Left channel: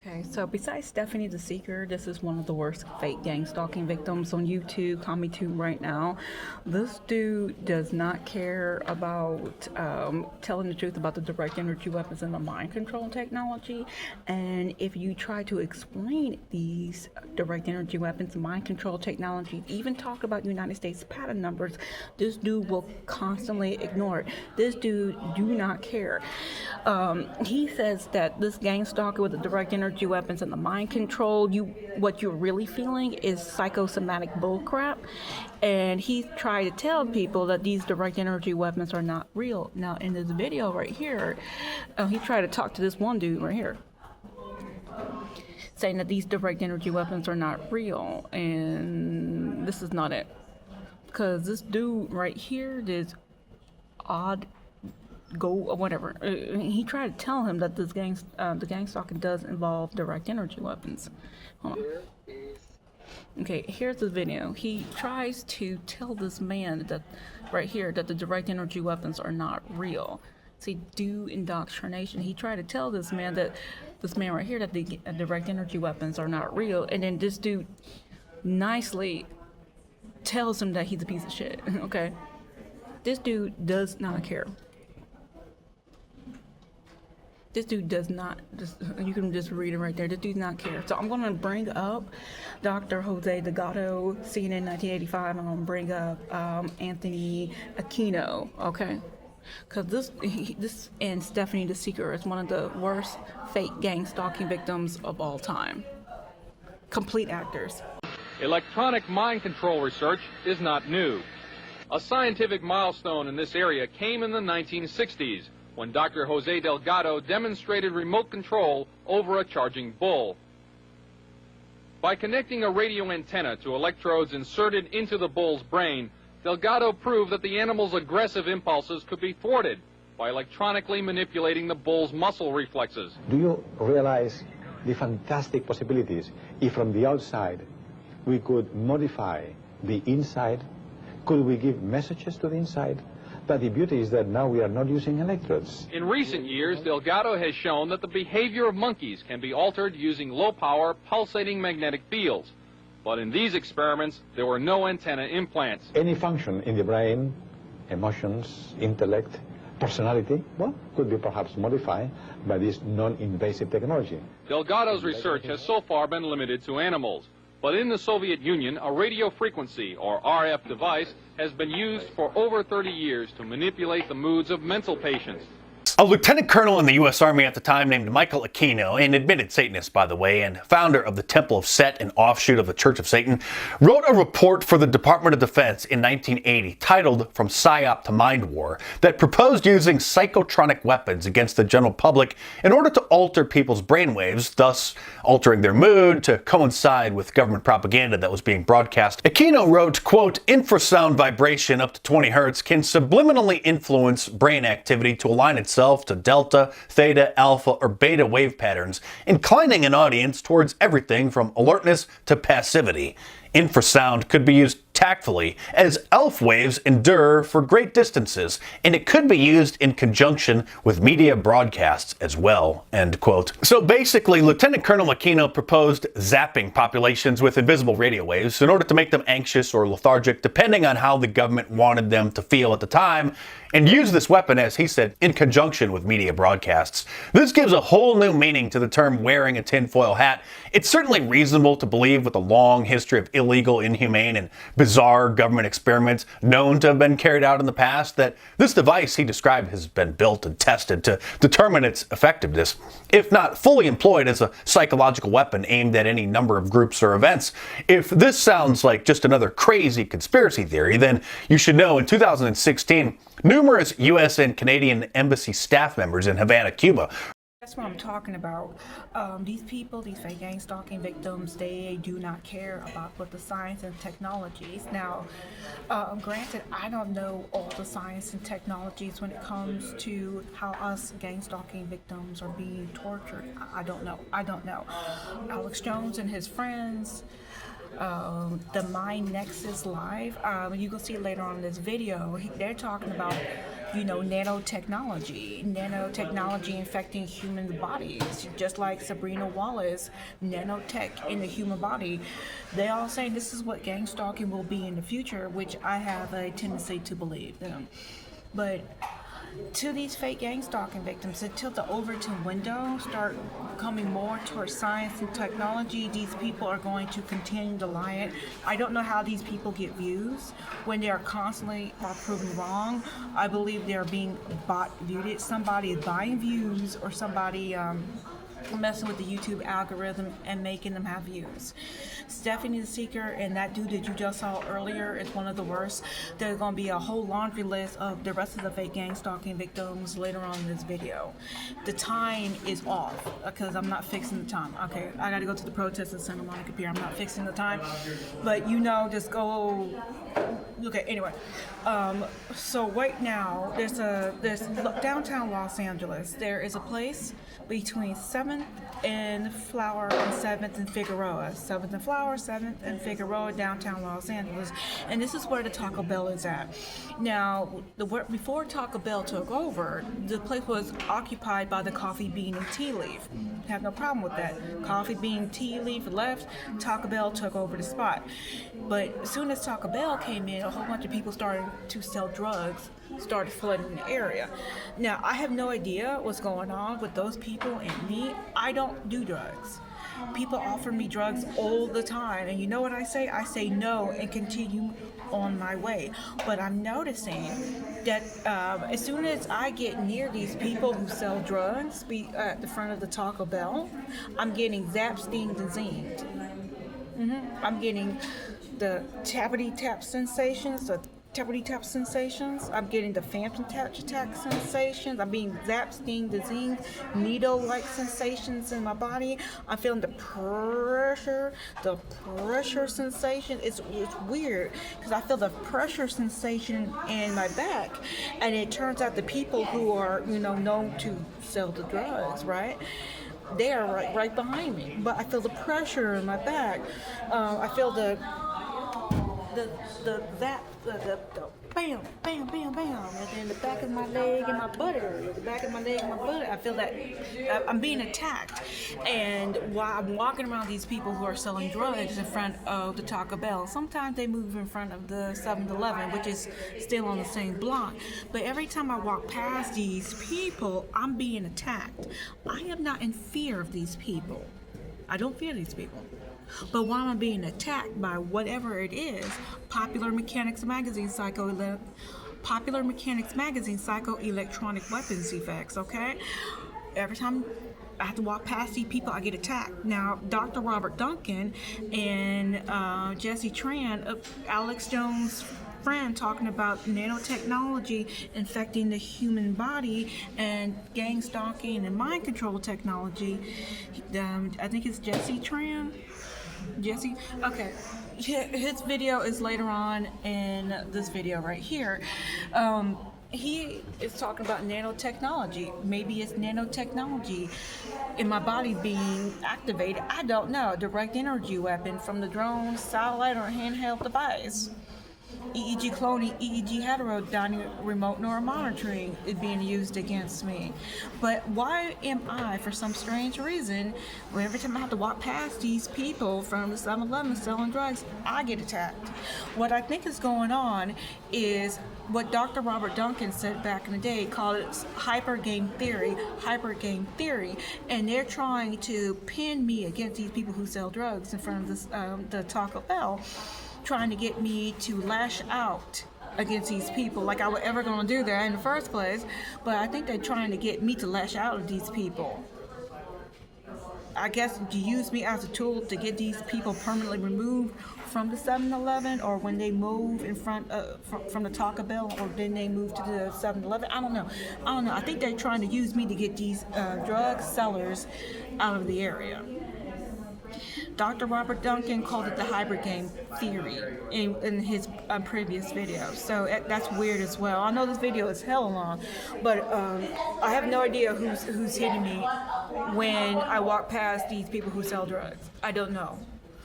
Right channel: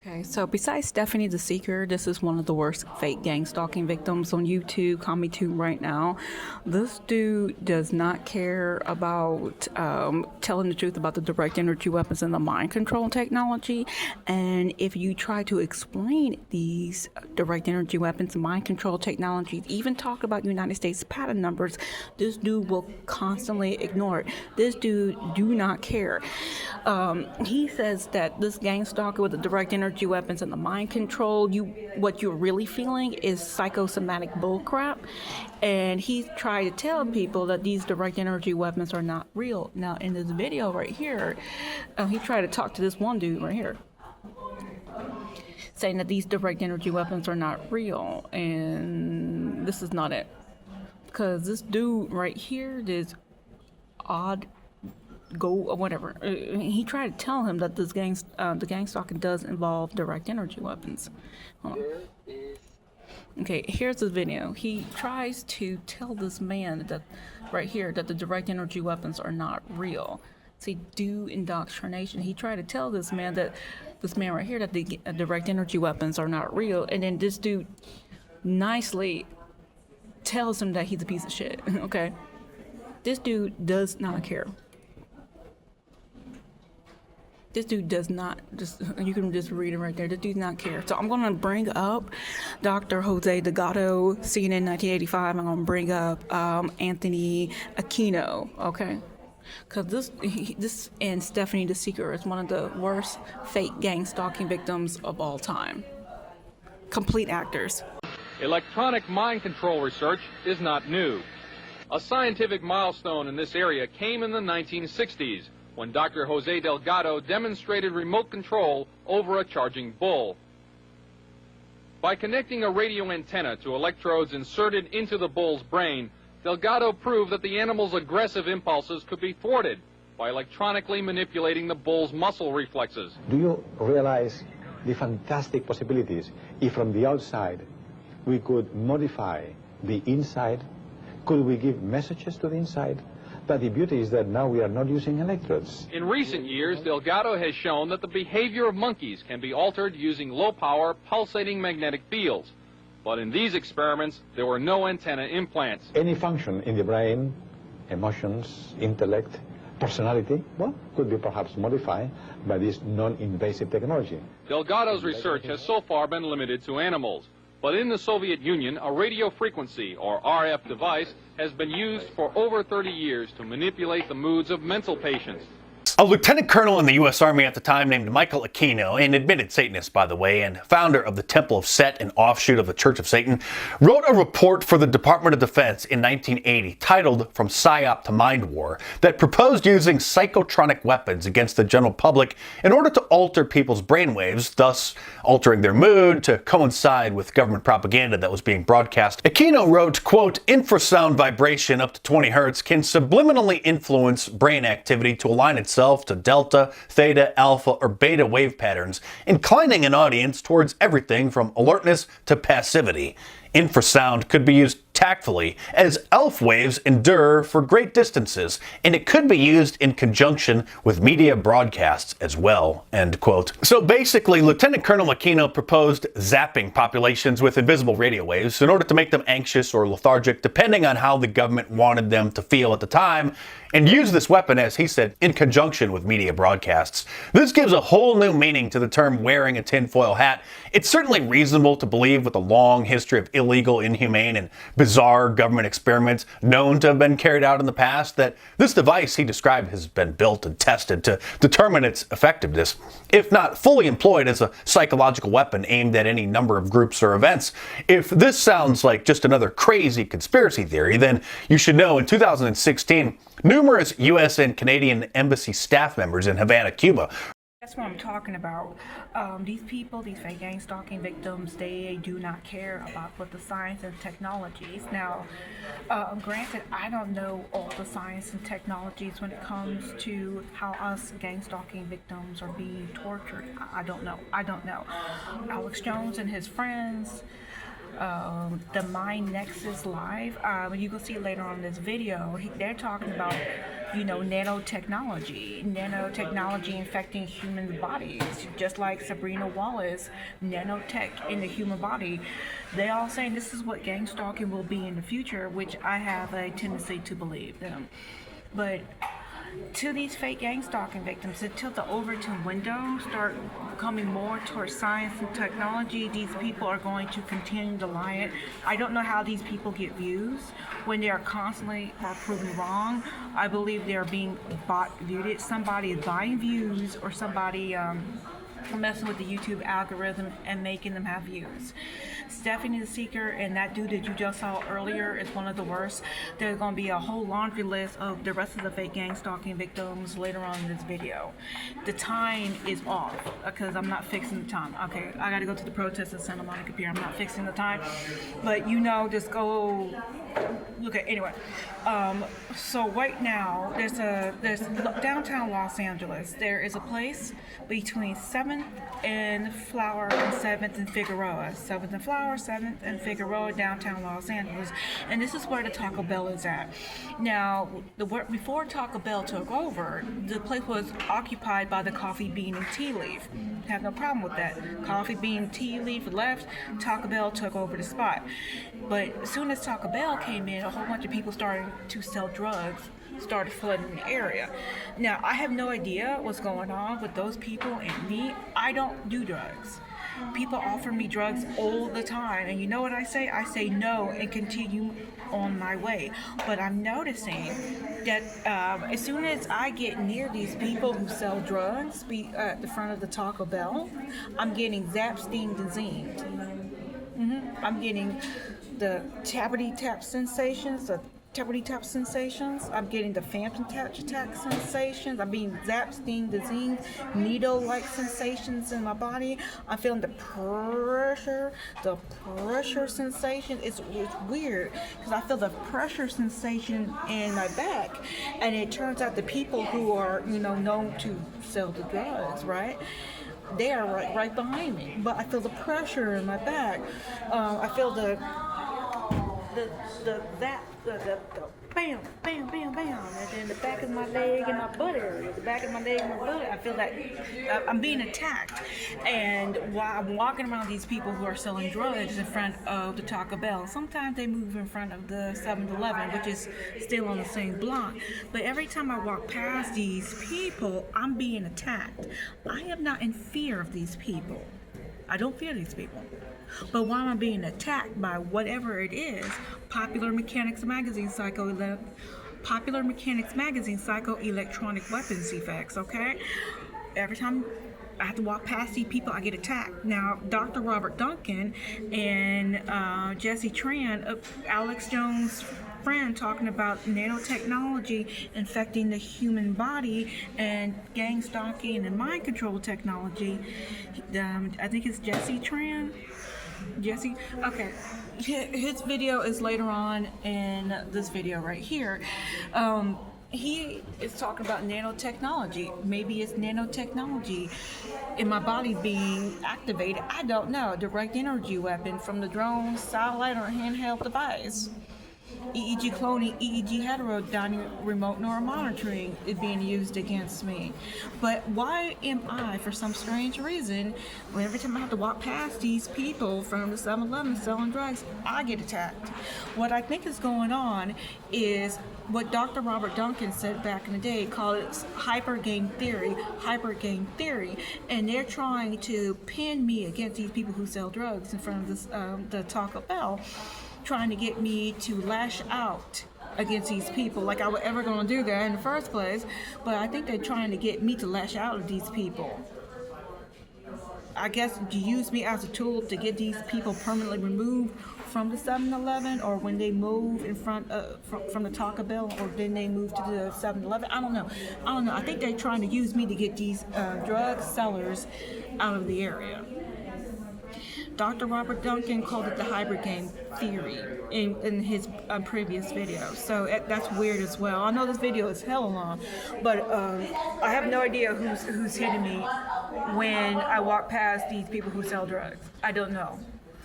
Okay, so besides Stephanie the Seeker, this is one of the worst fake gang stalking victims on YouTube, CommyTube right now. This dude does not care about telling the truth about the direct energy weapons and the mind control technology. And if you try to explain these direct energy weapons and mind control technologies, even talk about United States patent numbers, this dude will constantly ignore it. This dude do not care. He says that this gang stalker with the direct energy weapons and the mind control, what you're really feeling is psychosomatic bullcrap. And he tried to tell people that these direct energy weapons are not real. Now, in this video right here, he tried to talk to this one dude right here, saying that these direct energy weapons are not real. And this is not it. Because this dude right here, this odd go or whatever. He tried to tell him that this the gang stalking does involve direct energy weapons. Hold on. Okay, here's the video. He tries to tell this man that right here that the direct energy weapons are not real. See, do indoctrination. He tried to tell this man right here that the direct energy weapons are not real, and then this dude nicely tells him that he's a piece of shit. Okay, this dude does not care. This dude does not, you can just read it right there. This dude does not care. So I'm going to bring up Dr. Jose Delgado, CNN 1985. I'm going to bring up Anthony Aquino, okay? Because this and Stephanie the Seeker is one of the worst fake gang stalking victims of all time. Complete actors. Electronic mind control research is not new. A scientific milestone in this area came in the 1960s. When Dr. Jose Delgado demonstrated remote control over a charging bull. By connecting a radio antenna to electrodes inserted into the bull's brain, Delgado proved that the animal's aggressive impulses could be thwarted by electronically manipulating the bull's muscle reflexes. Do you realize the fantastic possibilities if from the outside we could modify the inside? Could we give messages to the inside? But the beauty is that now we are not using electrodes. In recent years, Delgado has shown that the behavior of monkeys can be altered using low-power, pulsating magnetic fields. But in these experiments, there were no antenna implants. Any function in the brain, emotions, intellect, personality, well, could be perhaps modified by this non-invasive technology. Delgado's research has so far been limited to animals. But in the Soviet Union, a radio frequency, or RF device, has been used for over 30 years to manipulate the moods of mental patients. A lieutenant colonel in the U.S. Army at the time named Michael Aquino, an admitted Satanist, by the way, and founder of the Temple of Set, an offshoot of the Church of Satan, wrote a report for the Department of Defense in 1980 titled From PSYOP to Mind War that proposed using psychotronic weapons against the general public in order to alter people's brainwaves, thus altering their mood to coincide with government propaganda that was being broadcast. Aquino wrote, quote, infrasound vibration up to 20 hertz can subliminally influence brain activity to align itself to delta, theta, alpha, or beta wave patterns, inclining an audience towards everything from alertness to passivity. Infrasound could be used tactfully, as ELF waves endure for great distances, and it could be used in conjunction with media broadcasts as well, end quote. So basically, Lieutenant Colonel Aquino proposed zapping populations with invisible radio waves in order to make them anxious or lethargic, depending on how the government wanted them to feel at the time, and use this weapon, as he said, in conjunction with media broadcasts. This gives a whole new meaning to the term wearing a tinfoil hat. It's certainly reasonable to believe, with a long history of illegal, inhumane, and bizarre government experiments known to have been carried out in the past, that this device he described has been built and tested to determine its effectiveness, if not fully employed as a psychological weapon aimed at any number of groups or events. If this sounds like just another crazy conspiracy theory, then you should know in 2016, numerous U.S. and Canadian embassy staff members in Havana, Cuba. That's what I'm talking about. These people, these fake gang stalking victims, they do not care about what the science and technologies. Now, granted, I don't know all the science and technologies when it comes to how us gang stalking victims are being tortured. I don't know. Alex Jones and his friends, the Mind Nexus Live, you can see later on in this video, they're talking about nanotechnology infecting human bodies, just like Sabrina Wallace, nanotech in the human body. They all saying this is what gang stalking will be in the future, which I have a tendency to believe them. But to these fake gang stalking victims, until the Overton window start coming more towards science and technology, these people are going to continue to lie it. I don't know how these people get views when they are constantly proven wrong. I believe they are being viewed. Somebody is buying views, or somebody messing with the YouTube algorithm and making them have views. Stephanie the Seeker and that dude that you just saw earlier is one of the worst. There's going to be a whole laundry list of the rest of the fake gang stalking victims later on in this video. The time is off because I'm not fixing the time. Okay, I got to go to the Protestor in Santa Monica Pier. I'm not fixing the time, but just go look at anyway. So right now there's downtown Los Angeles. There is a place between 7th and Flower and 7th and Figueroa. 7th and Flower, 7th and Figueroa, downtown Los Angeles. And this is where the Taco Bell is at. Now, before Taco Bell took over, the place was occupied by the Coffee Bean and Tea Leaf. Have no problem with that. Coffee Bean, Tea Leaf left, Taco Bell took over the spot. But as soon as Taco Bell came in, a whole bunch of people started to sell drugs, started flooding the area. Now, I have no idea what's going on with those people and me. I don't do drugs. People offer me drugs all the time, and you know what I say? I say no and continue on my way. But I'm noticing that as soon as I get near these people who sell drugs at the front of the Taco Bell, I'm getting zapped, steamed, and zinged. I'm getting the tappity tap sensations, I'm getting the phantom attack sensations. I'm being zapped, steamed, zinged, needle-like sensations in my body. I'm feeling the pressure sensation. It's weird because I feel the pressure sensation in my back, and it turns out the people who are known to sell the drugs, right? They are right behind me, but I feel the pressure in my back. I feel the bam, bam, bam, bam, and then the back of my leg and my butt area, I feel that I'm being attacked. And while I'm walking around these people who are selling drugs in front of the Taco Bell, sometimes they move in front of the 7-Eleven, which is still on the same block. But every time I walk past these people, I'm being attacked. I am not in fear of these people. I don't fear these people. But while I'm being attacked by whatever it is, Popular Mechanics Magazine psychoelectronic weapons effects, okay? Every time I have to walk past these people, I get attacked. Now, Dr. Robert Duncan and Jesse Tran, Alex Jones' friend, talking about nanotechnology infecting the human body and gang stalking and mind control technology. I think it's Jesse Tran. Jesse? Okay. His video is later on in this video right here. He is talking about nanotechnology. Maybe it's nanotechnology in my body being activated. I don't know. Direct energy weapon from the drone, satellite, or handheld device. EEG cloning, EEG heterodyne remote neuromonitoring is being used against me. But why am I, for some strange reason, every time I have to walk past these people from the 7-Eleven selling drugs, I get attacked? What I think is going on is what Dr. Robert Duncan said back in the day, called it hyper game theory, and they're trying to pin me against these people who sell drugs in front of the Taco Bell, trying to get me to lash out against these people like I was ever going to do that in the first place. But I think they're trying to get me to lash out at these people. I guess to use me as a tool to get these people permanently removed from the 7-Eleven, or when they move in front from the Taco Bell, or then they move to the 7-Eleven. I don't know. I think they're trying to use me to get these drug sellers out of the area. Dr. Robert Duncan called it the hybrid game theory in his previous video. So that's weird as well. I know this video is hella long, but I have no idea who's hitting me when I walk past these people who sell drugs. I don't know.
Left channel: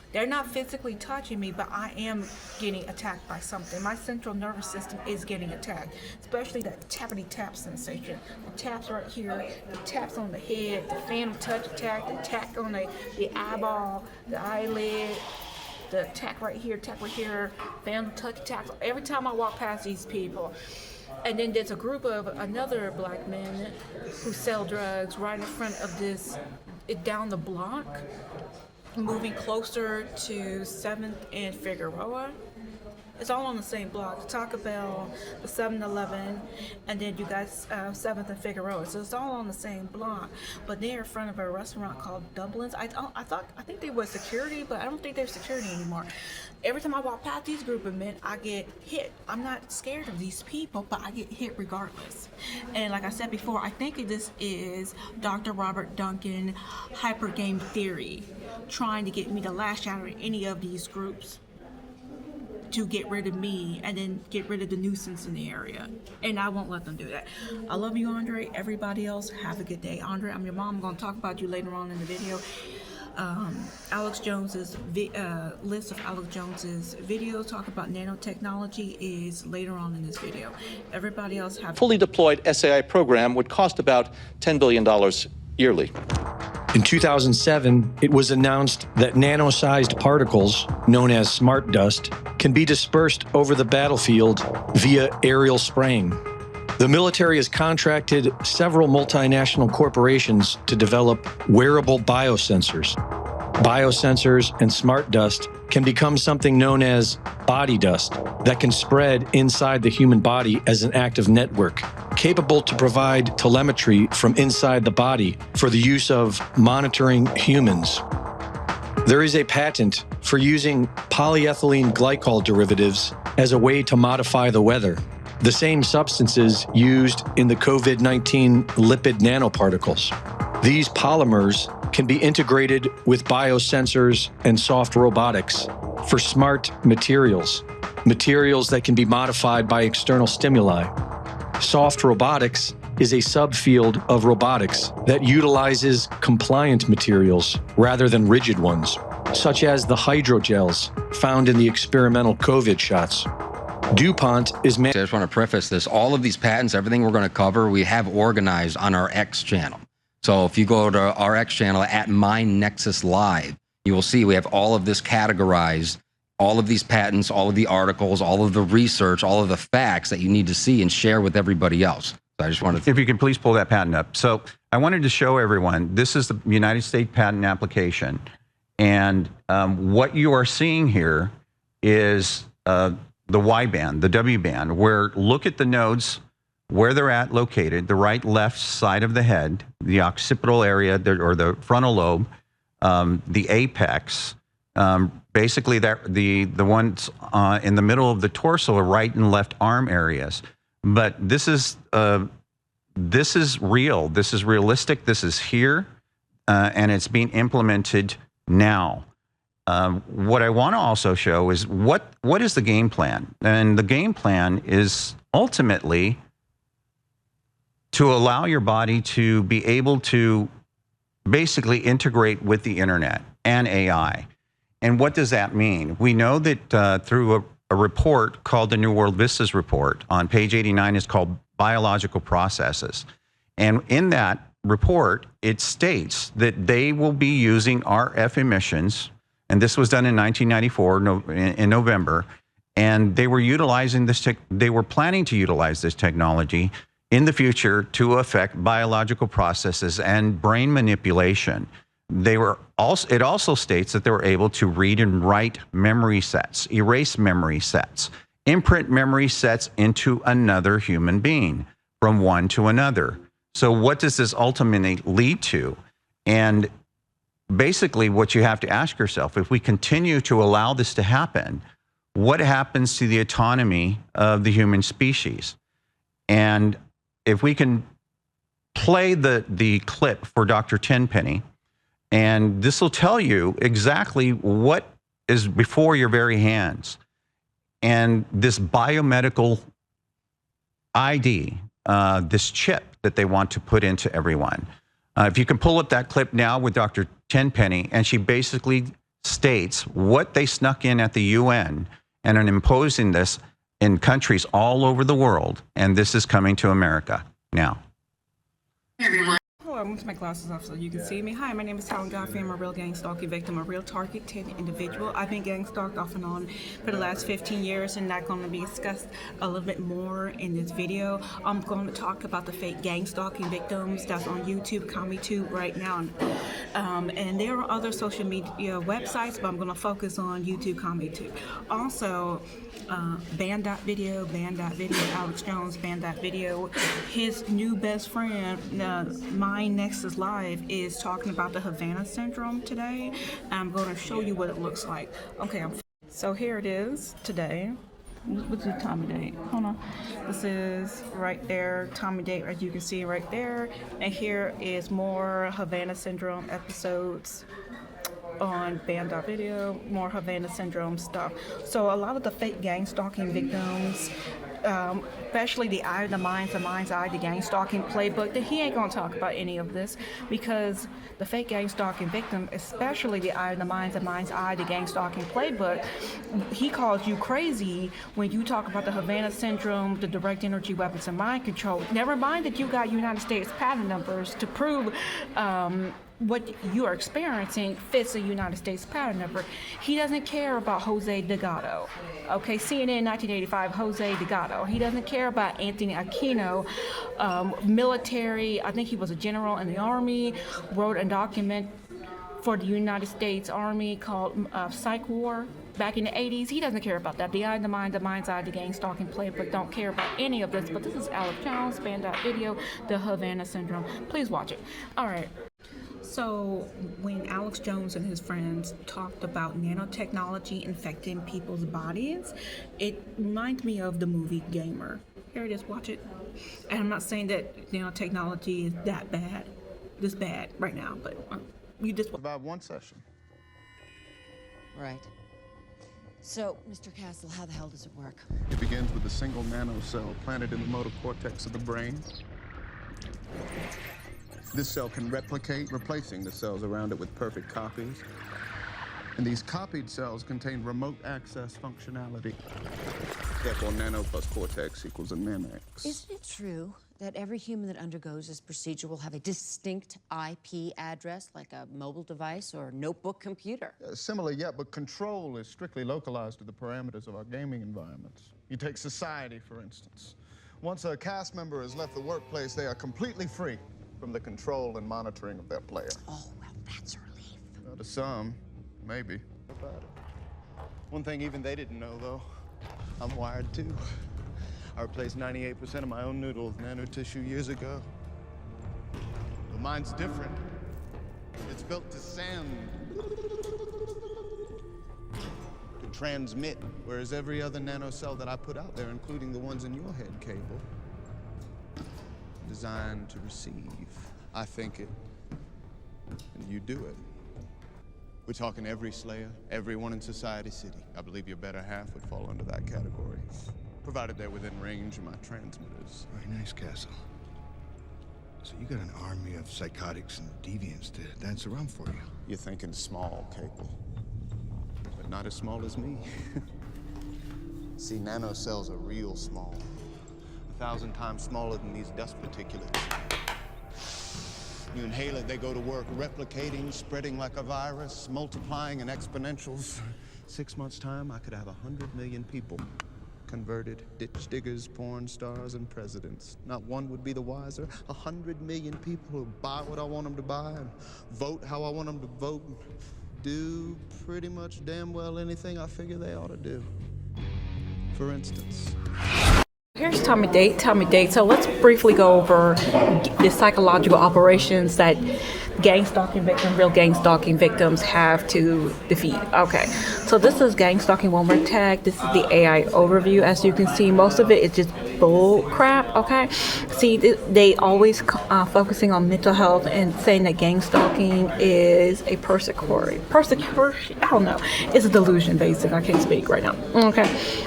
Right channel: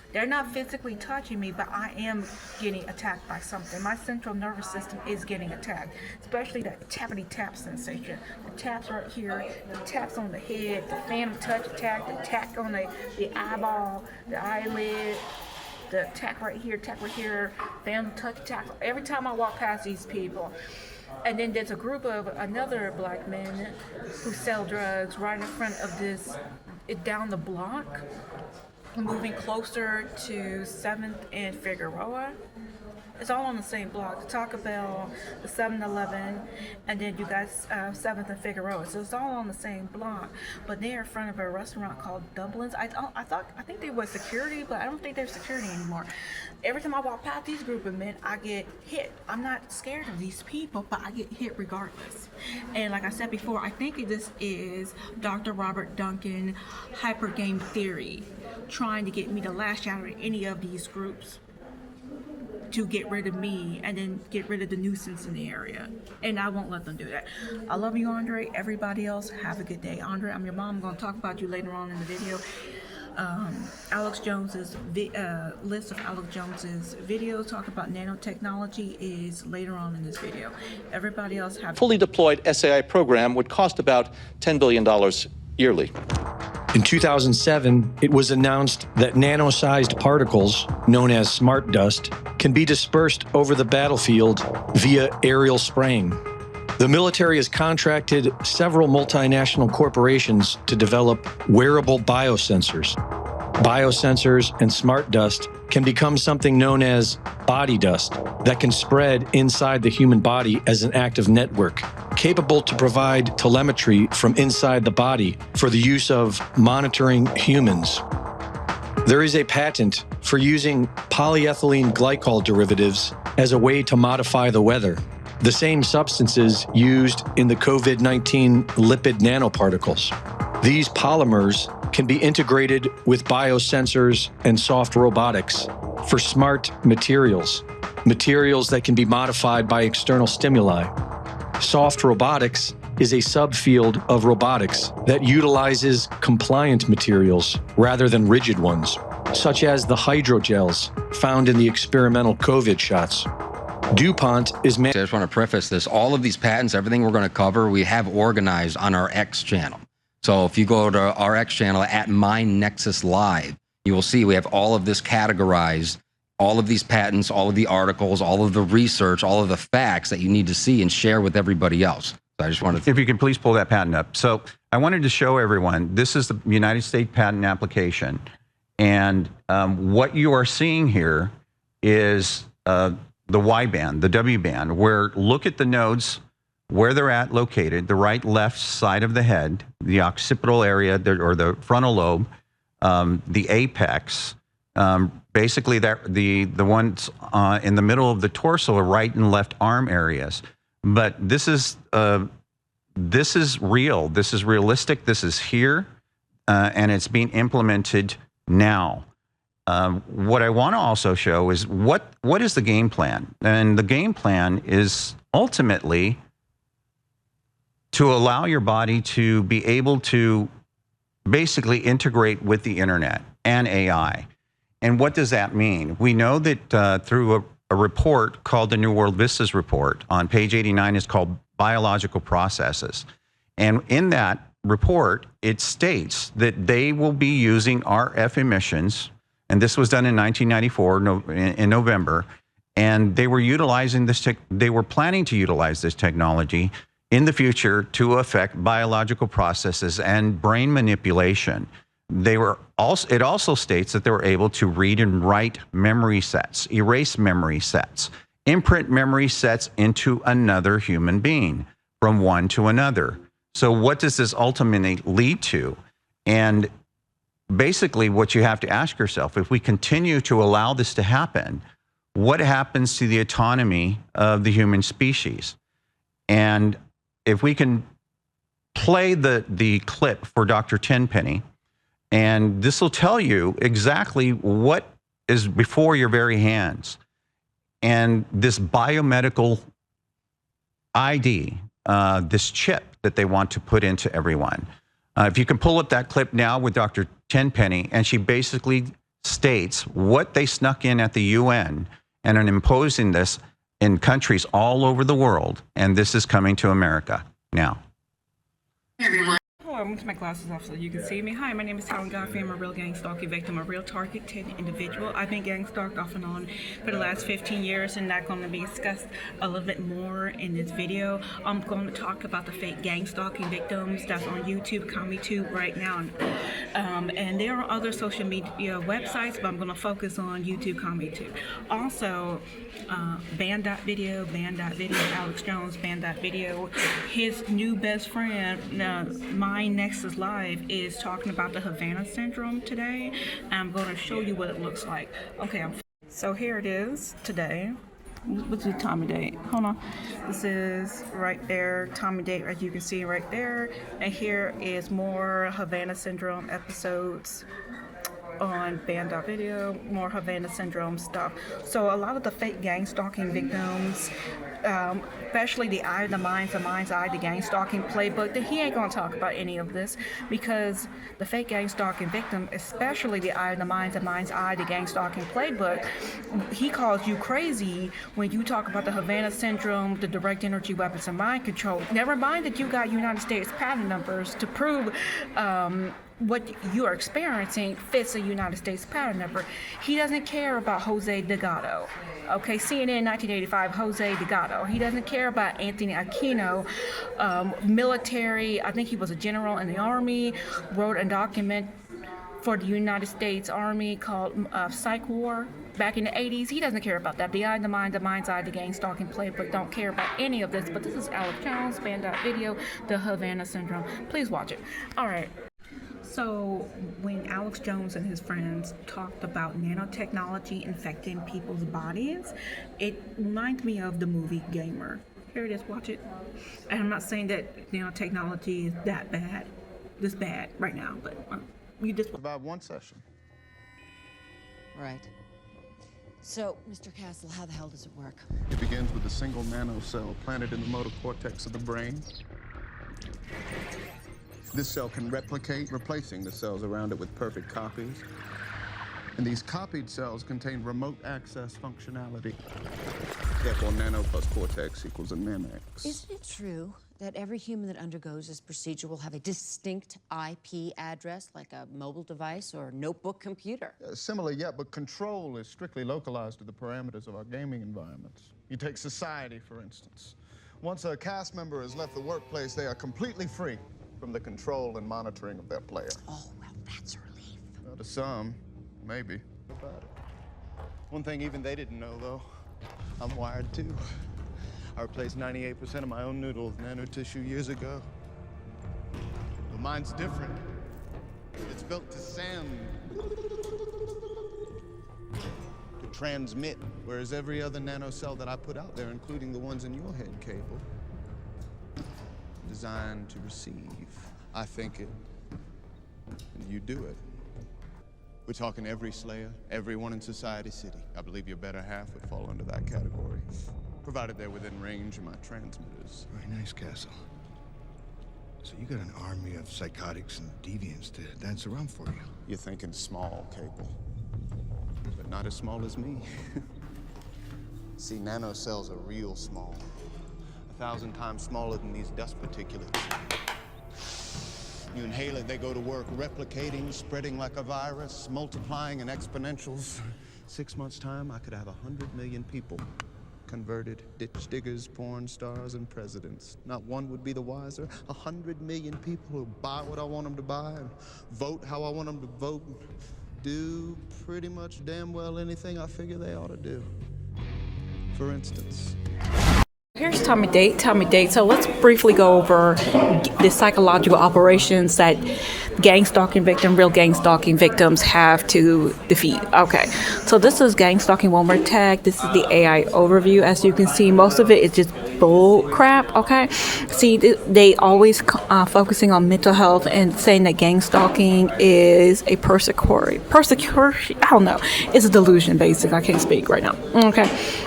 They're not physically touching me, but I am getting attacked by something. My central nervous system is getting attacked, especially that tappity tap sensation. The taps right here, the taps on the head, the phantom touch attack, the attack on the eyeball, the eyelid, the attack right here, phantom touch attack. Every time I walk past these people. And then there's a group of another black men who sell drugs right in front of this, down the block, moving closer to 7th and Figueroa. It's all on the same block. The Taco Bell, the 7-Eleven, and then you got 7th and Figueroa. So it's all on the same block. But they're in front of a restaurant called Dublin's. I think they were security, but I don't think they're security anymore. Every time I walk past these group of men, I get hit. I'm not scared of these people, but I get hit regardless. And like I said before, I think this is Dr. Robert Duncan hyper game theory, trying to get me to lash out at any of these groups to get rid of me and then get rid of the nuisance in the area. And I won't let them do that. I love you, Andre. Everybody else, have a good day. Andre, I'm your mom. I'm going to talk about you later on in the video. Alex Jones's list of Alex Jones's videos talk about nanotechnology is later on in this video. Everybody else have fully deployed SAI program would cost about $10 billion yearly. In 2007, it was announced that nano-sized particles, known as smart dust, can be dispersed over the battlefield via aerial spraying. The military has contracted several multinational corporations to develop wearable biosensors. Biosensors and smart dust can become something known as body dust that can spread inside the human body as an active network, capable to provide telemetry from inside the body for the use of monitoring humans. There is a patent for using polyethylene glycol derivatives as a way to modify the weather, the same substances used in the COVID-19 lipid nanoparticles. These polymers can be integrated with biosensors and soft robotics for smart materials, materials that can be modified by external stimuli. Soft robotics is a subfield of robotics that utilizes compliant materials rather than rigid ones, such as the hydrogels found in the experimental COVID shots. DuPont is... I just want to preface this. All of these patents, everything we're going to cover, we have organized on our X channel. So if you go to our X channel at MindNexus Live, you will see we have all of this categorized, all of these patents, all of the articles, all of the research, all of the facts that you need to see and share with everybody else. So I just wanted to... If you could please pull that patent up. So I wanted to show everyone, this is the United States patent application. And what you are seeing here is the Y band, the W band, where look at the nodes, where they're located, the right, left side of the head, the occipital area, or the frontal lobe, the apex, basically the ones in the middle of the torso are right and left arm areas. But this is real, this is realistic, this is here, and it's being implemented now. What I want to also show is what is the game plan? And the game plan is ultimately to allow your body to be able to basically integrate with the internet and AI. And what does that mean? We know that through a report called the New World Vistas report on page 89 is called Biological Processes. And in that report, it states that they will be using RF emissions, and this was done in 1994 in November, and they were utilizing this they were planning to utilize this technology in the future to affect biological processes and brain manipulation. They were also, it also states that they were able to read and write memory sets, erase memory sets, imprint memory sets into another human being from one to another. So what does this ultimately lead to? And basically what you have to ask yourself, if we continue to allow this to happen, what happens to the autonomy of the human species? And if we can play the clip for Dr. Tenpenny, and this will tell you exactly what is before your very hands. And this biomedical ID, this chip that they want to put into everyone. If you can pull up that clip now with Dr. Tenpenny, and she basically states what they snuck in at the UN and are imposing this in countries all over the world, and this is coming to America now. Hello, I'm going to take my glasses off so you can see me. Hi, my name is TALAN GODFREY. I'm a real gang stalking victim, a real targeted individual. I've been gang stalked off and on for the last 15 years, and that's going to be discussed a little bit more in this video. I'm going to talk about the fake gang stalking victims that's on YouTube, pt2 right now. And there are other social media websites, but I'm going to focus on YouTube, pt2. Also, ban.video, Alex Jones, ban.video. His new best friend, my Nexus Live, is talking about the Havana syndrome today. I'm going to show you what it looks like. Okay, so here it is today. What's the time and date? Hold on. This is right there, time and date, as you can see right there. And here is more Havana syndrome episodes on ban.video, more Havana syndrome stuff. So a lot of the fake gang stalking victims, especially the eye of the mind's eye, the gang stalking playbook, that he ain't gonna talk about any of this, because the fake gang stalking victim, especially the eye of the mind's eye, the gang stalking playbook, he calls you crazy when you talk about the Havana syndrome, the direct energy weapons and mind control. Never mind that you got United States patent numbers to prove what you are experiencing fits a United States patent number. He doesn't care about Jose Delgado. Okay, CNN 1985, Jose Delgado. He doesn't care about Anthony Aquino, military, I think he was a general in the Army, wrote a document for the United States Army called Psych War back in the 80s. He doesn't care about that. The eye, the mind, the mind's eye, the gang stalking playbook don't care about any of this. But this is Alex Jones, ban.video, the Havana syndrome. Please watch it. All right. So when Alex Jones and his friends talked about nanotechnology infecting people's bodies, it reminds me of the movie Gamer. Here it is, watch it. And I'm not saying that nanotechnology is that bad, this bad right now, but you just... About one session. Right. So, Mr. Castle, how the hell does it work? It begins with a single nanocell planted in the motor cortex of the brain. This cell can replicate, replacing the cells around it with perfect copies. And these copied cells contain remote access functionality. Therefore, nano plus cortex equals a nanox. Isn't it true that every human that undergoes this procedure will have a distinct IP address, like a mobile device or notebook computer? Similar, yeah, but control is strictly localized to the parameters of our gaming environments. You take society, for instance. Once a cast member has left the workplace, they are completely free from the control and monitoring of their player. Oh, well, that's a relief. Well, to some, maybe. About it. One thing even they didn't know, though, I'm wired too. I replaced 98% of my own noodle with nanotissue years ago. But mine's different. It's built to send, to transmit, whereas every other nanocell that I put out there, including the ones in your head cable, designed to receive. I think it, and you do it. We're talking every Slayer, everyone in Society City. I believe your better half would fall under that category, provided they're within range of my transmitters. Very nice, Castle. So you got an army of psychotics and deviants to dance around for you. You're thinking small, Cable, but not as small as me. See, nanocells are real small. 1,000 times smaller than these dust particulates. You inhale it, they go to work replicating, spreading like a virus, multiplying in exponentials. 6 months' time, I could have 100 million people converted, ditch diggers, porn stars, and presidents. Not one would be the wiser. 100 million people who buy what I want them to buy and vote how I want them to vote, do pretty much damn well anything I figure they ought to do. For instance. Here's time and date. So let's briefly go over the psychological operations that gang stalking victims have to defeat. Okay, so this is gang stalking one more tag. This is the AI overview. As you can see, most of it is just bull crap. Okay, see, they always focusing on mental health and saying that gang stalking is a persecution. I don't know. It's a delusion, basically. I can't speak right now. Okay.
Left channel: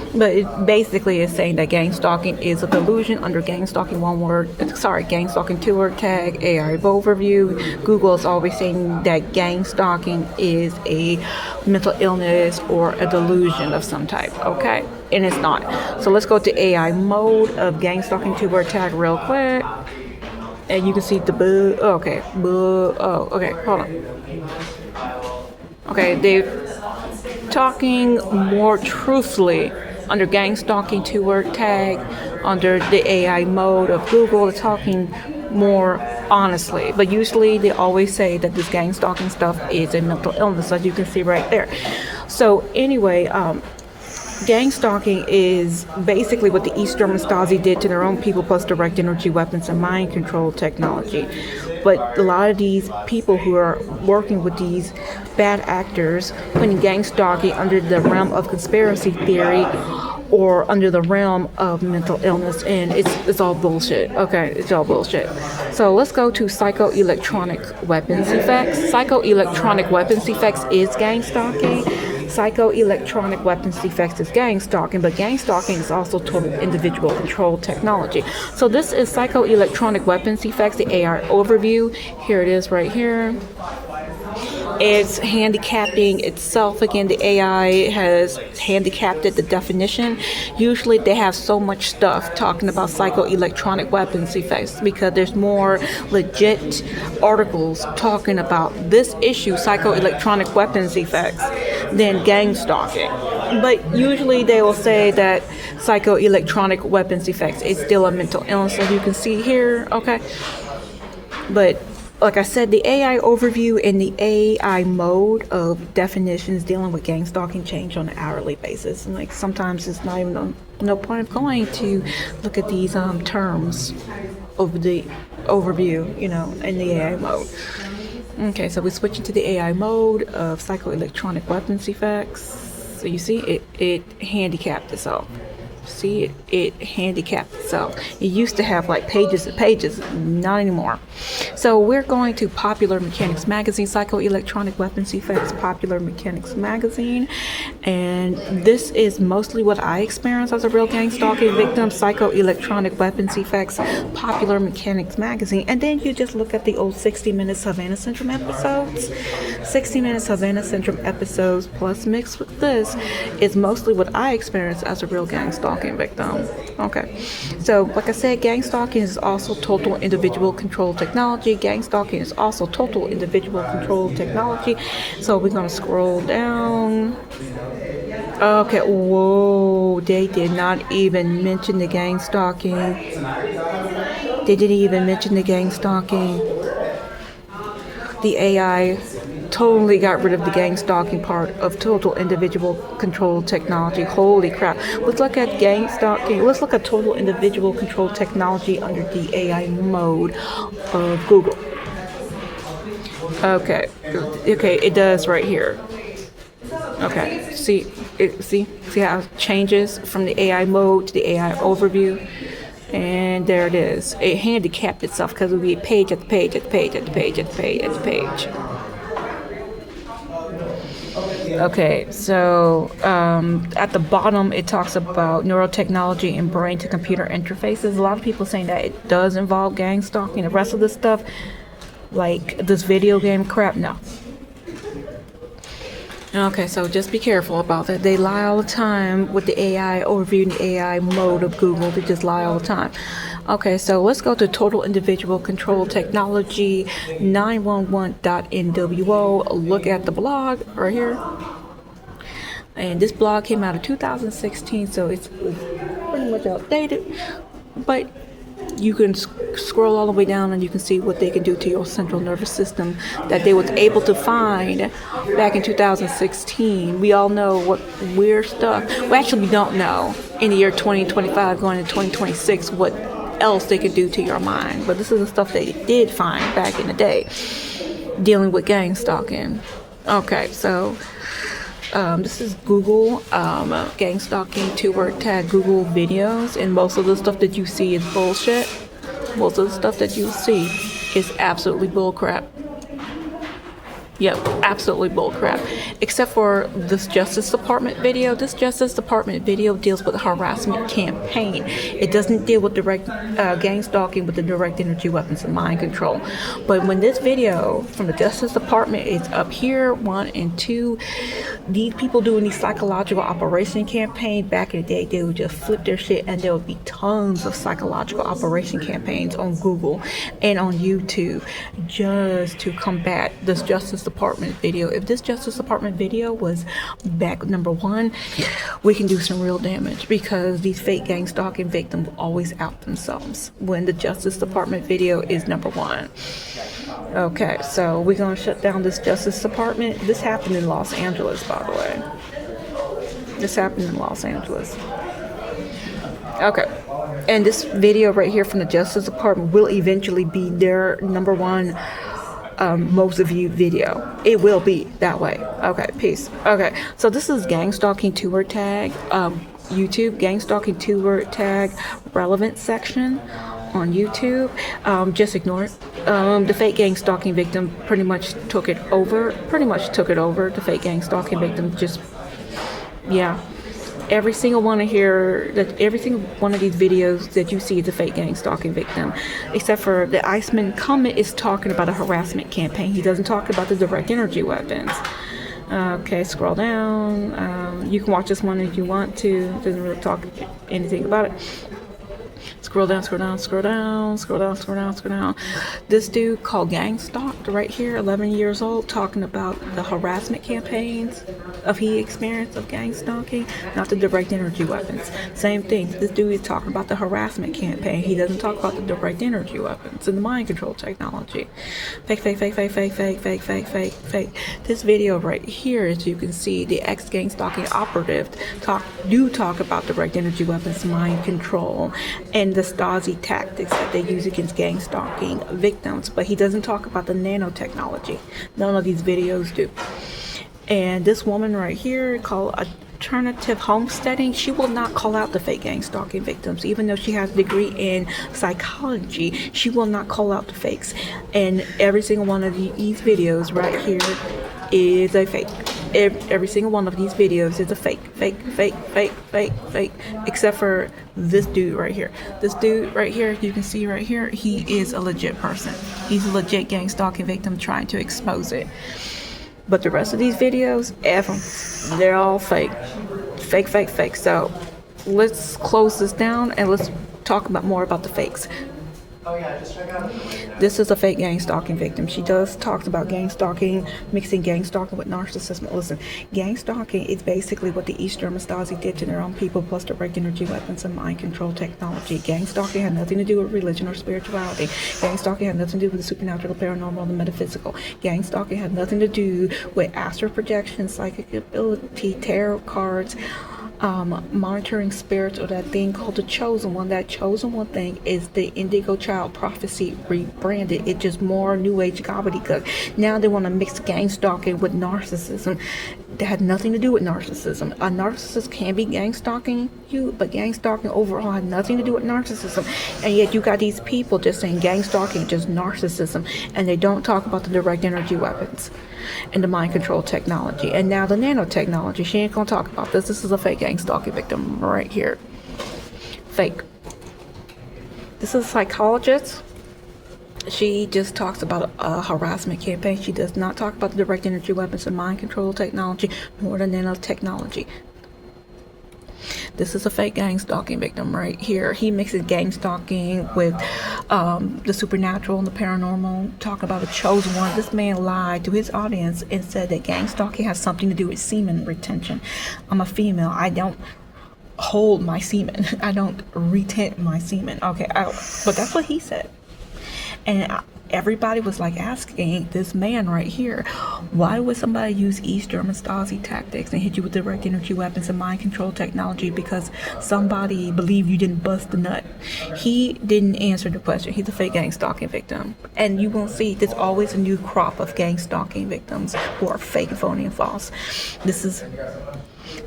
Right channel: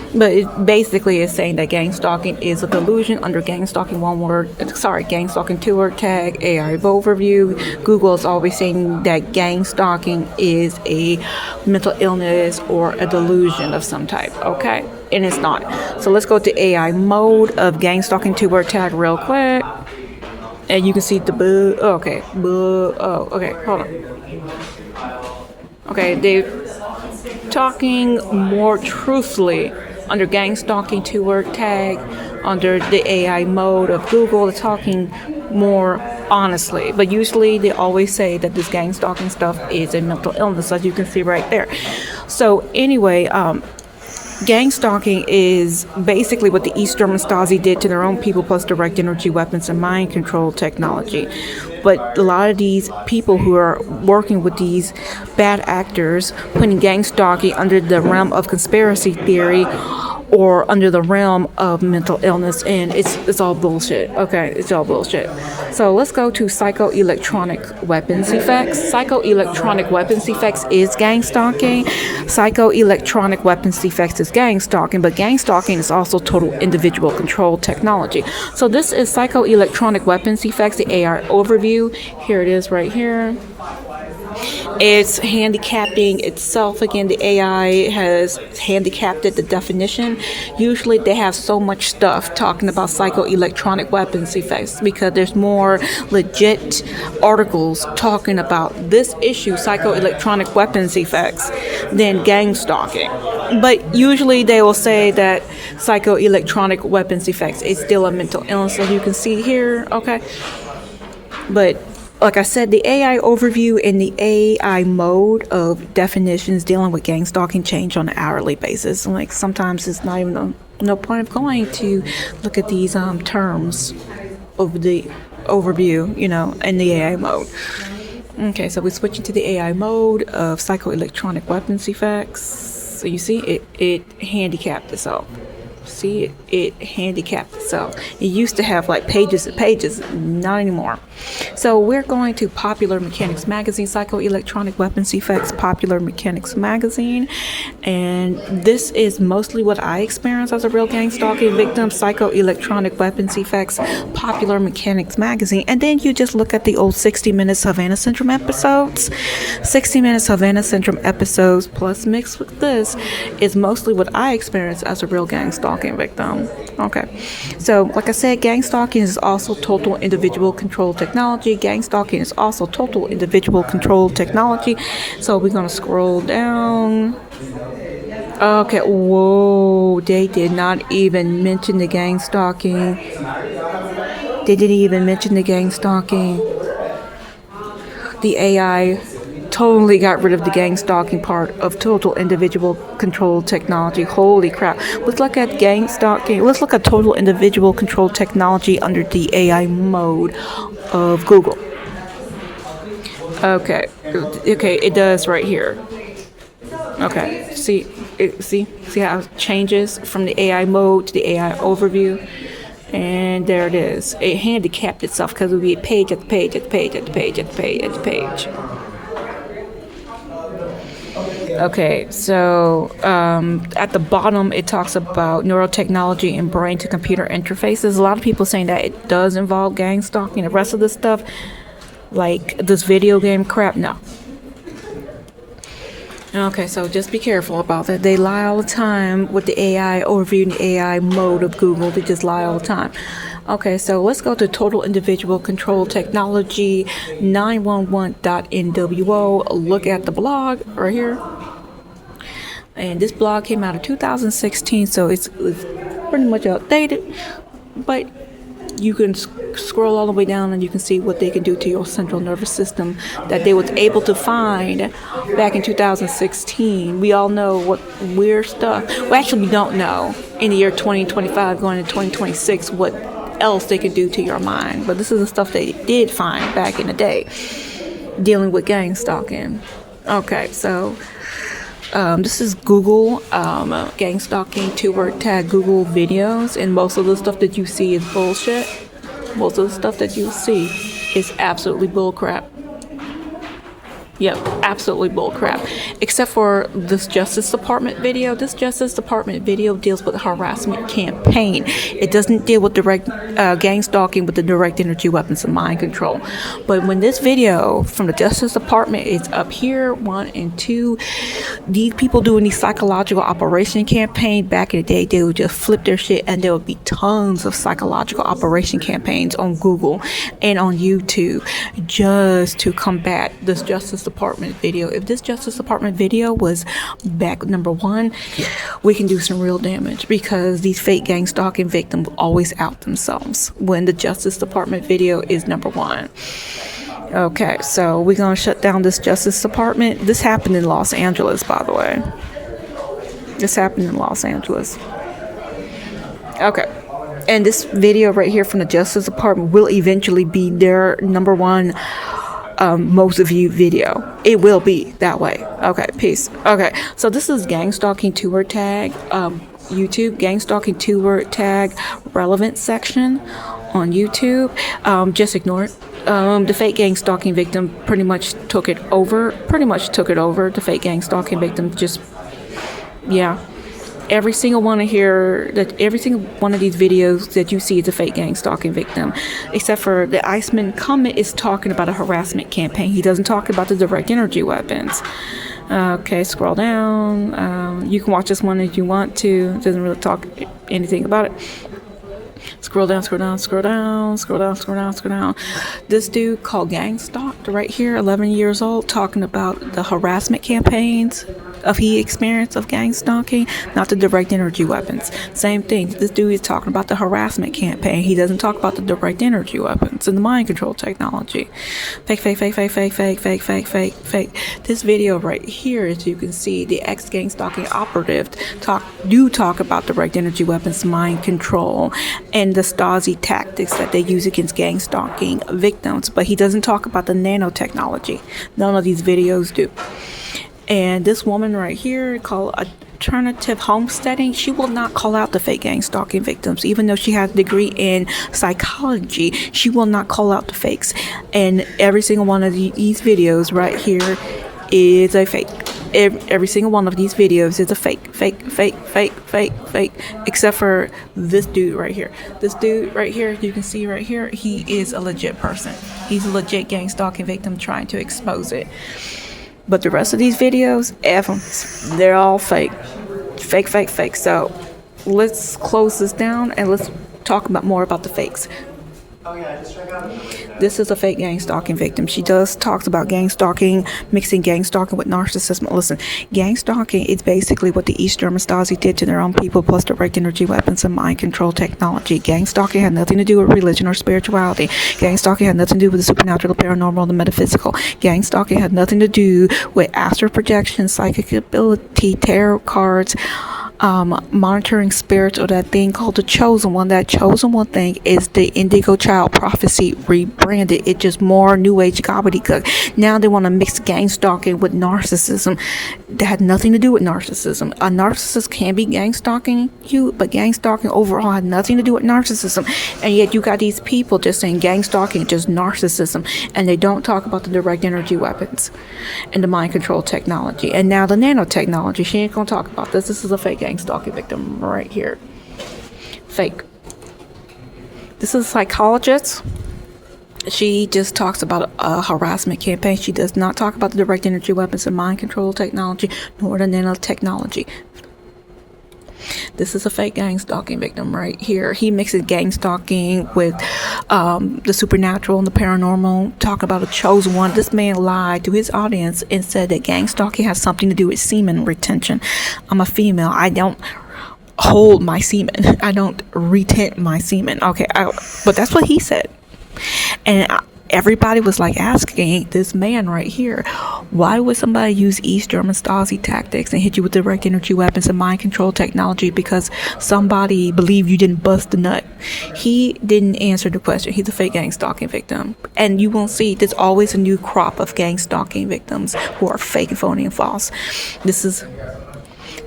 But it basically is saying that gang stalking is a delusion under gang stalking gang stalking 2-word tag, AI overview. Google is always saying that gang stalking is a mental illness or a delusion of some type, okay? And it's not. So let's go to AI mode of gang stalking 2-word tag real quick. And you can see the okay, hold on. Okay, they're talking more truthfully under gang stalking 2-word tag, under the AI mode of Google. They're talking more honestly, but usually they always say that this gang stalking stuff is a mental illness, as you can see right there. So anyway, gang stalking is basically what the East German Stasi did to their own people, plus direct energy weapons and mind control technology. But a lot of these people who are working with these bad actors, putting gang stalking under the realm of conspiracy theory or under the realm of mental illness, and it's all bullshit. Okay, it's all bullshit. So let's go to psychoelectronic weapons effects. Psychoelectronic weapons effects is gang stalking. Psychoelectronic weapons effects is gang stalking, but gang stalking is also total individual control technology. So this is psychoelectronic weapons effects, the AI overview. Here it is right here. It's handicapping itself. Again, the AI has handicapped it, the definition. Usually they have so much stuff talking about psychoelectronic weapons effects because there's more legit articles talking about this issue, psychoelectronic weapons effects, than gang stalking. But usually they will say that psychoelectronic weapons effects is still a mental illness, like you can see here, okay? But like I said, the AI overview and the AI mode of definitions dealing with gang stalking change on an hourly basis. Like sometimes it's not even no point of going to look at these terms over the overview, you know, in the AI mode. Okay, so we're switching to the AI mode of psychoelectronic weapons effects. So you see it handicapped itself. See, it handicapped itself. It used to have like pages and pages, not anymore. So we're going to Popular Mechanics Magazine, Psychoelectronic Weapons Effects, Popular Mechanics Magazine. And this is mostly what I experienced as a real gang stalking victim, Psychoelectronic Weapons Effects, Popular Mechanics Magazine. And then you just look at the old 60 Minutes Havana Syndrome episodes. 60 Minutes Havana Syndrome episodes plus mixed with this is mostly what I experienced as a real gang stalking victim. Okay, so like I said, gang stalking is also total individual control technology. Gang stalking is also total individual control technology. So we're gonna scroll down. Okay, whoa, they did not even mention the gang stalking. They didn't even mention the gang stalking. The AI totally got rid of the gang stalking part of total individual control technology. Holy crap. Let's look at gang stalking. Let's look at total individual control technology under the AI mode of Google. Okay, it does right here. Okay, see how it changes from the AI mode to the AI overview. And there it is. It handicapped itself because it would be page at page at page at page at page at page. Okay, so at the bottom it talks about neurotechnology and brain-to-computer interfaces. A lot of people saying that it does involve gang stalking. The rest of this stuff, like this video game crap, no. Okay, so just be careful about that. They lie all the time with the AI overview and the AI mode of Google. They just lie all the time. Okay, so let's go to Total Individual Control Technology 911.nwo. Look at the blog right here. And this blog came out in 2016, so it's pretty much outdated. But you can scroll all the way down and you can see what they can do to your central nervous system that they was able to find back in 2016. We all know what weird stuff. Well, actually, we don't know in the year 2025 going into 2026 what else they could do to your mind. But this is the stuff they did find back in the day dealing with gang stalking. Okay, so this is Google gang stalking 2-word tag Google videos, and most of the stuff that you see is bullshit. Most of the stuff that you see is absolutely bullcrap. Yep, absolutely bullcrap. Except for this Justice Department video. This Justice Department video deals with a harassment campaign. It doesn't deal with direct gang stalking with the direct energy weapons and mind control. But when this video from the Justice Department is up here, 1 and 2, these people doing these psychological operation campaign, back in the day, they would just flip their shit, and there would be tons of psychological operation campaigns on Google and on YouTube just to combat this Justice Department video. If this Justice Department video was back number 1, we can do some real damage, because these fake gang stalking victims always out themselves when the Justice Department video is number 1. Okay, so we're gonna shut down this Justice Department. This happened in Los Angeles, by the way. This happened in Los Angeles. Okay. And this video right here from the Justice Department will eventually be their number 1 most viewed video. It will be that way. Okay, peace. Okay, so this is Gangstalking keyword tag, YouTube, Gangstalking keyword tag relevant section on YouTube. Just ignore it. The fake gang stalking victim pretty much took it over. The fake gang stalking victim just, yeah. Every single one of every single one of these videos that you see is a fake gang stalking victim, except for the Iceman comment is talking about a harassment campaign. He doesn't talk about the direct energy weapons. Okay, scroll down. You can watch this one if you want to. It doesn't really talk anything about it. Scroll down. This dude called Gangstalked right here, 11 years old, talking about the harassment campaigns he experienced of gang stalking, not the direct energy weapons. Same thing. This dude is talking about the harassment campaign. He doesn't talk about the direct energy weapons and the mind control technology. Fake. This video right here, as you can see, the ex-gang stalking operative talk about direct energy weapons, mind control, and the Stasi tactics that they use against gang stalking victims, but he doesn't talk about the nanotechnology. None of these videos do. And this woman right here, called Alternative Homesteading, she will not call out the fake gang stalking victims. Even though she has a degree in psychology, she will not call out the fakes. And every single one of these videos right here is a fake. Every single one of these videos is a fake, except for this dude right here. This dude right here, you can see right here, he is a legit person. He's a legit gang stalking victim trying to expose it. But the rest of these videos, F them. They're all fake. Fake. So let's close this down and let's talk more about the fakes. This is a fake gang stalking victim. She talks about gang stalking, mixing gang stalking with narcissism. Listen, gang stalking is basically what the East German Stasi did to their own people, plus direct energy weapons and mind control technology. Gang stalking had nothing to do with religion or spirituality. Gang stalking had nothing to do with the supernatural, the paranormal, the metaphysical. Gang stalking had nothing to do with astral projection, psychic ability, tarot cards, monitoring spirits, or that thing called the chosen one. That chosen one thing is the indigo child prophecy rebranded. It's just more new age gobbledygook. Now they want to mix gang stalking with narcissism. That had nothing to do with narcissism. A narcissist can be gang stalking you, but gang stalking overall had nothing to do with narcissism. And yet you got these people just saying gang stalking, just narcissism, and they don't talk about the direct energy weapons and the mind control technology. And now the nanotechnology. She ain't gonna talk about this. This is a fake gang stalking victim right here. Fake. This is a psychologist. She just talks about a harassment campaign. She does not talk about the direct energy weapons and mind control technology, nor the nanotechnology. This is a fake gang stalking victim right here. He mixes gang stalking with the supernatural and the paranormal. Talk about a chosen one. This man lied to his audience and said that gang stalking has something to do with semen retention. I'm a female. I don't hold my semen. I don't retent my semen. Okay, but that's what he said. And everybody was like asking this man right here, why would somebody use East German Stasi tactics and hit you with direct energy weapons and mind control technology because somebody believed you didn't bust the nut? He didn't answer the question. He's a fake gang stalking victim. And you won't see, there's always a new crop of gang stalking victims who are fake, phony, and false. This is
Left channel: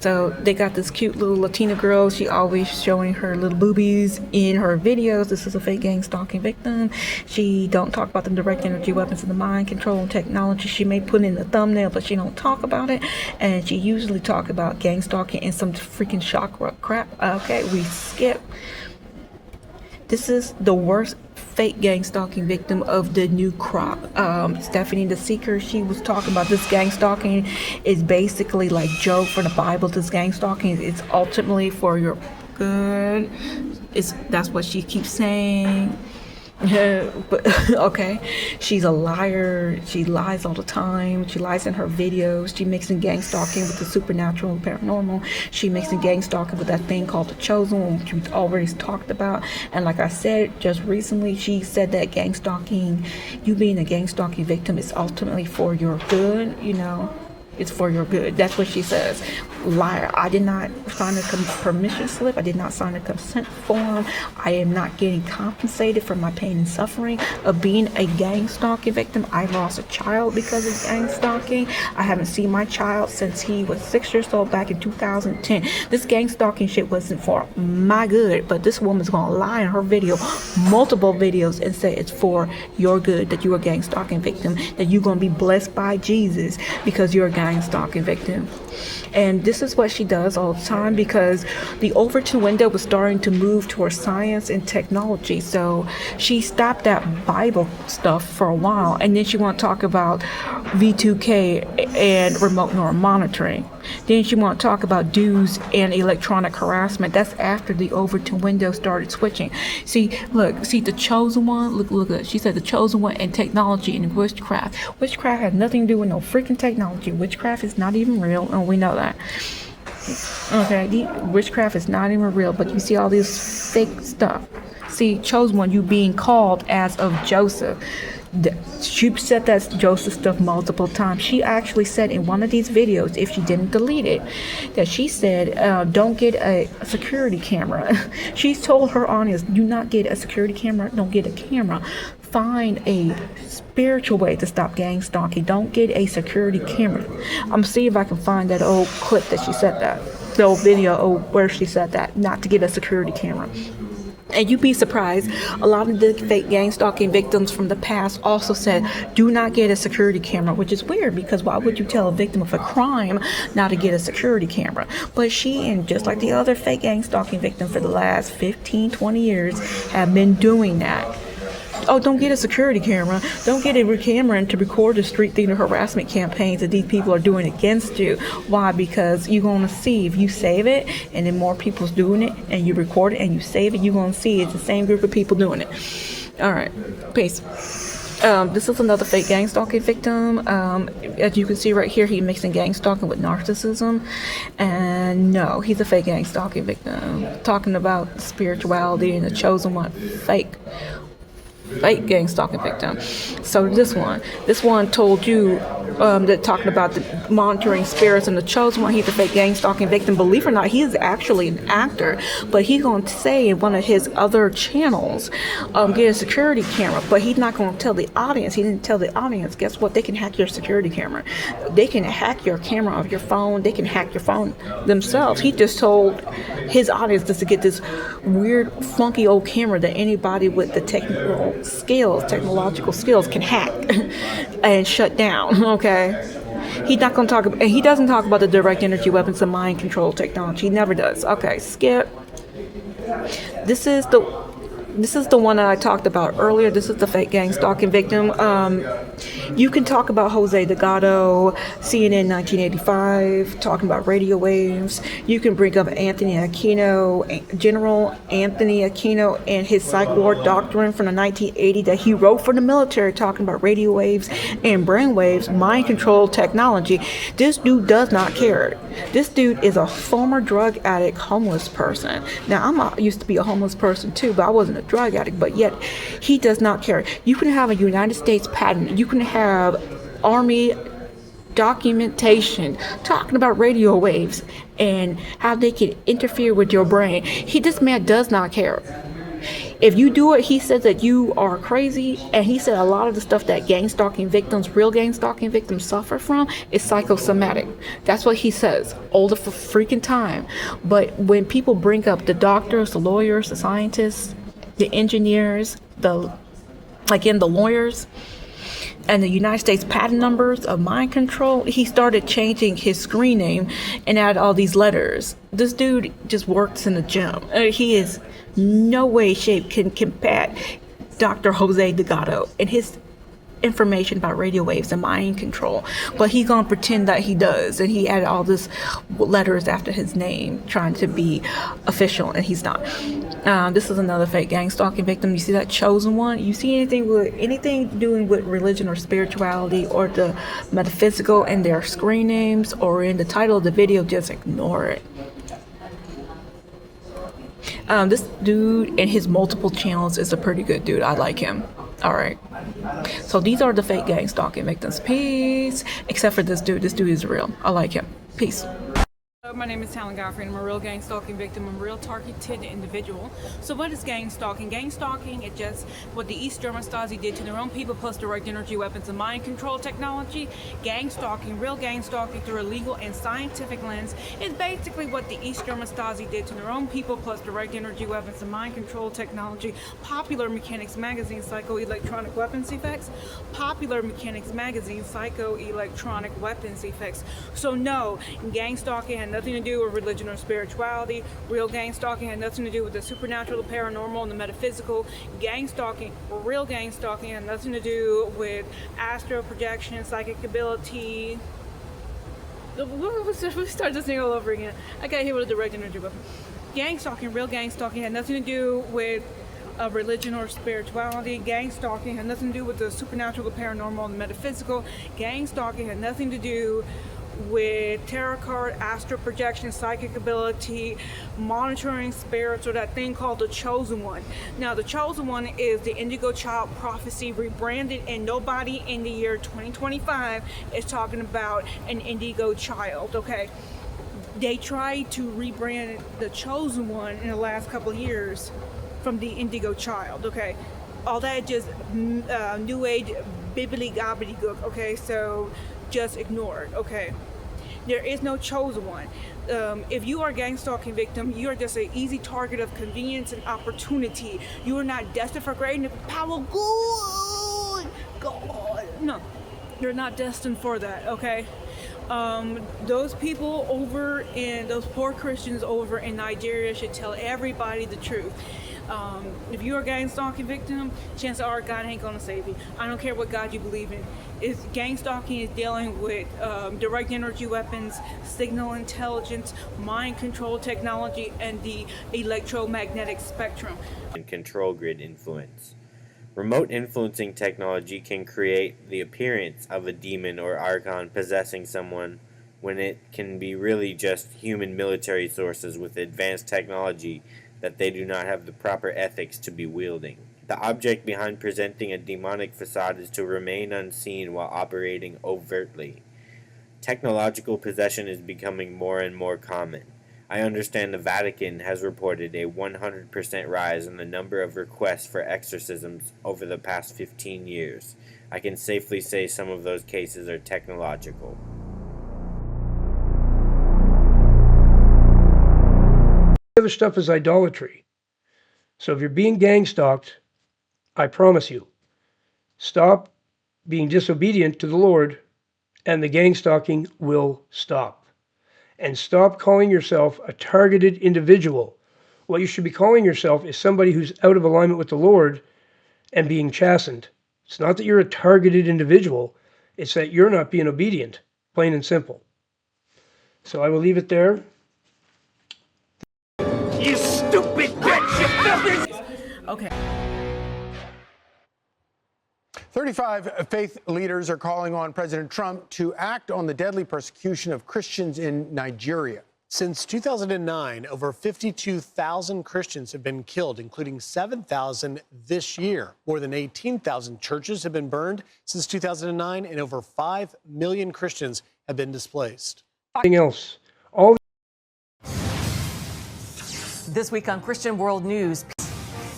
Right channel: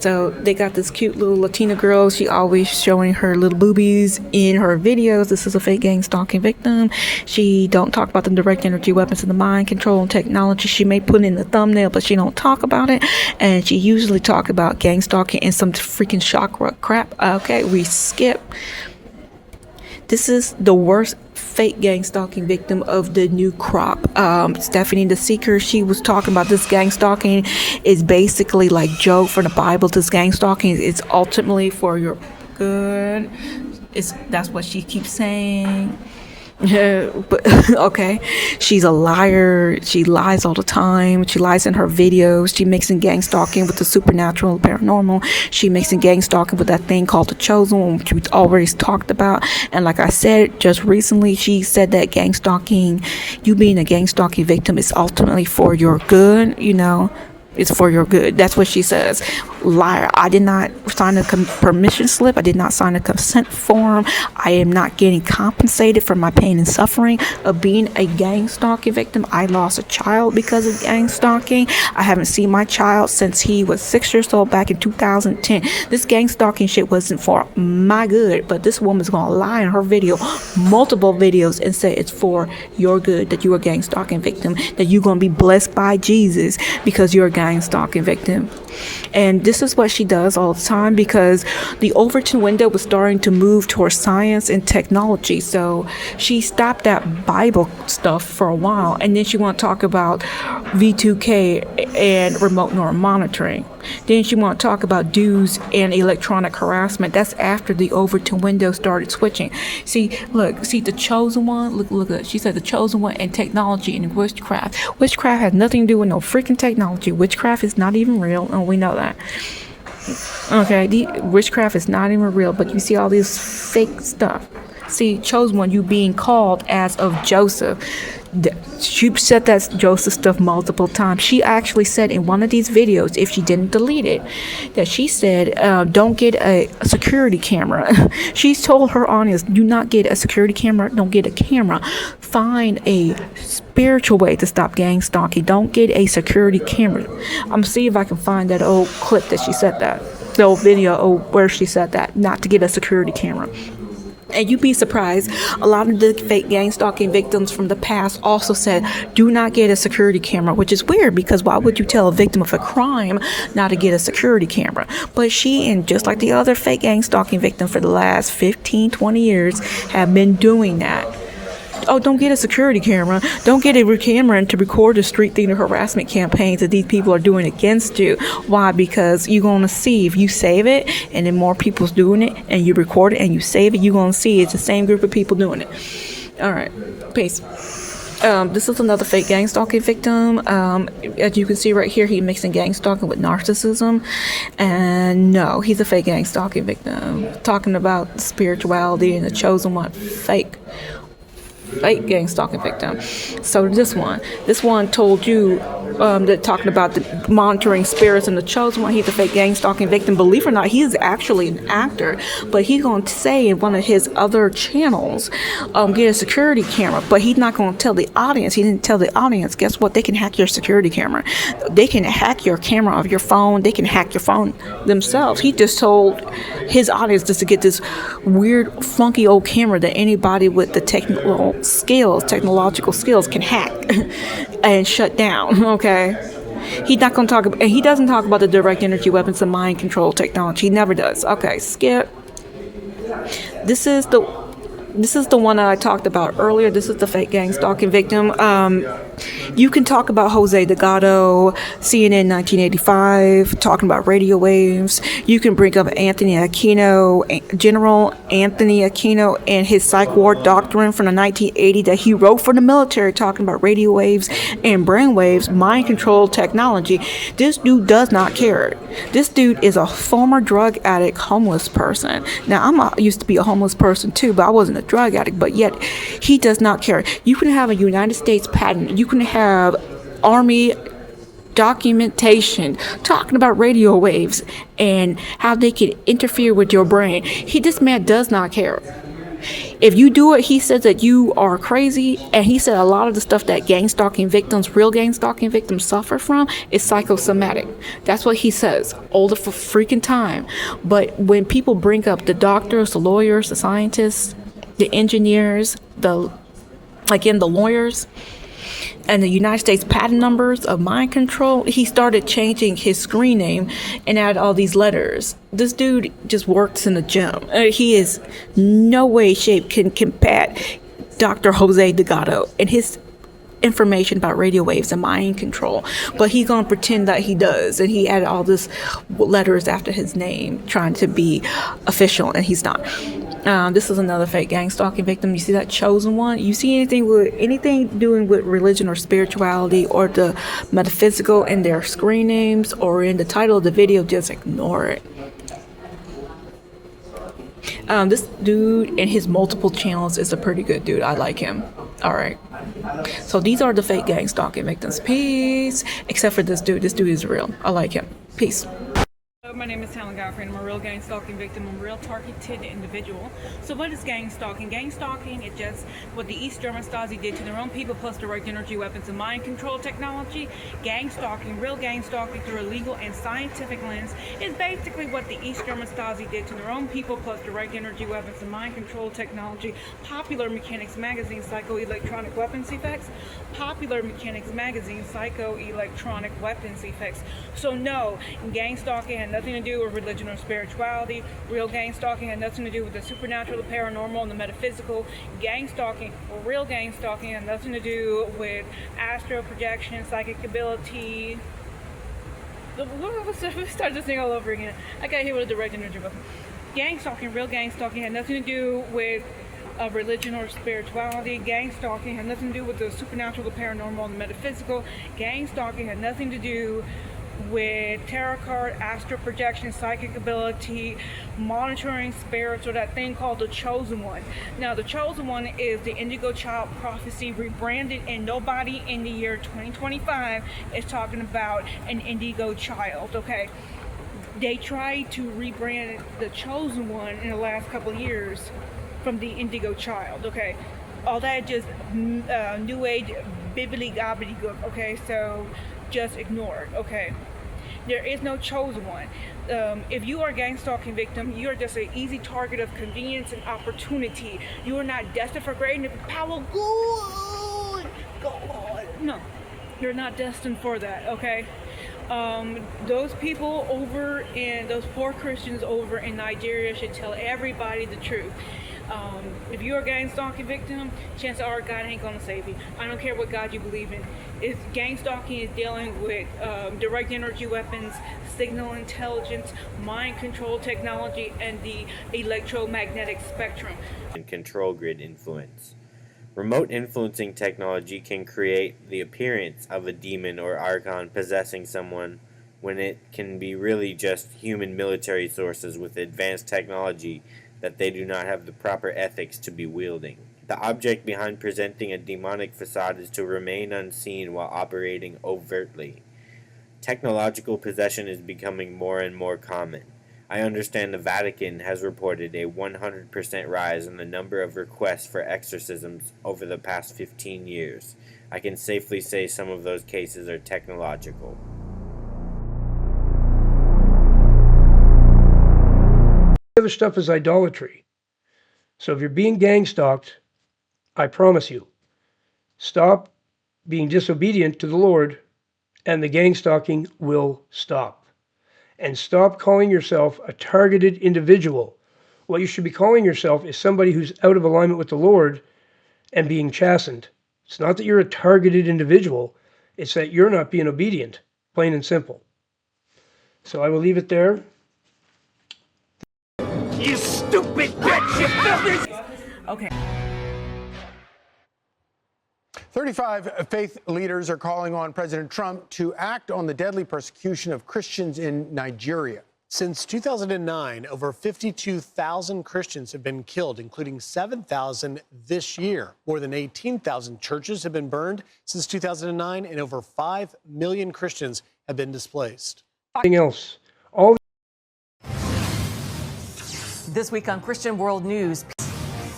So they got this cute little Latina girl. She always showing her little boobies in her videos. This is a fake gang stalking victim. She don't talk about the direct energy weapons and the mind control and technology. She may put in the thumbnail, but she don't talk about it. And she usually talk about gang stalking and some freaking chakra crap. Okay, we skip. This is the worst fake gang stalking victim of the new crop. Stephanie the Seeker, she was talking about this gang stalking is basically like Job from the Bible. This gang stalking is ultimately for your good. That's what she keeps saying. But okay, she's a liar. She lies all the time. She lies in her videos. She mixing gang stalking with the supernatural and paranormal. She mixing gang stalking with that thing called the chosen one, which we already talked about. And like I said just recently, she said that gang stalking, you being a gang stalking victim, is ultimately for your good. You know, it's for your good. That's what she says. Liar. I did not sign a permission slip. I did not sign a consent form. I am not getting compensated for my pain and suffering of being a gang stalking victim. I lost a child because of gang stalking. I haven't seen my child since he was 6 years old back in 2010. This gang stalking shit wasn't for my good, but this woman's gonna lie in her video, multiple videos, and say it's for your good, that you're a gang stalking victim, that you're gonna be blessed by Jesus because you're a gang stalking victim. And this is what she does all the time, because the Overton window was starting to move towards science and technology. So she stopped that Bible stuff for a while, and then she want to talk about V2K and remote neural monitoring. Then she want to talk about dues and electronic harassment. That's after the Overton window started switching. See, look, see the chosen one. Look at. She said the chosen one and technology and witchcraft. Witchcraft has nothing to do with no freaking technology. Witchcraft is not even real, and we know that. Okay, the witchcraft is not even real, but you see all this fake stuff. See, chosen one, you being called as of Joseph. She said that Joseph stuff multiple times. She actually said in one of these videos, if she didn't delete it, that she said, don't get a security camera. She's told her audience, do not get a security camera, don't get a camera. Find a spiritual way to stop gang stalking. Don't get a security camera. I'm gonna see if I can find that old clip that she said that. The old video where she said that, not to get a security camera. And you'd be surprised, a lot of the fake gang stalking victims from the past also said, do not get a security camera, which is weird, because why would you tell a victim of a crime not to get a security camera? But she, and just like the other fake gang stalking victims for the last 15, 20 years, have been doing that. Oh, don't get a security camera. Don't get a camera to record the street theater harassment campaigns that these people are doing against you. Why? Because you're going to see, if you save it and then more people's doing it and you record it and you save it, you're going to see it's the same group of people doing it. All right. Peace. This is another fake gang stalking victim. As you can see right here, he's mixing gang stalking with narcissism. And no, he's a fake gang stalking victim. Talking about spirituality and the chosen one. Fake gang stalking victim. So this one told you that talking about the monitoring spirits and the chosen one, he's a fake gang stalking victim. Believe it or not, he's actually an actor, but he's going to say in one of his other channels, get a security camera, but he's not going to tell the audience. He didn't tell the audience, guess what? They can hack your security camera. They can hack your camera of your phone. They can hack your phone themselves. He just told his audience just to get this weird, funky old camera that anybody with the technological skills can hack and shut down. Okay, he's not going to talk about, and he doesn't talk about the direct energy weapons and mind control technology. He never does. Okay, skip. This is the one that I talked about earlier. This is the fake gang stalking victim. You can talk about Jose Delgado, CNN 1985, talking about radio waves. You can bring up Anthony Aquino, General Anthony Aquino, and his psych ward doctrine from the 1980 that he wrote for the military, talking about radio waves and brain waves, mind control technology. This dude does not care. This dude is a former drug addict, homeless person. Now, I used to be a homeless person too, but I wasn't a drug addict, but yet he does not care. You can have a United States patent. You can have Army documentation talking about radio waves and how they can interfere with your brain. This man does not care. If you do it, he says that you are crazy. And he said a lot of the stuff that gang stalking victims, real gang stalking victims, suffer from is psychosomatic. That's what he says all the freaking time. But when people bring up the doctors, the lawyers, the scientists, the engineers, the lawyers, and the United States patent numbers of mind control, he started changing his screen name and add all these letters. This dude just works in the gym. He is no way, shape can combat Dr. Jose Delgado and his information about radio waves and mind control, but he's gonna pretend that he does, and he added all this letters after his name trying to be official, and he's not. This is another fake gang stalking victim. You see that chosen one? You see anything doing with religion or spirituality or the metaphysical in their screen names or in the title of the video, just ignore it. This dude and his multiple channels is a pretty good dude. I like him. All right. So these are the fake gang stalking victims. Peace. Except for this dude. This dude is real. I like him. Peace. My name is TALAN GODFREY, and I'm a real gang stalking victim. I'm a real targeted individual. So what is gang stalking? Gang stalking is just what the East German Stasi did to their own people, plus direct energy weapons and mind control technology. Gang stalking, real gang stalking through a legal and scientific lens, is basically what the East German Stasi did to their own people, plus direct energy weapons and mind control technology. Popular Mechanics Magazine, Psycho-Electronic Weapons Effects. Popular Mechanics Magazine, Psycho-Electronic Weapons Effects. So no, gang stalking had nothing to do with religion or spirituality. Real gang stalking had nothing to do with the supernatural, the paranormal, and the metaphysical. Gang stalking, or real gang stalking, had nothing to do with astral projection, psychic ability. We start this thing all over again. I got hit with a direct energy weapon. Gang stalking, real gang stalking, had nothing to do with religion or spirituality. Gang stalking had nothing to do with the supernatural, the paranormal, and the metaphysical. Gang stalking had nothing to do with tarot card, astral projection, psychic ability, monitoring spirits, or that thing called the Chosen One. Now, the Chosen One is the Indigo Child prophecy rebranded, and nobody in the year 2025 is talking about an Indigo Child, okay? They tried to rebrand the Chosen One in the last couple of years from the Indigo Child, okay? All that just new age bibbly gobbledygook, okay? So just ignore it, okay? There is no chosen one. If you are a gang stalking victim, you are just an easy target of convenience and opportunity. You are not destined for greatness, power, good God. No, you're not destined for that, okay? Those people over in, those poor Christians over in Nigeria should tell everybody the truth. If you're a gang stalking victim, chances are God ain't gonna save you. I don't care what God you believe in. Gang stalking is dealing with direct energy weapons, signal intelligence, mind control technology, and the electromagnetic spectrum. And control grid influence. Remote influencing technology can create the appearance of a demon or archon possessing someone when it can be really just human military sources with advanced technology that they do not have the proper ethics to be wielding. The object behind presenting a demonic facade is to remain unseen while operating overtly. Technological possession is becoming more and more common. I understand the Vatican has reported a 100% rise in the number of requests for exorcisms over the past 15 years. I can safely say some of those cases are technological. Other stuff is idolatry. So if you're being gang stalked, I promise you, stop being disobedient to the Lord, and the gang stalking will stop. And stop calling yourself a targeted individual. What you should be calling yourself is somebody who's out of alignment with the Lord and being chastened. It's not that you're a targeted individual, it's that you're not being obedient, plain and simple. So I will leave it there. You stupid bitch! You filthy! Okay. 35 faith leaders are calling on President Trump to act on the deadly persecution of Christians in Nigeria. Since 2009, over 52,000 Christians have been killed, including 7,000 this year. More than 18,000 churches have been burned since 2009, and over 5 million Christians have been displaced. Anything else? All This week on Christian World News.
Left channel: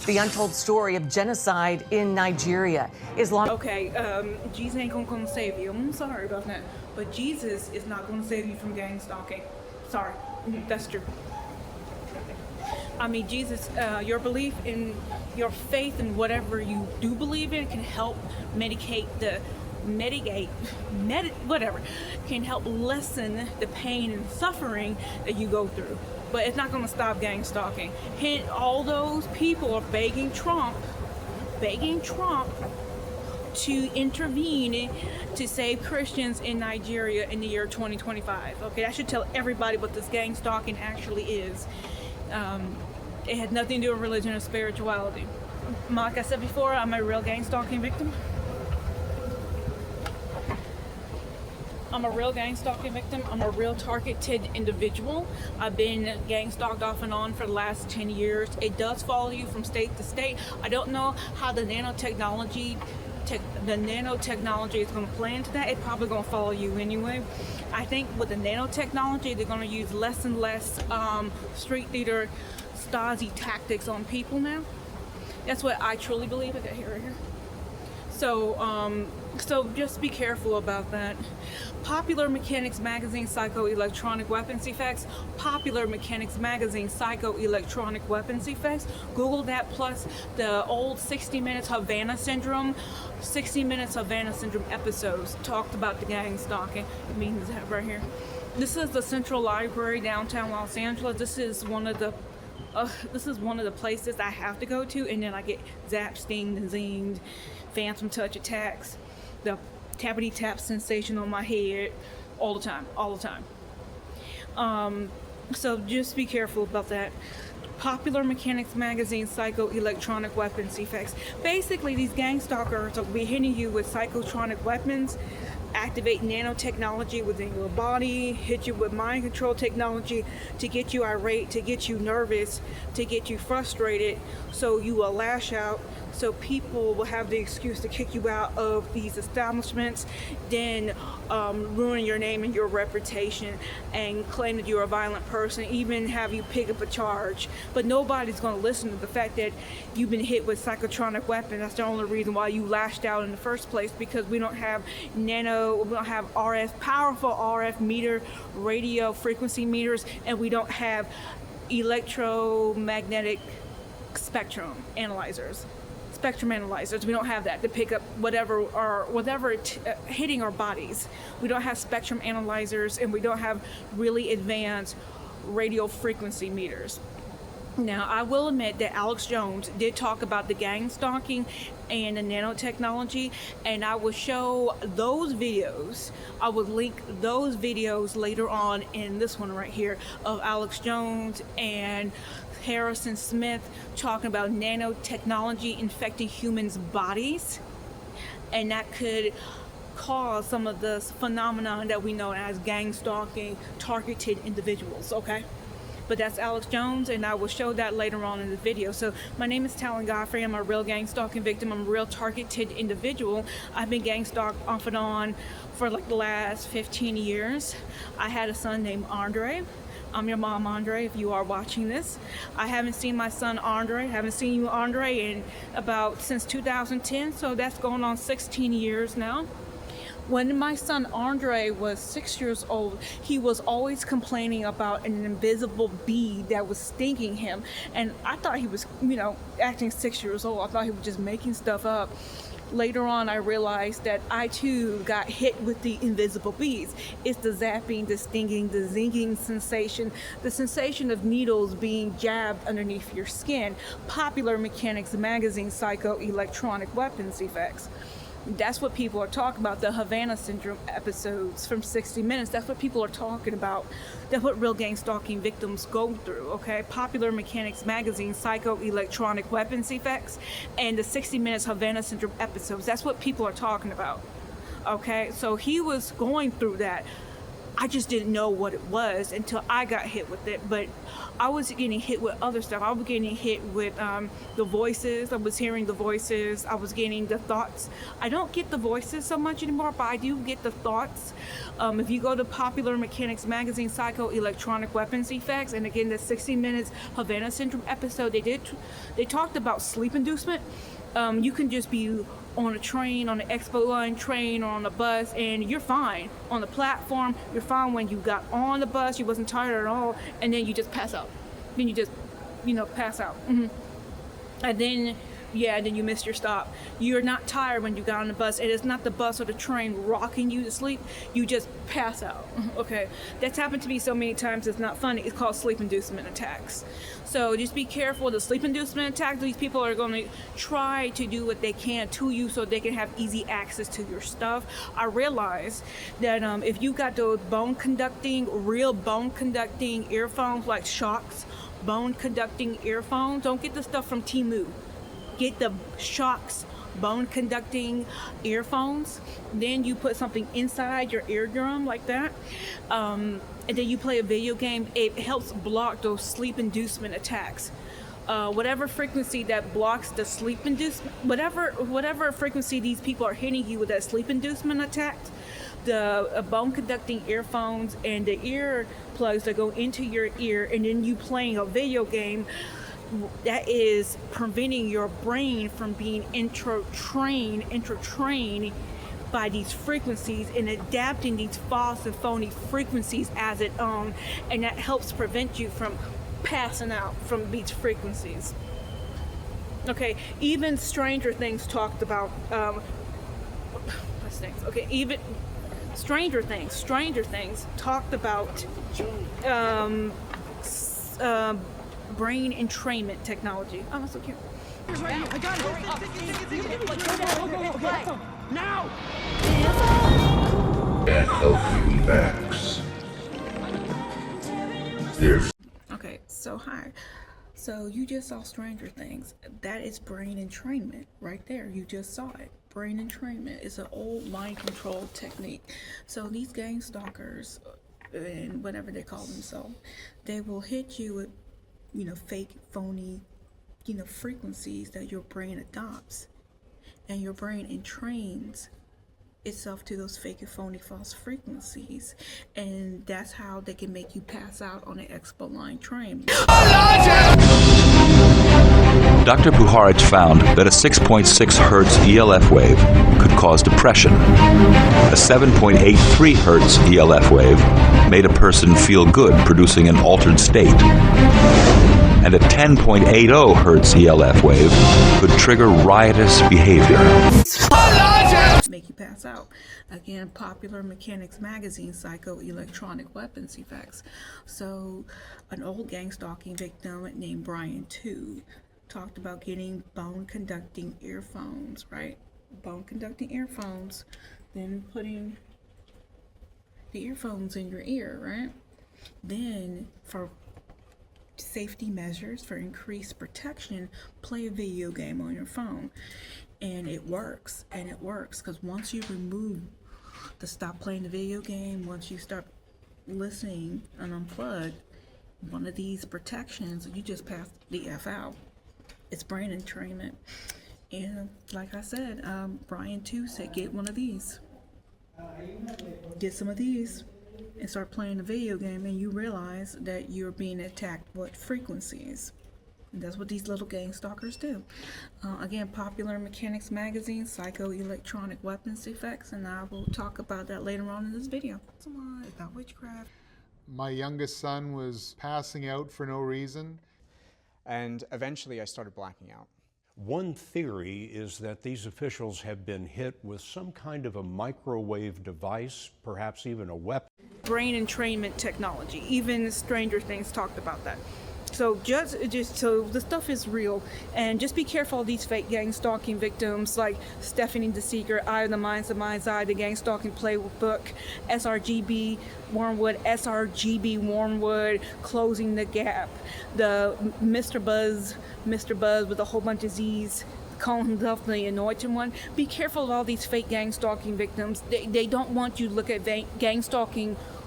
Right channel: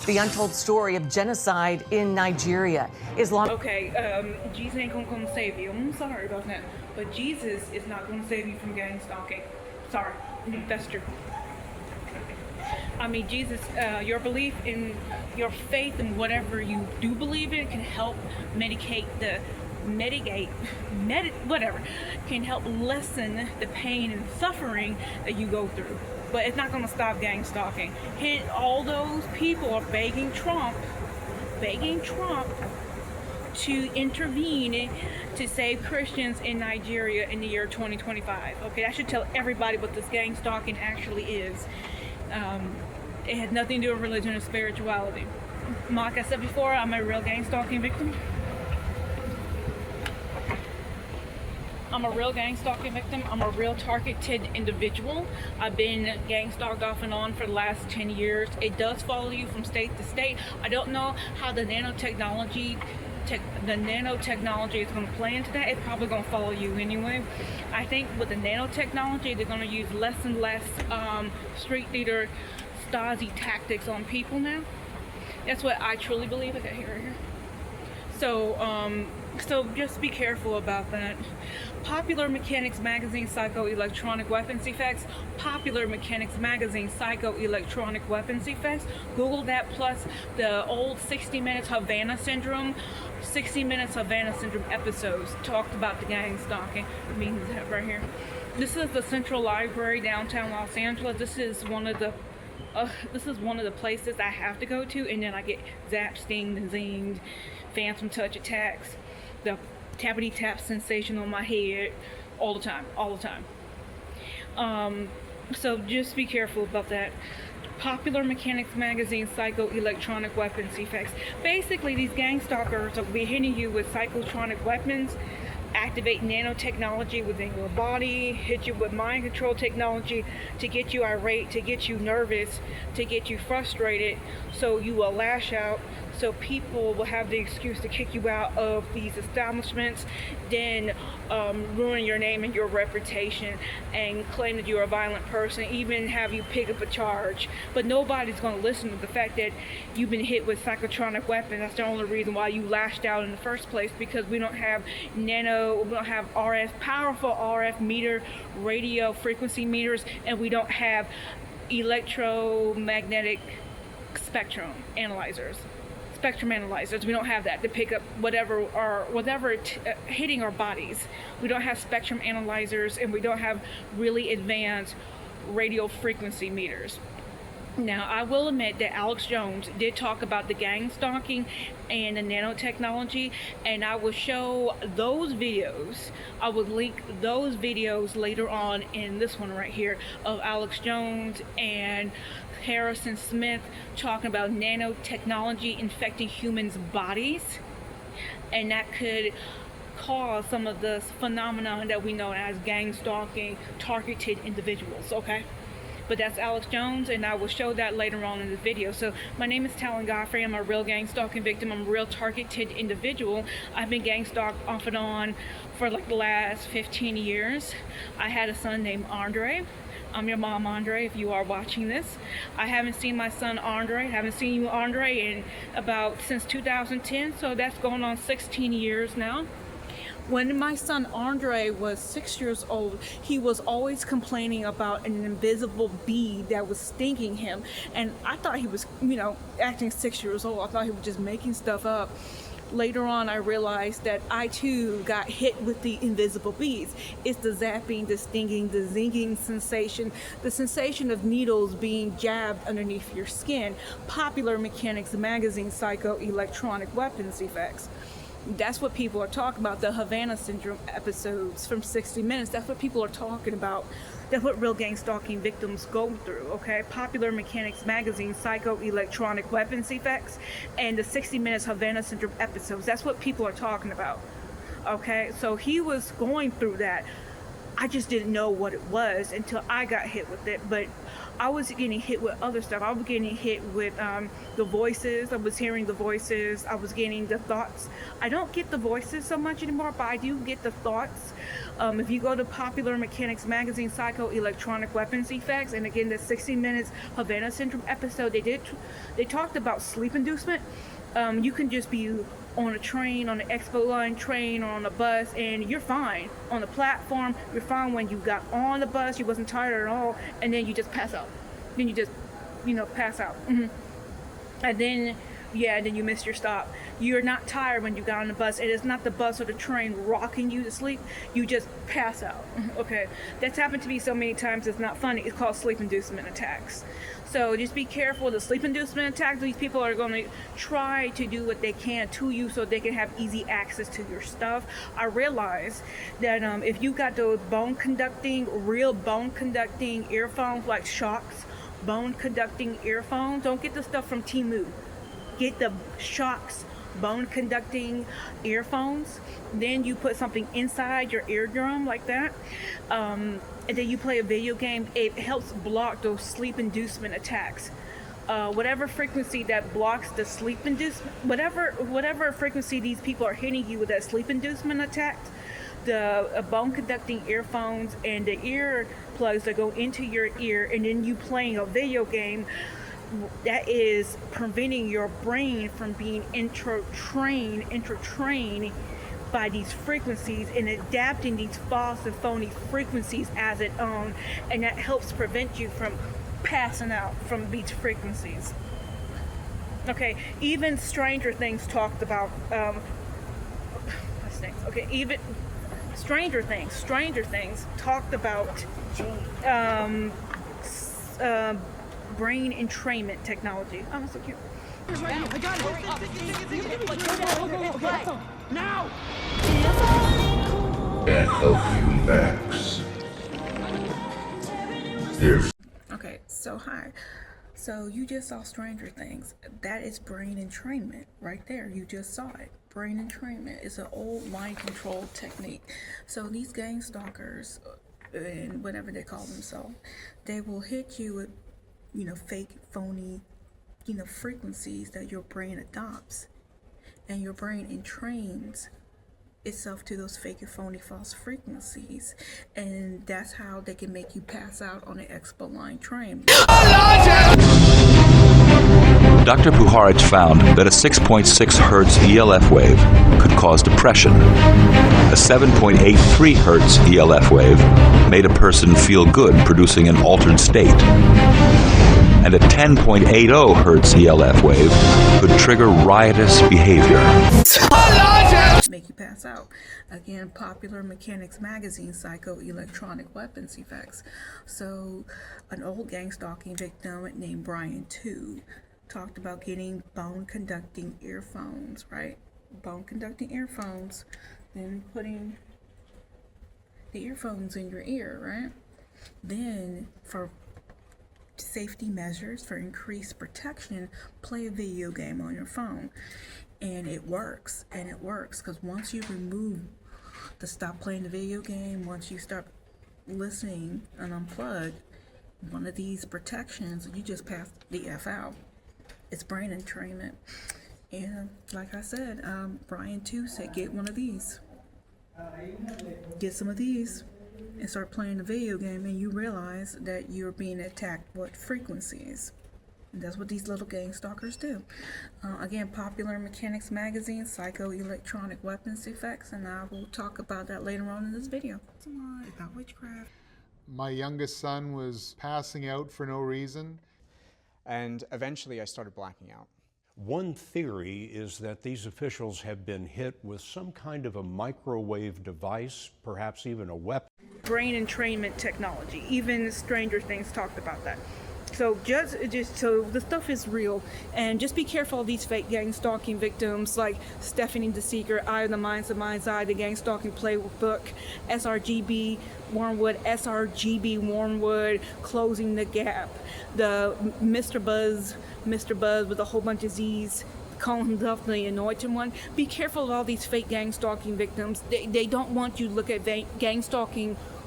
The untold story of genocide in Nigeria. Okay, Jesus ain't gonna come save you. I'm sorry about that. But Jesus is not gonna save you from gang stalking. Sorry, that's true. I mean, Jesus, your belief in, your faith in whatever you do believe in can help whatever, can help lessen the pain and suffering that you go through. But it's not going to stop gang stalking. All those people are begging Trump to intervene to save Christians in Nigeria in the year 2025. Okay, that should tell everybody what this gang stalking actually is. It has nothing to do with religion or spirituality. Like I said before, I'm a real gang stalking victim. I'm a real targeted individual. I've been gang stalked off and on for the last 10 years. It does follow you from state to state. I don't know how the nanotechnology is going to play into that. It's probably going to follow you anyway. I think with the nanotechnology, they're going to use less and less street leader Stasi tactics on people now. That's what I truly believe. Okay, here, right here. So just be careful about that. Popular Mechanics Magazine Psychoelectronic Weapons Effects. Popular Mechanics Magazine Psychoelectronic Weapons Effects. Google that, plus the old 60 Minutes Havana Syndrome. 60 Minutes Havana Syndrome episodes talked about the gang stalking. I mean, right here. This is the Central Library, downtown Los Angeles. This is one of the places I have to go to, and then I get zapped, stinged, and zinged, phantom touch attacks, the tappity tap sensation on my head all the time. So just be careful about that. Popular Mechanics Magazine Psychoelectronic Weapons Effects. Basically, these gang stalkers will be hitting you with psychotronic weapons, activate nanotechnology within your body, hit you with mind control technology to get you irate, to get you nervous, to get you frustrated, so you will lash out, so people will have the excuse to kick you out of these establishments, then ruin your name and your reputation and claim that you're a violent person, even have you pick up a charge. But nobody's going to listen to the fact that you've been hit with psychotronic weapons. That's the only reason why you lashed out in the first place, because we don't have powerful RF meter, radio frequency meters, and we don't have electromagnetic spectrum analyzers. We don't have that to pick up whatever hitting our bodies. We don't have spectrum analyzers, and we don't have really advanced radio frequency meters. Now, I will admit that Alex Jones did talk about the gang stalking and the nanotechnology, and I will show those videos. I will link those videos later on in this one right here of Alex Jones and Harrison Smith talking about nanotechnology infecting humans' bodies, and that could cause some of the phenomenon that we know as gang stalking targeted individuals, okay? But that's Alex Jones, and I will show that later on in the video. So my name is TALAN Godfrey. I'm a real gang stalking victim. I'm a real targeted individual. I've been gang stalked off and on for like the last 15 years. I had a son named Andre. I'm your mom, Andre, if you are watching this. I haven't seen my son Andre, haven't seen you, Andre, since 2010, so that's going on 16 years now. When my son Andre was 6 years old, he was always complaining about an invisible bee that was stinging him. And I thought he was, acting 6 years old. I thought he was just making stuff up. Later on, I realized that I too got hit with the invisible bees. It's the zapping, the stinging, the zinging sensation, the sensation of needles being jabbed underneath your skin. Popular Mechanics Magazine Psychoelectronic Weapons Effects. That's what people are talking about, the Havana Syndrome episodes from 60 Minutes. That's what people are talking about. That's what real gang stalking victims go through, okay? Popular Mechanics Magazine Psychoelectronic Weapons Effects and the 60 Minutes Havana Syndrome episodes. That's what people are talking about, okay? So he was going through that. I just didn't know what it was until I got hit with it. But I was getting hit with other stuff. I was getting hit with the voices. I was hearing the voices. I was getting the thoughts. I don't get the voices so much anymore, but I do get the thoughts. If you go to Popular Mechanics Magazine, Psycho-Electronic Weapons Effects, and again, the 60 Minutes Havana Syndrome episode, they talked about sleep inducement. You can just be on a train, on the expo line train, or on a bus, and you're fine. On the platform, you're fine when you got on the bus, you wasn't tired at all, and then you just pass out. Then you just, pass out. And then, then you miss your stop. You're not tired when you got on the bus, and it's not the bus or the train rocking you to sleep. You just pass out, okay? That's happened to me so many times, it's not funny. It's called sleep inducement attacks. So just be careful. The sleep inducement attack, these people are going to try to do what they can to you so they can have easy access to your stuff. I realize that if you got those real bone conducting earphones like Shocks, bone conducting earphones, don't get the stuff from Temu. Get the Shocks bone conducting earphones. Then you put something inside your eardrum like that. And then you play a video game. It helps block those sleep inducement attacks. Whatever frequency that blocks the sleep inducement, whatever frequency these people are hitting you with that sleep inducement attack, the bone conducting earphones and the ear plugs that go into your ear, and then you playing a video game, that is preventing your brain from being intra-trained by these frequencies and adapting these false and phony frequencies as its own, and that helps prevent you from passing out from these frequencies. Okay, even Stranger Things talked about even Stranger Things talked about brain entrainment technology. Oh, that's so cute. I got it. Now! Can't help you, Max. There's Okay, so hi. So you just saw Stranger Things. That is brain entrainment right there. You just saw it. Brain entrainment is an old mind control technique. So these gang stalkers and whatever they call themselves, they will hit you with, fake, phony, frequencies that your brain adopts, and your brain entrains itself to those fake and phony false frequencies, and that's how they can make you pass out on an expo line train. Dr. Puharich found that a 6.6 hertz ELF wave could cause depression. A 7.83 hertz ELF wave made a person feel good, producing an altered state. And a 10.80 hertz ELF wave could trigger riotous behavior. Make you pass out. Again, Popular Mechanics Magazine, Psycho-Electronic Weapons Effects. So, an old gang-stalking victim named Brian 2 talked about getting bone-conducting earphones, right? Bone-conducting earphones, then putting the earphones in your ear, right? Then, for safety measures, for increased protection, play a video game on your phone. And it works, because once you remove stop playing the video game, once you start listening and unplug one of these protections, you just pass the F out. It's brain entrainment. And like I said, Brian 2 said, get one of these. Get some of these and start playing the video game, and you realize that you're being attacked with frequencies. And that's what these little gang stalkers do. Again, Popular Mechanics Magazine, Psycho-Electronic Weapons Effects, and I will talk about that later on in this video. About witchcraft. My youngest son was passing out for no reason. And eventually I started blacking out. One theory is that these officials have been hit with some kind of a microwave device, perhaps even a weapon. Brain entrainment technology. Even Stranger Things talked about that. So just so the stuff is real, and just be careful of these fake gang stalking victims like Stephanie the Seeker, Eye of the Mind's Eye, the Gang Stalking Playbook, SRGB Wormwood, Closing the Gap, the Mr. Buzz with a whole bunch of Z's, calling himself the Anointed One. Be careful of all these fake gang stalking victims. They don't want you to look at gang stalking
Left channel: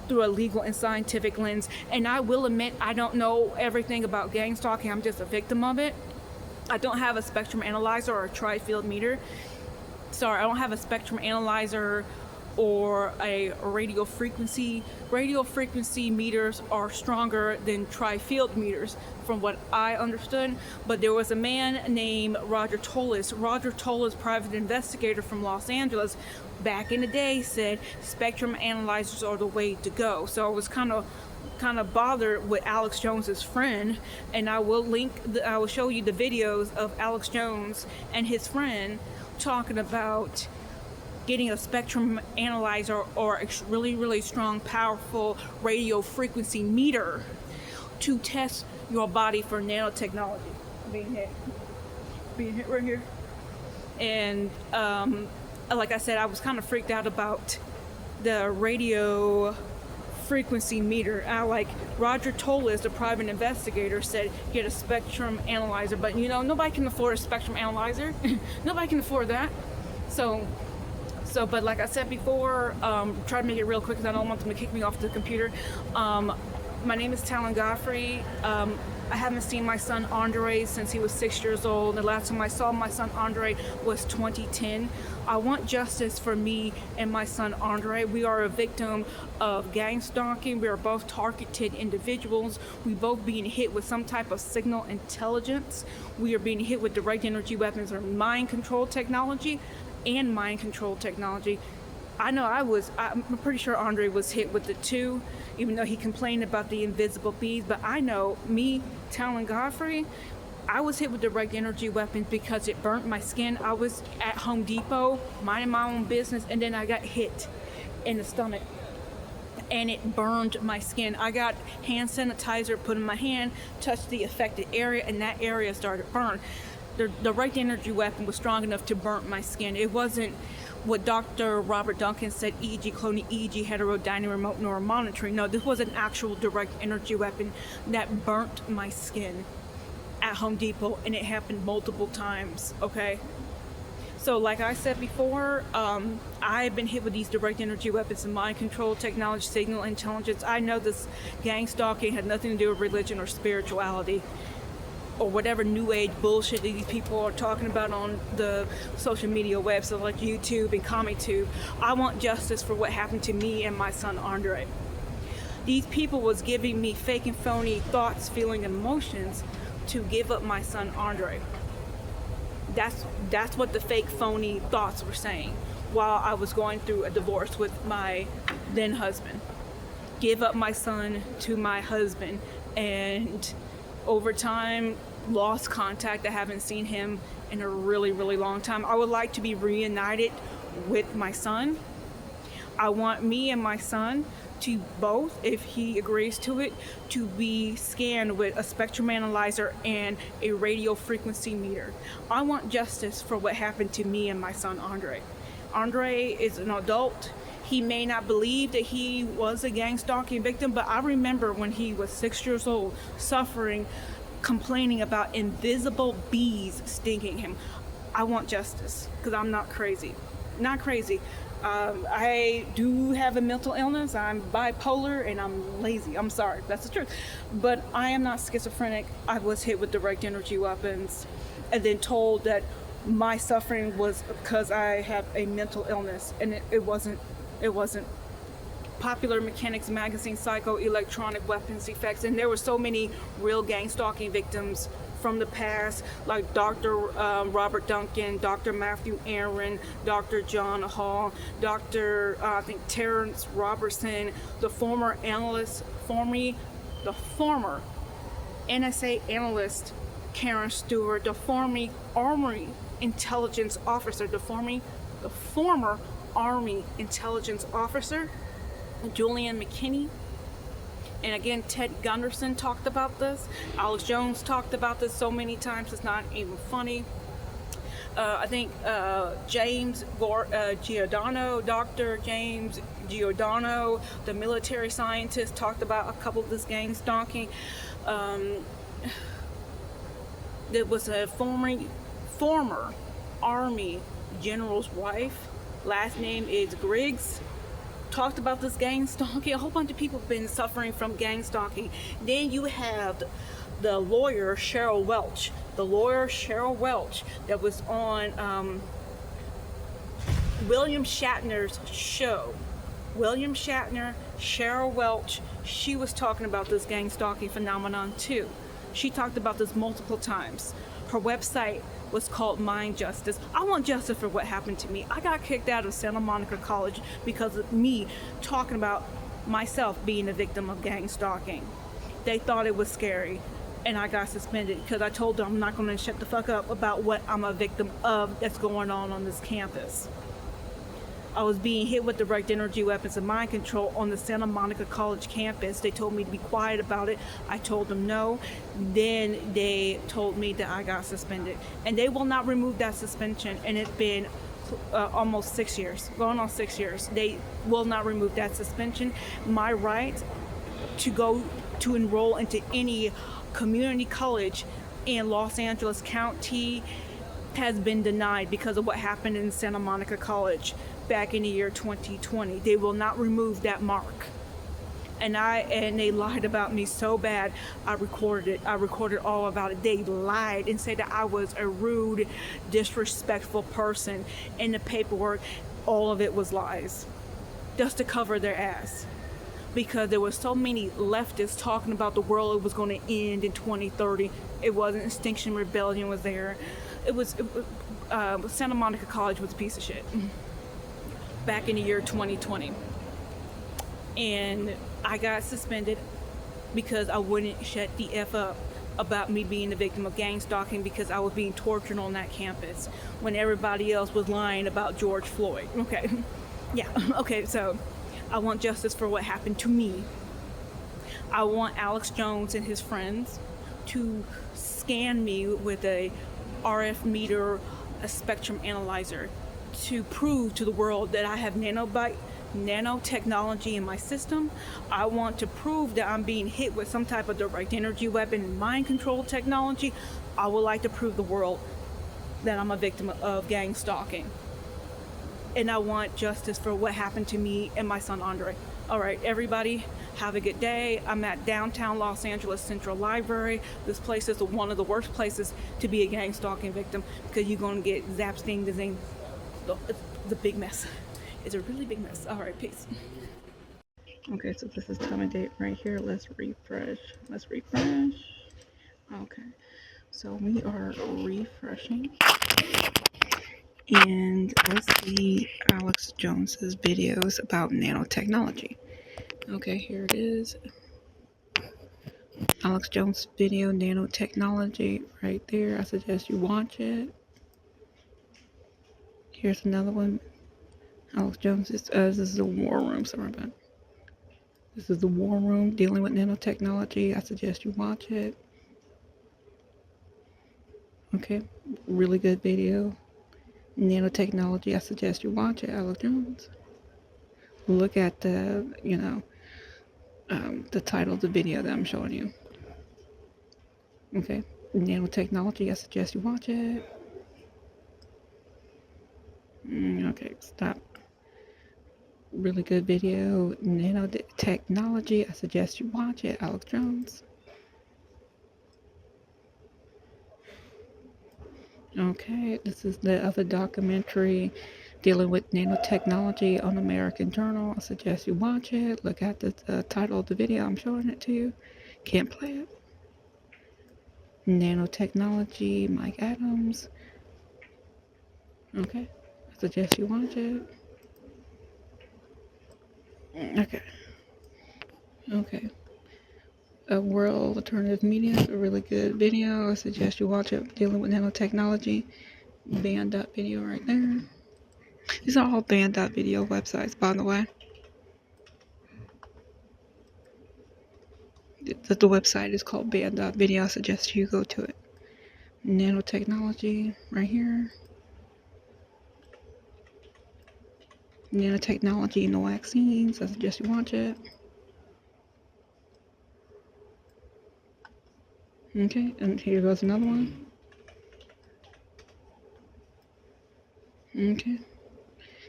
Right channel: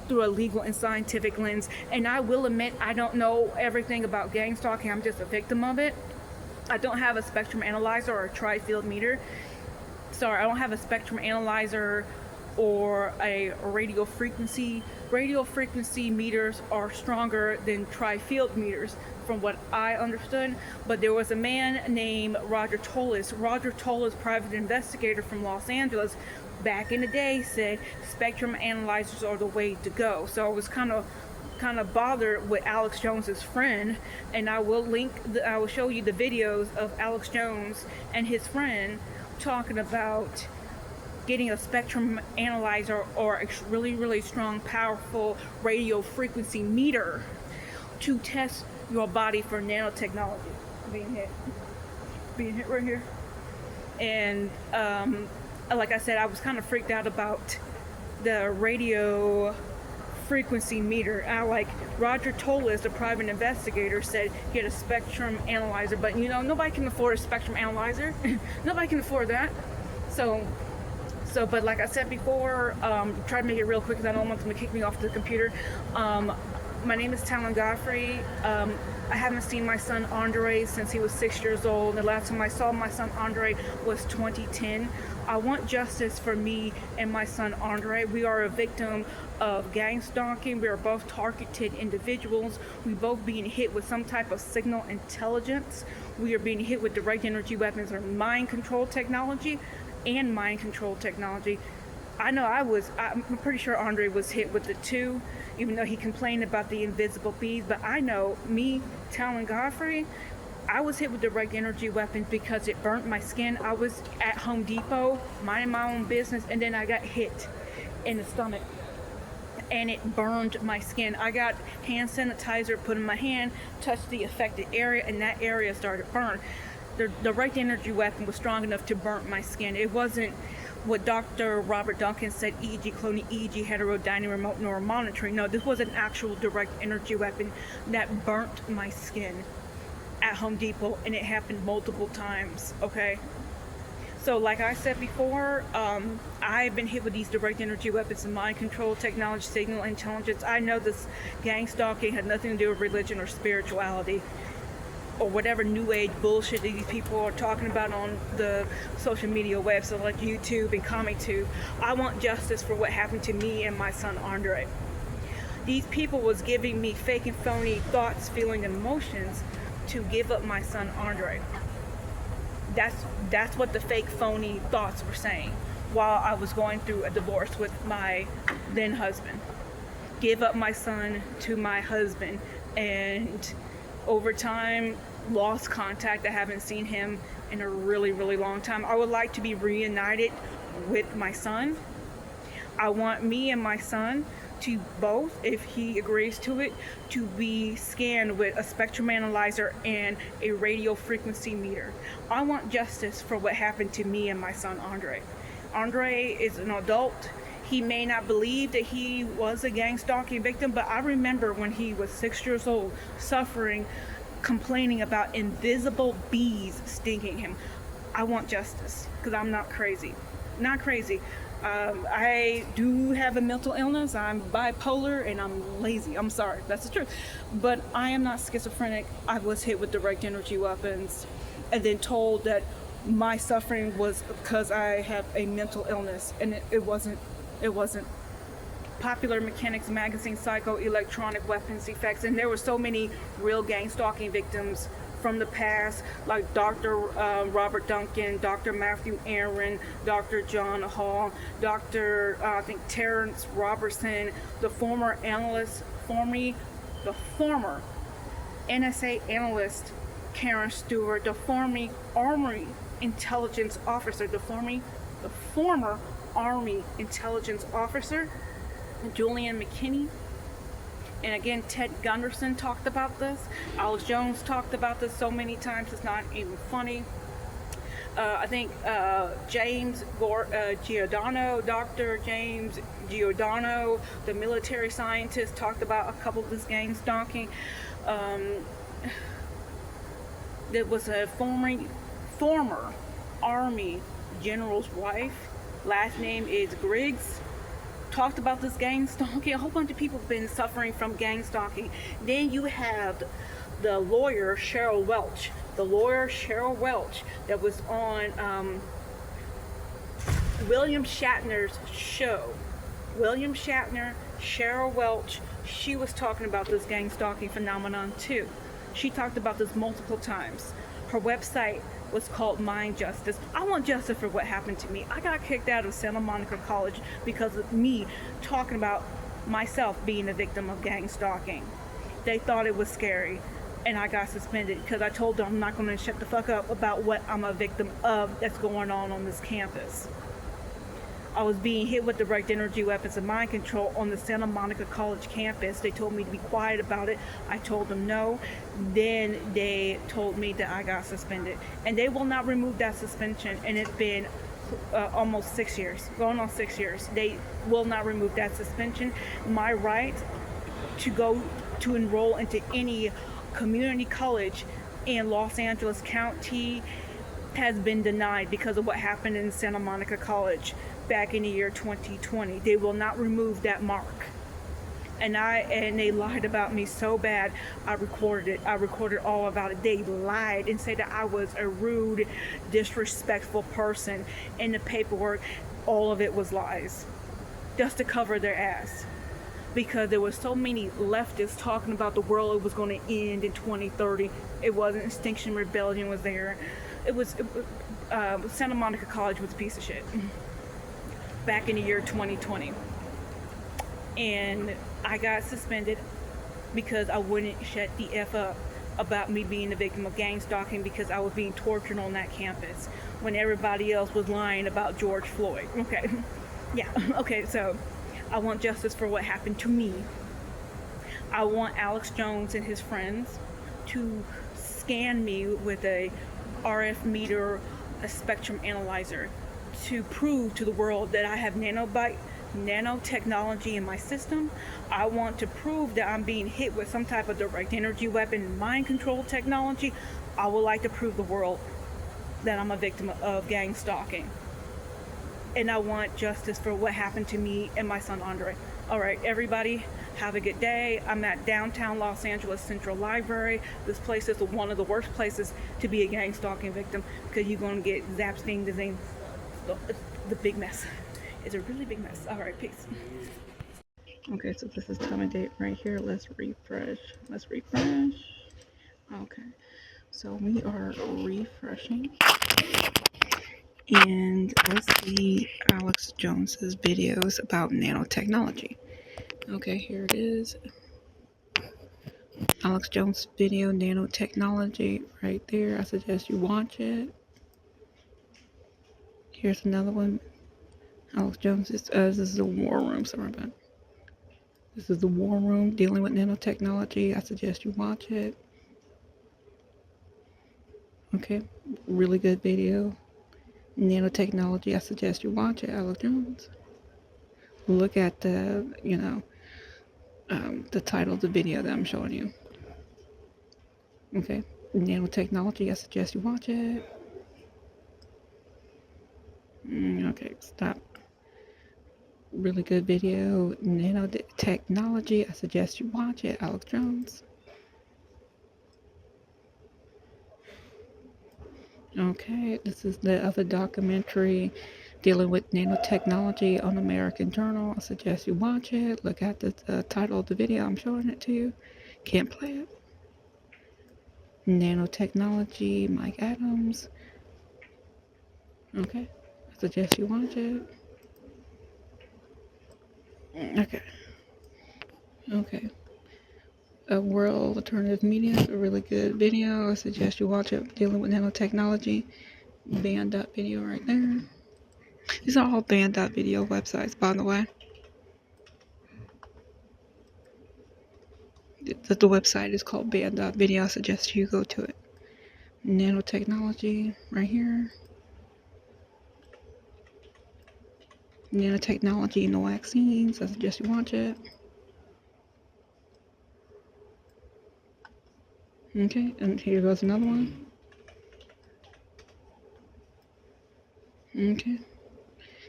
through a legal and scientific lens. And I will admit, I don't know everything about gang stalking. I'm just a victim of it. I don't have a spectrum analyzer or a tri-field meter. Sorry, I don't have a spectrum analyzer or a radio frequency. Radio frequency meters are stronger than tri-field meters, from what I understood. But there was a man named Roger Tolis. Roger Tolis, private investigator from Los Angeles, back in the day said spectrum analyzers are the way to go. So I was kind of bothered with Alex Jones's friend, and I will show you the videos of Alex Jones and his friend talking about getting a spectrum analyzer or a really strong, powerful radio frequency meter to test your body for nanotechnology. Being hit right here. And like I said, I was kind of freaked out about the radio frequency meter. Roger Tolis, the private investigator, said get a spectrum analyzer, but you know, nobody can afford a spectrum analyzer. Nobody can afford that. But like I said before, try to make it real quick because I don't want them to kick me off the computer. My name is TALAN GODFREY. I haven't seen my son Andre since he was 6 years old. The last time I saw my son Andre was 2010. I want justice for me and my son Andre. We are a victim of gang stalking. We are both targeted individuals. We both being hit with some type of signal intelligence. We are being hit with direct energy weapons or mind control technology and mind control technology. I know I'm pretty sure Andre was hit with the two, even though he complained about the invisible bees. But I know me, TALAN GODFREY, I was hit with direct energy weapons because it burnt my skin. I was at Home Depot minding my own business, and then I got hit in the stomach and it burned my skin. I got hand sanitizer put in my hand, touched the affected area, and that area started burn. The direct energy weapon was strong enough to burn my skin. It wasn't what Dr. Robert Duncan said, EEG cloning, EEG heterodyne remote neural monitoring. No, this was an actual direct energy weapon that burnt my skin at Home Depot, and it happened multiple times, okay? So like I said before, I've been hit with these direct energy weapons and mind control technology, signal intelligence. I know this gang stalking had nothing to do with religion or spirituality or whatever new age bullshit that these people are talking about on the social media websites like YouTube and CommieTube. I want justice for what happened to me and my son Andre. These people was giving me fake and phony thoughts, feelings, and emotions to give up my son Andre. That's what the fake phony thoughts were saying while I was going through a divorce with my then husband. Give up my son to my husband, and over time lost contact. I haven't seen him in a really long time. I would like to be reunited with my son. I want me and my son to both, if he agrees to it, to be scanned with a spectrum analyzer and a radio frequency meter. I want justice for what happened to me and my son Andre. Andre is an adult. He may not believe that he was a gang stalking victim, but I remember when he was 6 years old, suffering, complaining about invisible bees stinging him. I want justice because I'm not crazy. Not crazy. I do have a mental illness. I'm bipolar and I'm lazy. I'm sorry, that's the truth. But I am not schizophrenic. I was hit with direct energy weapons and then told that my suffering was because I have a mental illness, and it wasn't. Popular Mechanics Magazine, Psychoelectronic Weapons Effects, and there were so many real gang stalking victims from the past, like Dr. Robert Duncan, Dr. Matthew Aaron, Dr. John Hall, Dr. I think Terrence Robertson, the former NSA analyst Karen Stewart, the former Army intelligence officer, the former Army intelligence officer Julian McKinney, and again Ted Gunderson talked about this. Alex Jones talked about this so many times it's not even funny. I think James Giordano, Dr. James Giordano, the military scientist, talked about a couple of this gang stalking. There was a former Army general's wife, last name is Griggs, talked about this gang stalking. A whole bunch of people have been suffering from gang stalking. Then you have the lawyer Cheryl Welch. The lawyer Cheryl Welch that was on William Shatner's show. William Shatner, Cheryl Welch, she was talking about this gang stalking phenomenon too. She talked about this multiple times. Her website was called Mind Justice. I want justice for what happened to me. I got kicked out of Santa Monica College because of me talking about myself being a victim of gang stalking. They thought it was scary, and I got suspended because I told them I'm not going to shut the fuck up about what I'm a victim of that's going on this campus. I was being hit with direct energy weapons and mind control on the Santa Monica College campus. They told me to be quiet about it. I told them no. Then they told me that I got suspended. And they will not remove that suspension. And it's been almost 6 years, going on 6 years. They will not remove that suspension. My right to go to enroll into any community college in Los Angeles County has been denied because of what happened in Santa Monica College back in the year 2020. They will not remove that mark. And they lied about me so bad. I recorded it. I recorded all about it. They lied and said that I was a rude, disrespectful person. In the paperwork, all of it was lies, just to cover their ass. Because there were so many leftists talking about the world was going to end in 2030. It wasn't. Extinction Rebellion was there. Santa Monica College was a piece of shit back in the year 2020. And I got suspended because I wouldn't shut the F up about me being a victim of gang stalking because I was being tortured on that campus when everybody else was lying about George Floyd. Okay. Yeah. Okay, so I want justice for what happened to me. I want Alex Jones and his friends to scan me with a RF meter, a spectrum analyzer, to prove to the world that I have nanotechnology in my system. I want to prove that I'm being hit with some type of direct energy weapon, mind control technology. I would like to prove the world that I'm a victim of gang stalking. And I want justice for what happened to me and my son Andre. All right, everybody, have a good day. I'm at downtown Los Angeles Central Library. This place is one of the worst places to be a gang stalking victim because you're going to get zapped, sting, disease. The big mess. It's a really big mess. All right, peace. Okay, so this is time and date right here. Let's refresh. Okay, so we are refreshing. And let's see Alex Jones's videos about nanotechnology. Okay, here it is. Alex Jones video, nanotechnology, right there. I suggest you watch it. Here's another one. Alex Jones is this is the War Room. Sorry about. This is the War Room dealing with nanotechnology. I suggest you watch it. Okay, really good video. Nanotechnology. I suggest you watch it. Alex Jones. Look at the the title of the video that I'm showing you. Okay, nanotechnology. I suggest you watch it. Okay, stop. Really good video. Nanotechnology. I suggest you watch it. Alex Jones. Okay, this is the other documentary dealing with nanotechnology on American Journal. I suggest you watch it. Look at the title of the video. I'm showing it to you. Can't play it. Nanotechnology, Mike Adams. Okay, I suggest you watch it. Okay. A World Alternative Media, a really good video. I suggest you watch it, dealing with nanotechnology. Band.video right there. These are all band.video websites, by the way. The website is called band.video. I suggest you go to it. Nanotechnology right here. Nanotechnology in the vaccines. I suggest you watch it. Okay, and here goes another one. Okay.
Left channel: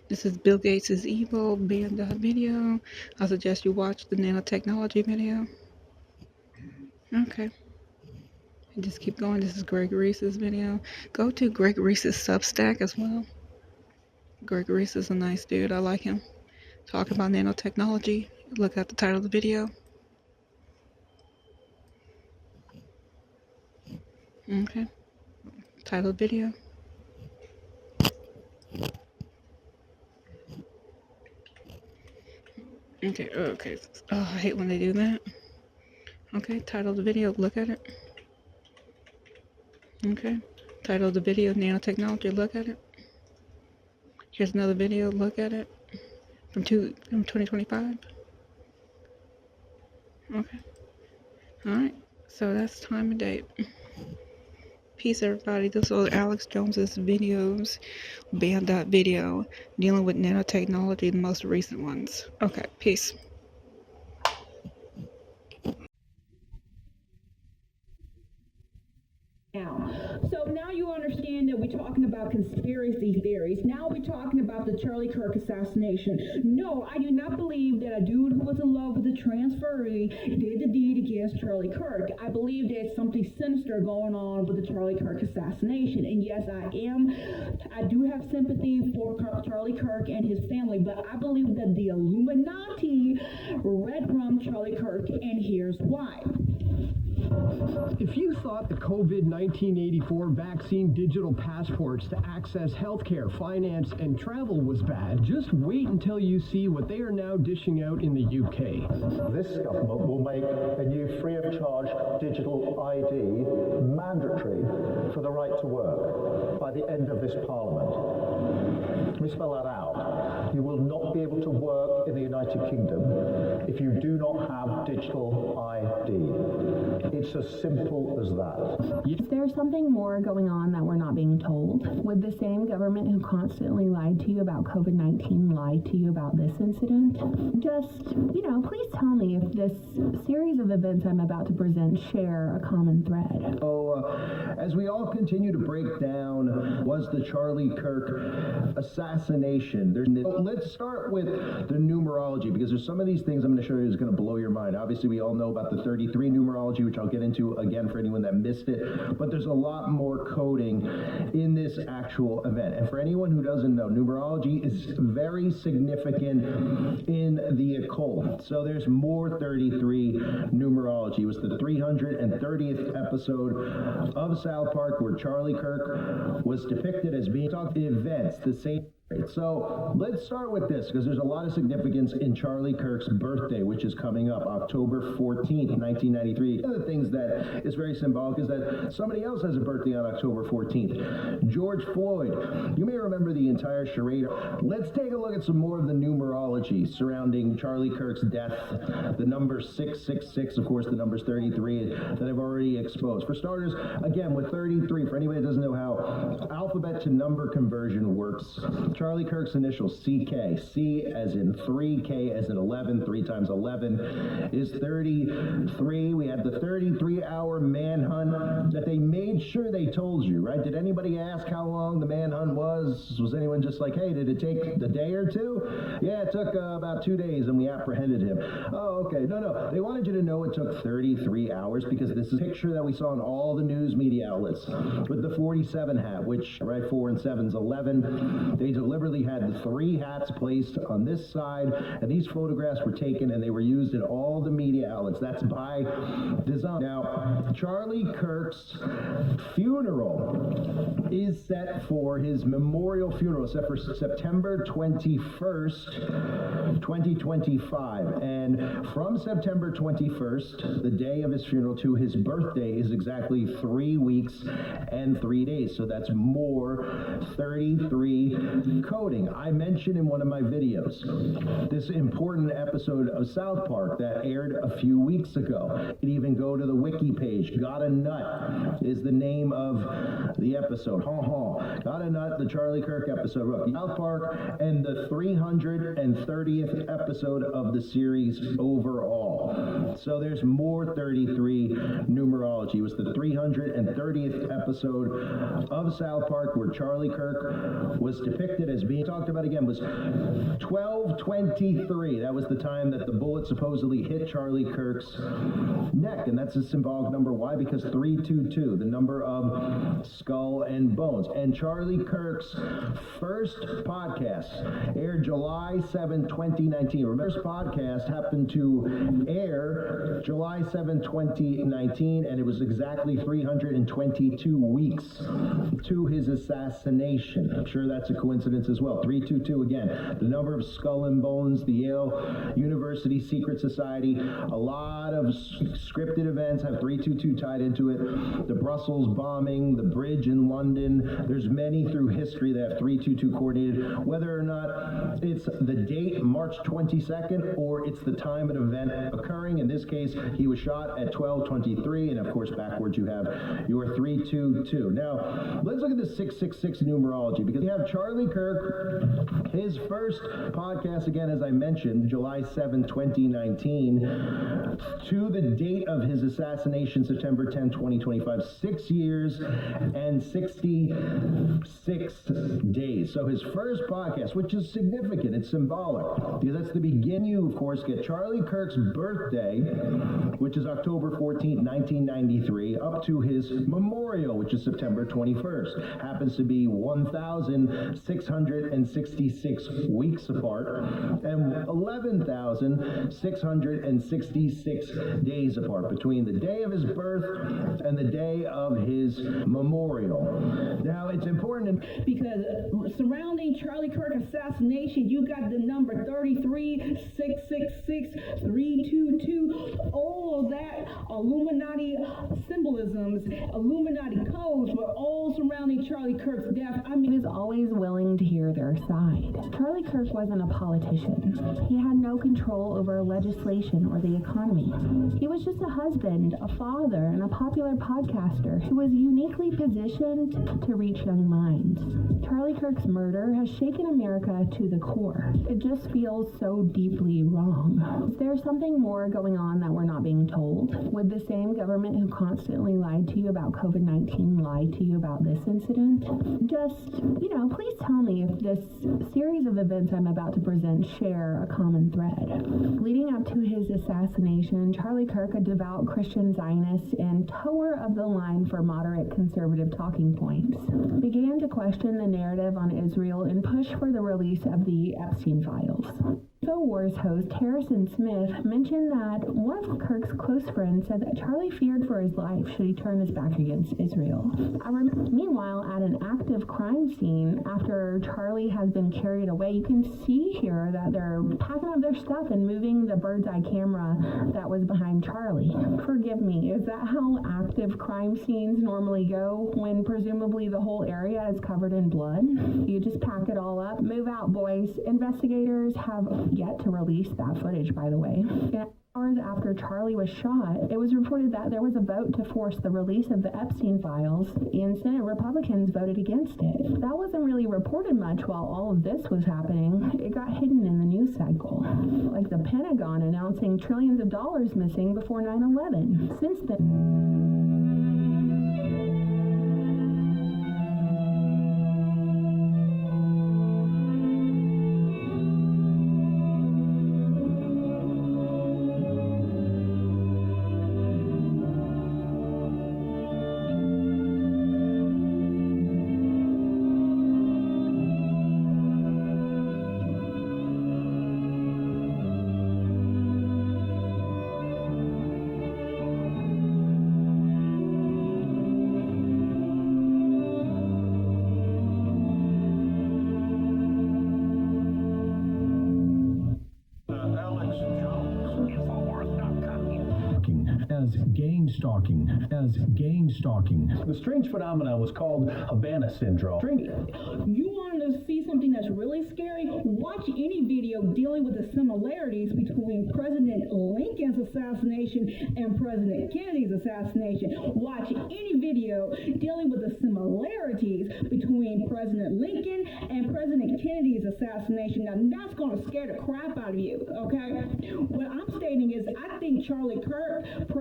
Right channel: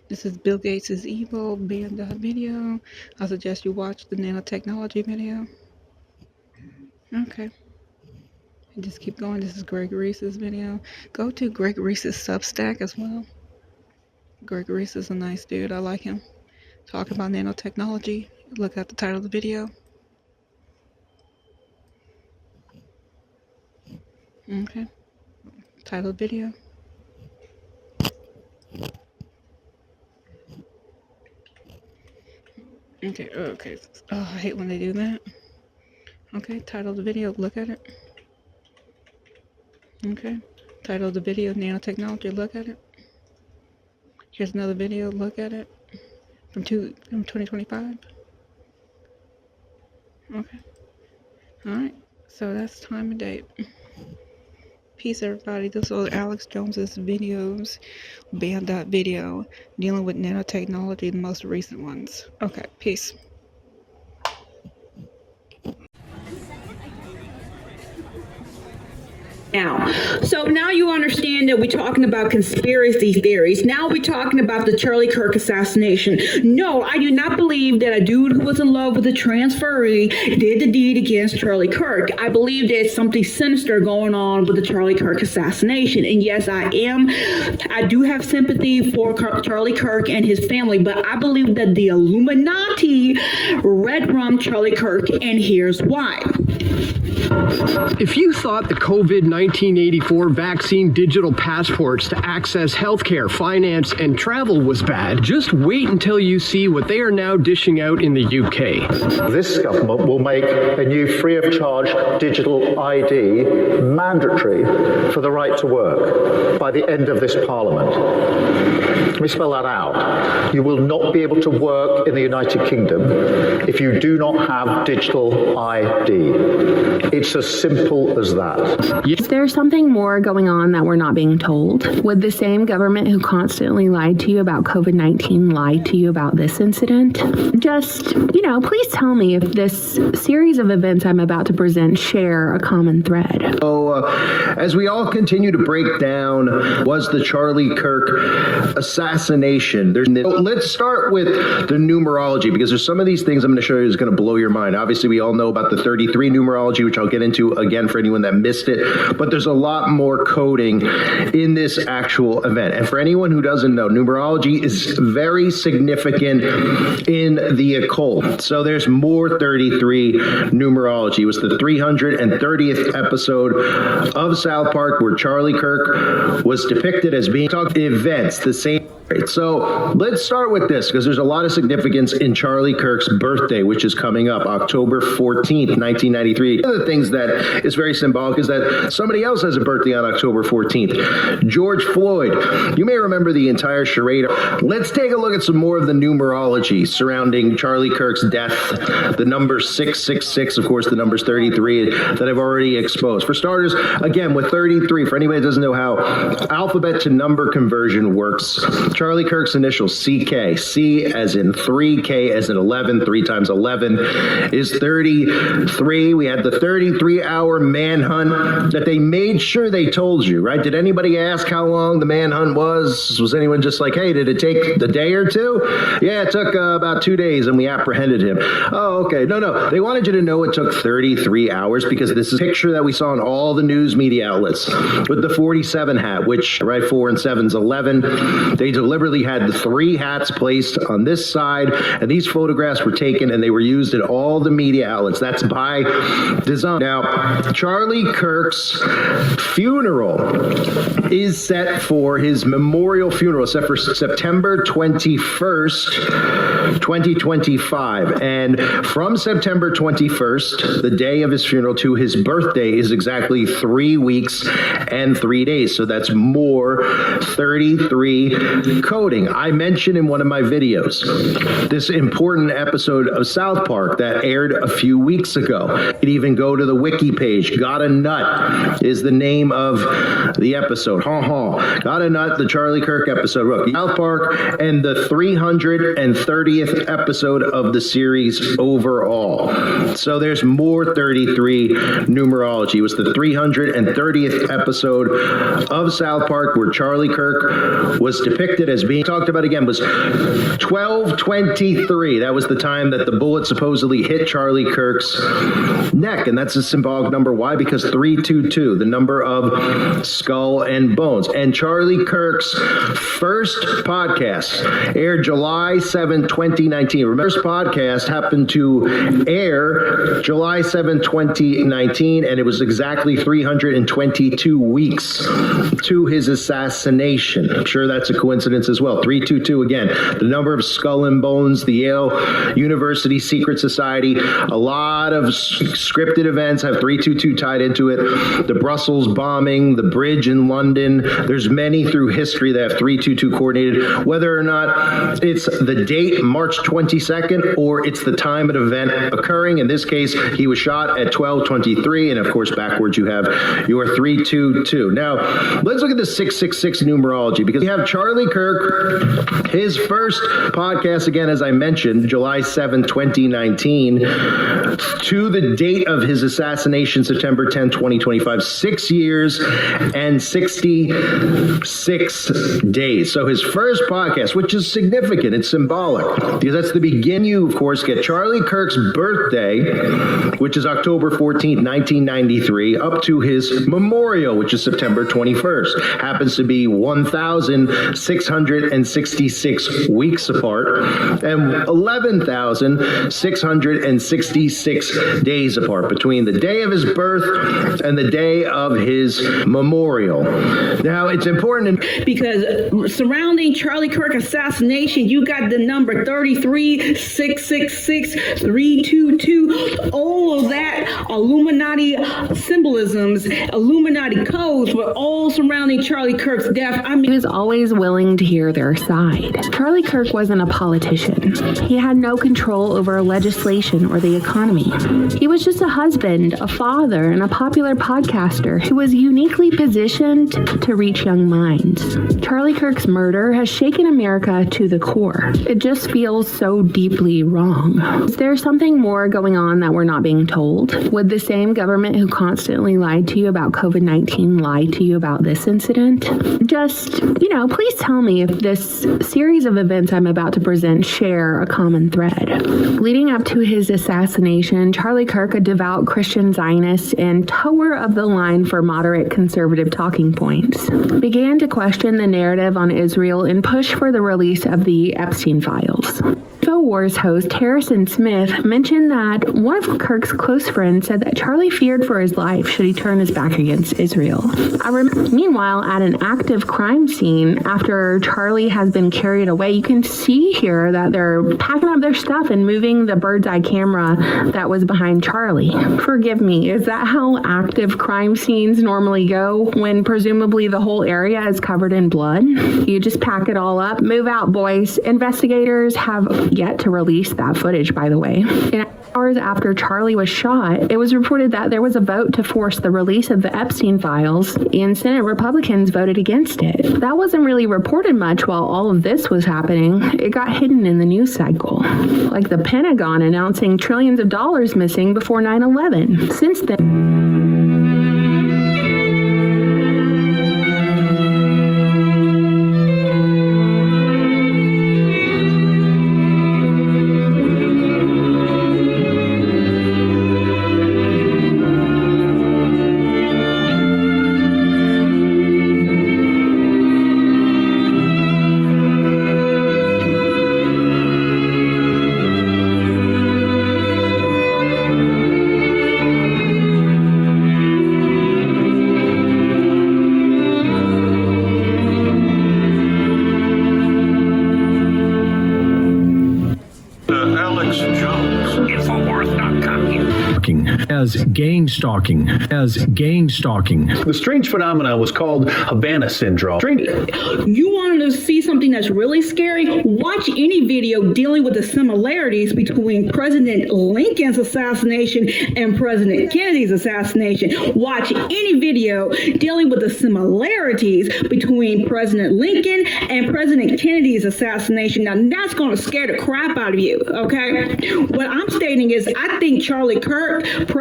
This is Bill Gates' evil banned video. I suggest you watch the nanotechnology video. Okay. And just keep going. This is Greg Reese's video. Go to Greg Reese's Substack as well. Greg Reese is a nice dude. I like him. Talk about nanotechnology. Look at the title of the video. Okay. Title of the video. Okay, okay. Oh, I hate when they do that. Okay, title of the video, look at it. Okay, title of the video, nanotechnology, look at it. Here's another video, look at it. From 2025. Okay. Alright, so that's time and date. Peace, everybody. This was Alex Jones's videos, banned that video, dealing with nanotechnology, the most recent ones. Okay, peace. Now, so now you understand that we're talking about conspiracy theories. Now we're talking about the Charlie Kirk assassination. No, I do not believe that a dude who was in love with a transferee did the deed against Charlie Kirk. I believe there's something sinister going on with the Charlie Kirk assassination. And yes, I do have sympathy for Charlie Kirk and his family, but I believe that the Illuminati red-rummed Charlie Kirk, and here's why. If you thought the COVID-1984 vaccine digital passports to access healthcare, finance, and travel was bad, just wait until you see what they are now dishing out in the UK. This government will make a new free-of-charge digital ID mandatory for the right to work by the end of this Parliament. Let me spell that out. You will not be able to work in the United Kingdom if you do not have digital ID. It's as simple as that. Is there something more going on that we're not being told? Would the same government who constantly lied to you about COVID-19 lie to you about this incident? Just, please tell me if this series of events I'm about to present share a common thread. So, as we all continue to break down, was the Charlie Kirk assassination? Let's start with the numerology, because there's some of these things I'm going to show you is going to blow your mind. Obviously, we all know about the 33 numerology, which I'll get into again for anyone that missed it, but there's a lot more coding in this actual event. And for anyone who doesn't know, numerology is very significant in the occult. So there's more 33 numerology. It was the 330th episode of South Park where Charlie Kirk was depicted as being events, the same. So let's start with this, because there's a lot of significance in Charlie Kirk's birthday, which is coming up October 14th, 1993. One of the things that is very symbolic is that somebody else has a birthday on October 14th, George Floyd. You may remember the entire charade. Let's take a look at some more of the numerology surrounding Charlie Kirk's death. The number 666, of course, the number's 33 that I've already exposed. For starters, again, with 33, for anybody that doesn't know how alphabet to number conversion works, Charlie Kirk's initials, CK, C as in 3, K as in 11, 3 times 11 is 33. We had the 33-hour manhunt that they made sure they told you, right? Did anybody ask how long the manhunt was? Was anyone just like, hey, did it take a day or two? Yeah, it took about 2 days and we apprehended him. Oh, okay. No. They wanted you to know it took 33 hours because this is a picture that we saw in all the news media outlets with the 47 hat, which, right, 4 and 7's 11. They deliberately had the 3 hats placed on this side, and these photographs were taken and they were used in all the media outlets. That's by design. Now, Charlie Kirk's funeral is set for his memorial funeral, set for September 21st, 2025. And from September 21st, the day of his funeral, to his birthday is exactly 3 weeks and 3 days. So that's more 33 coding. I mentioned in one of my videos this important episode of South Park that aired a few weeks ago. You could even go to the wiki page. Got a Nut is the name of the episode. Got a Nut, the Charlie Kirk episode. Look, South Park, and the 330th episode of the series overall. So there's more 33 numerology. It was the 330th episode of South Park where Charlie Kirk was depicted depicted as being talked about again was 12:23. That was the time that the bullet supposedly hit Charlie Kirk's neck, and that's a symbolic number. Why? Because 322, the number of skull and bones. And Charlie Kirk's first podcast aired July 7, 2019. Remember, this podcast happened to air July 7, 2019, and it was exactly 322 weeks to his assassination. I'm sure that's a coincidence as well. 322 again, the number of skull and bones, the Yale University Secret Society. A lot of scripted events have 322 tied into it. The Brussels bombing, the bridge in London. There's many through history that have 322 coordinated. Whether or not it's the date, March 22nd, or it's the time of the event occurring. In this case, he was shot at 12:23, and of course, backwards you have your 322. Now, let's look at the 666 numerology, because we have Charlie Kirk, his first podcast, again, as I mentioned, July 7, 2019, to the date of his assassination, September 10, 2025, 6 years and 66 days. So his first podcast, which is significant, it's symbolic, because that's the beginning. You, of course, get Charlie Kirk's birthday, which is October 14th, 1993, up to his memorial, which is September 21st. Happens to be 1,666 weeks apart and 11,666 days apart between the day of his birth and the day of his memorial. Now, it's important because surrounding Charlie Kirk assassination, you got the number 33-666-322. All of that Illuminati symbolisms, Illuminati codes were all surrounding Charlie Kirk's death. I mean, he was always willing to hear their side. Charlie Kirk wasn't a politician. He had no control over legislation or the economy. He was just a husband, a father, and a popular podcaster who was uniquely positioned to reach young minds. Charlie Kirk's murder has shaken America to the core. It just feels so deeply wrong. Is there something more going on that we're not being told? Would the same government who constantly lied to you about COVID-19 lie to you about this incident? Just, please tell me if this series of events I'm about to present share a common thread. Leading up to his assassination, Charlie Kirk, a devout Christian Zionist and tower of the line for moderate conservative talking points, began to question the narrative on Israel and push for the release of the Epstein files. InfoWars host Harrison Smith mentioned that one of Kirk's close friends said that Charlie feared for his life should he turn his back against Israel. Meanwhile, at an active crime scene, after Charlie has been carried away, you can see here that they're packing up their stuff and moving the bird's eye camera that was behind Charlie. Forgive me, is that how active crime scenes normally go when presumably the whole area is covered in blood? You just pack it all up, move out, boys. Investigators have yet to release that footage, by the way. In hours after Charlie was shot, it was reported that there was a vote to force the release of the Epstein files, and Senate Republicans voted against it. That wasn't really reported much while all of this was happening. It got hidden in the news cycle, like the Pentagon announcing trillions of dollars missing before 9/11. Since then, as gang-stalking. The strange phenomenon was called Havana syndrome. You wanted to see something that's really scary? Watch any video dealing with the similarities between President Lincoln's assassination and President Kennedy's assassination. Watch any video dealing with the similarities between President Lincoln and President Kennedy's assassination. Now, that's going to scare the crap out of you, okay? What I'm stating is I think Charlie Kirk, President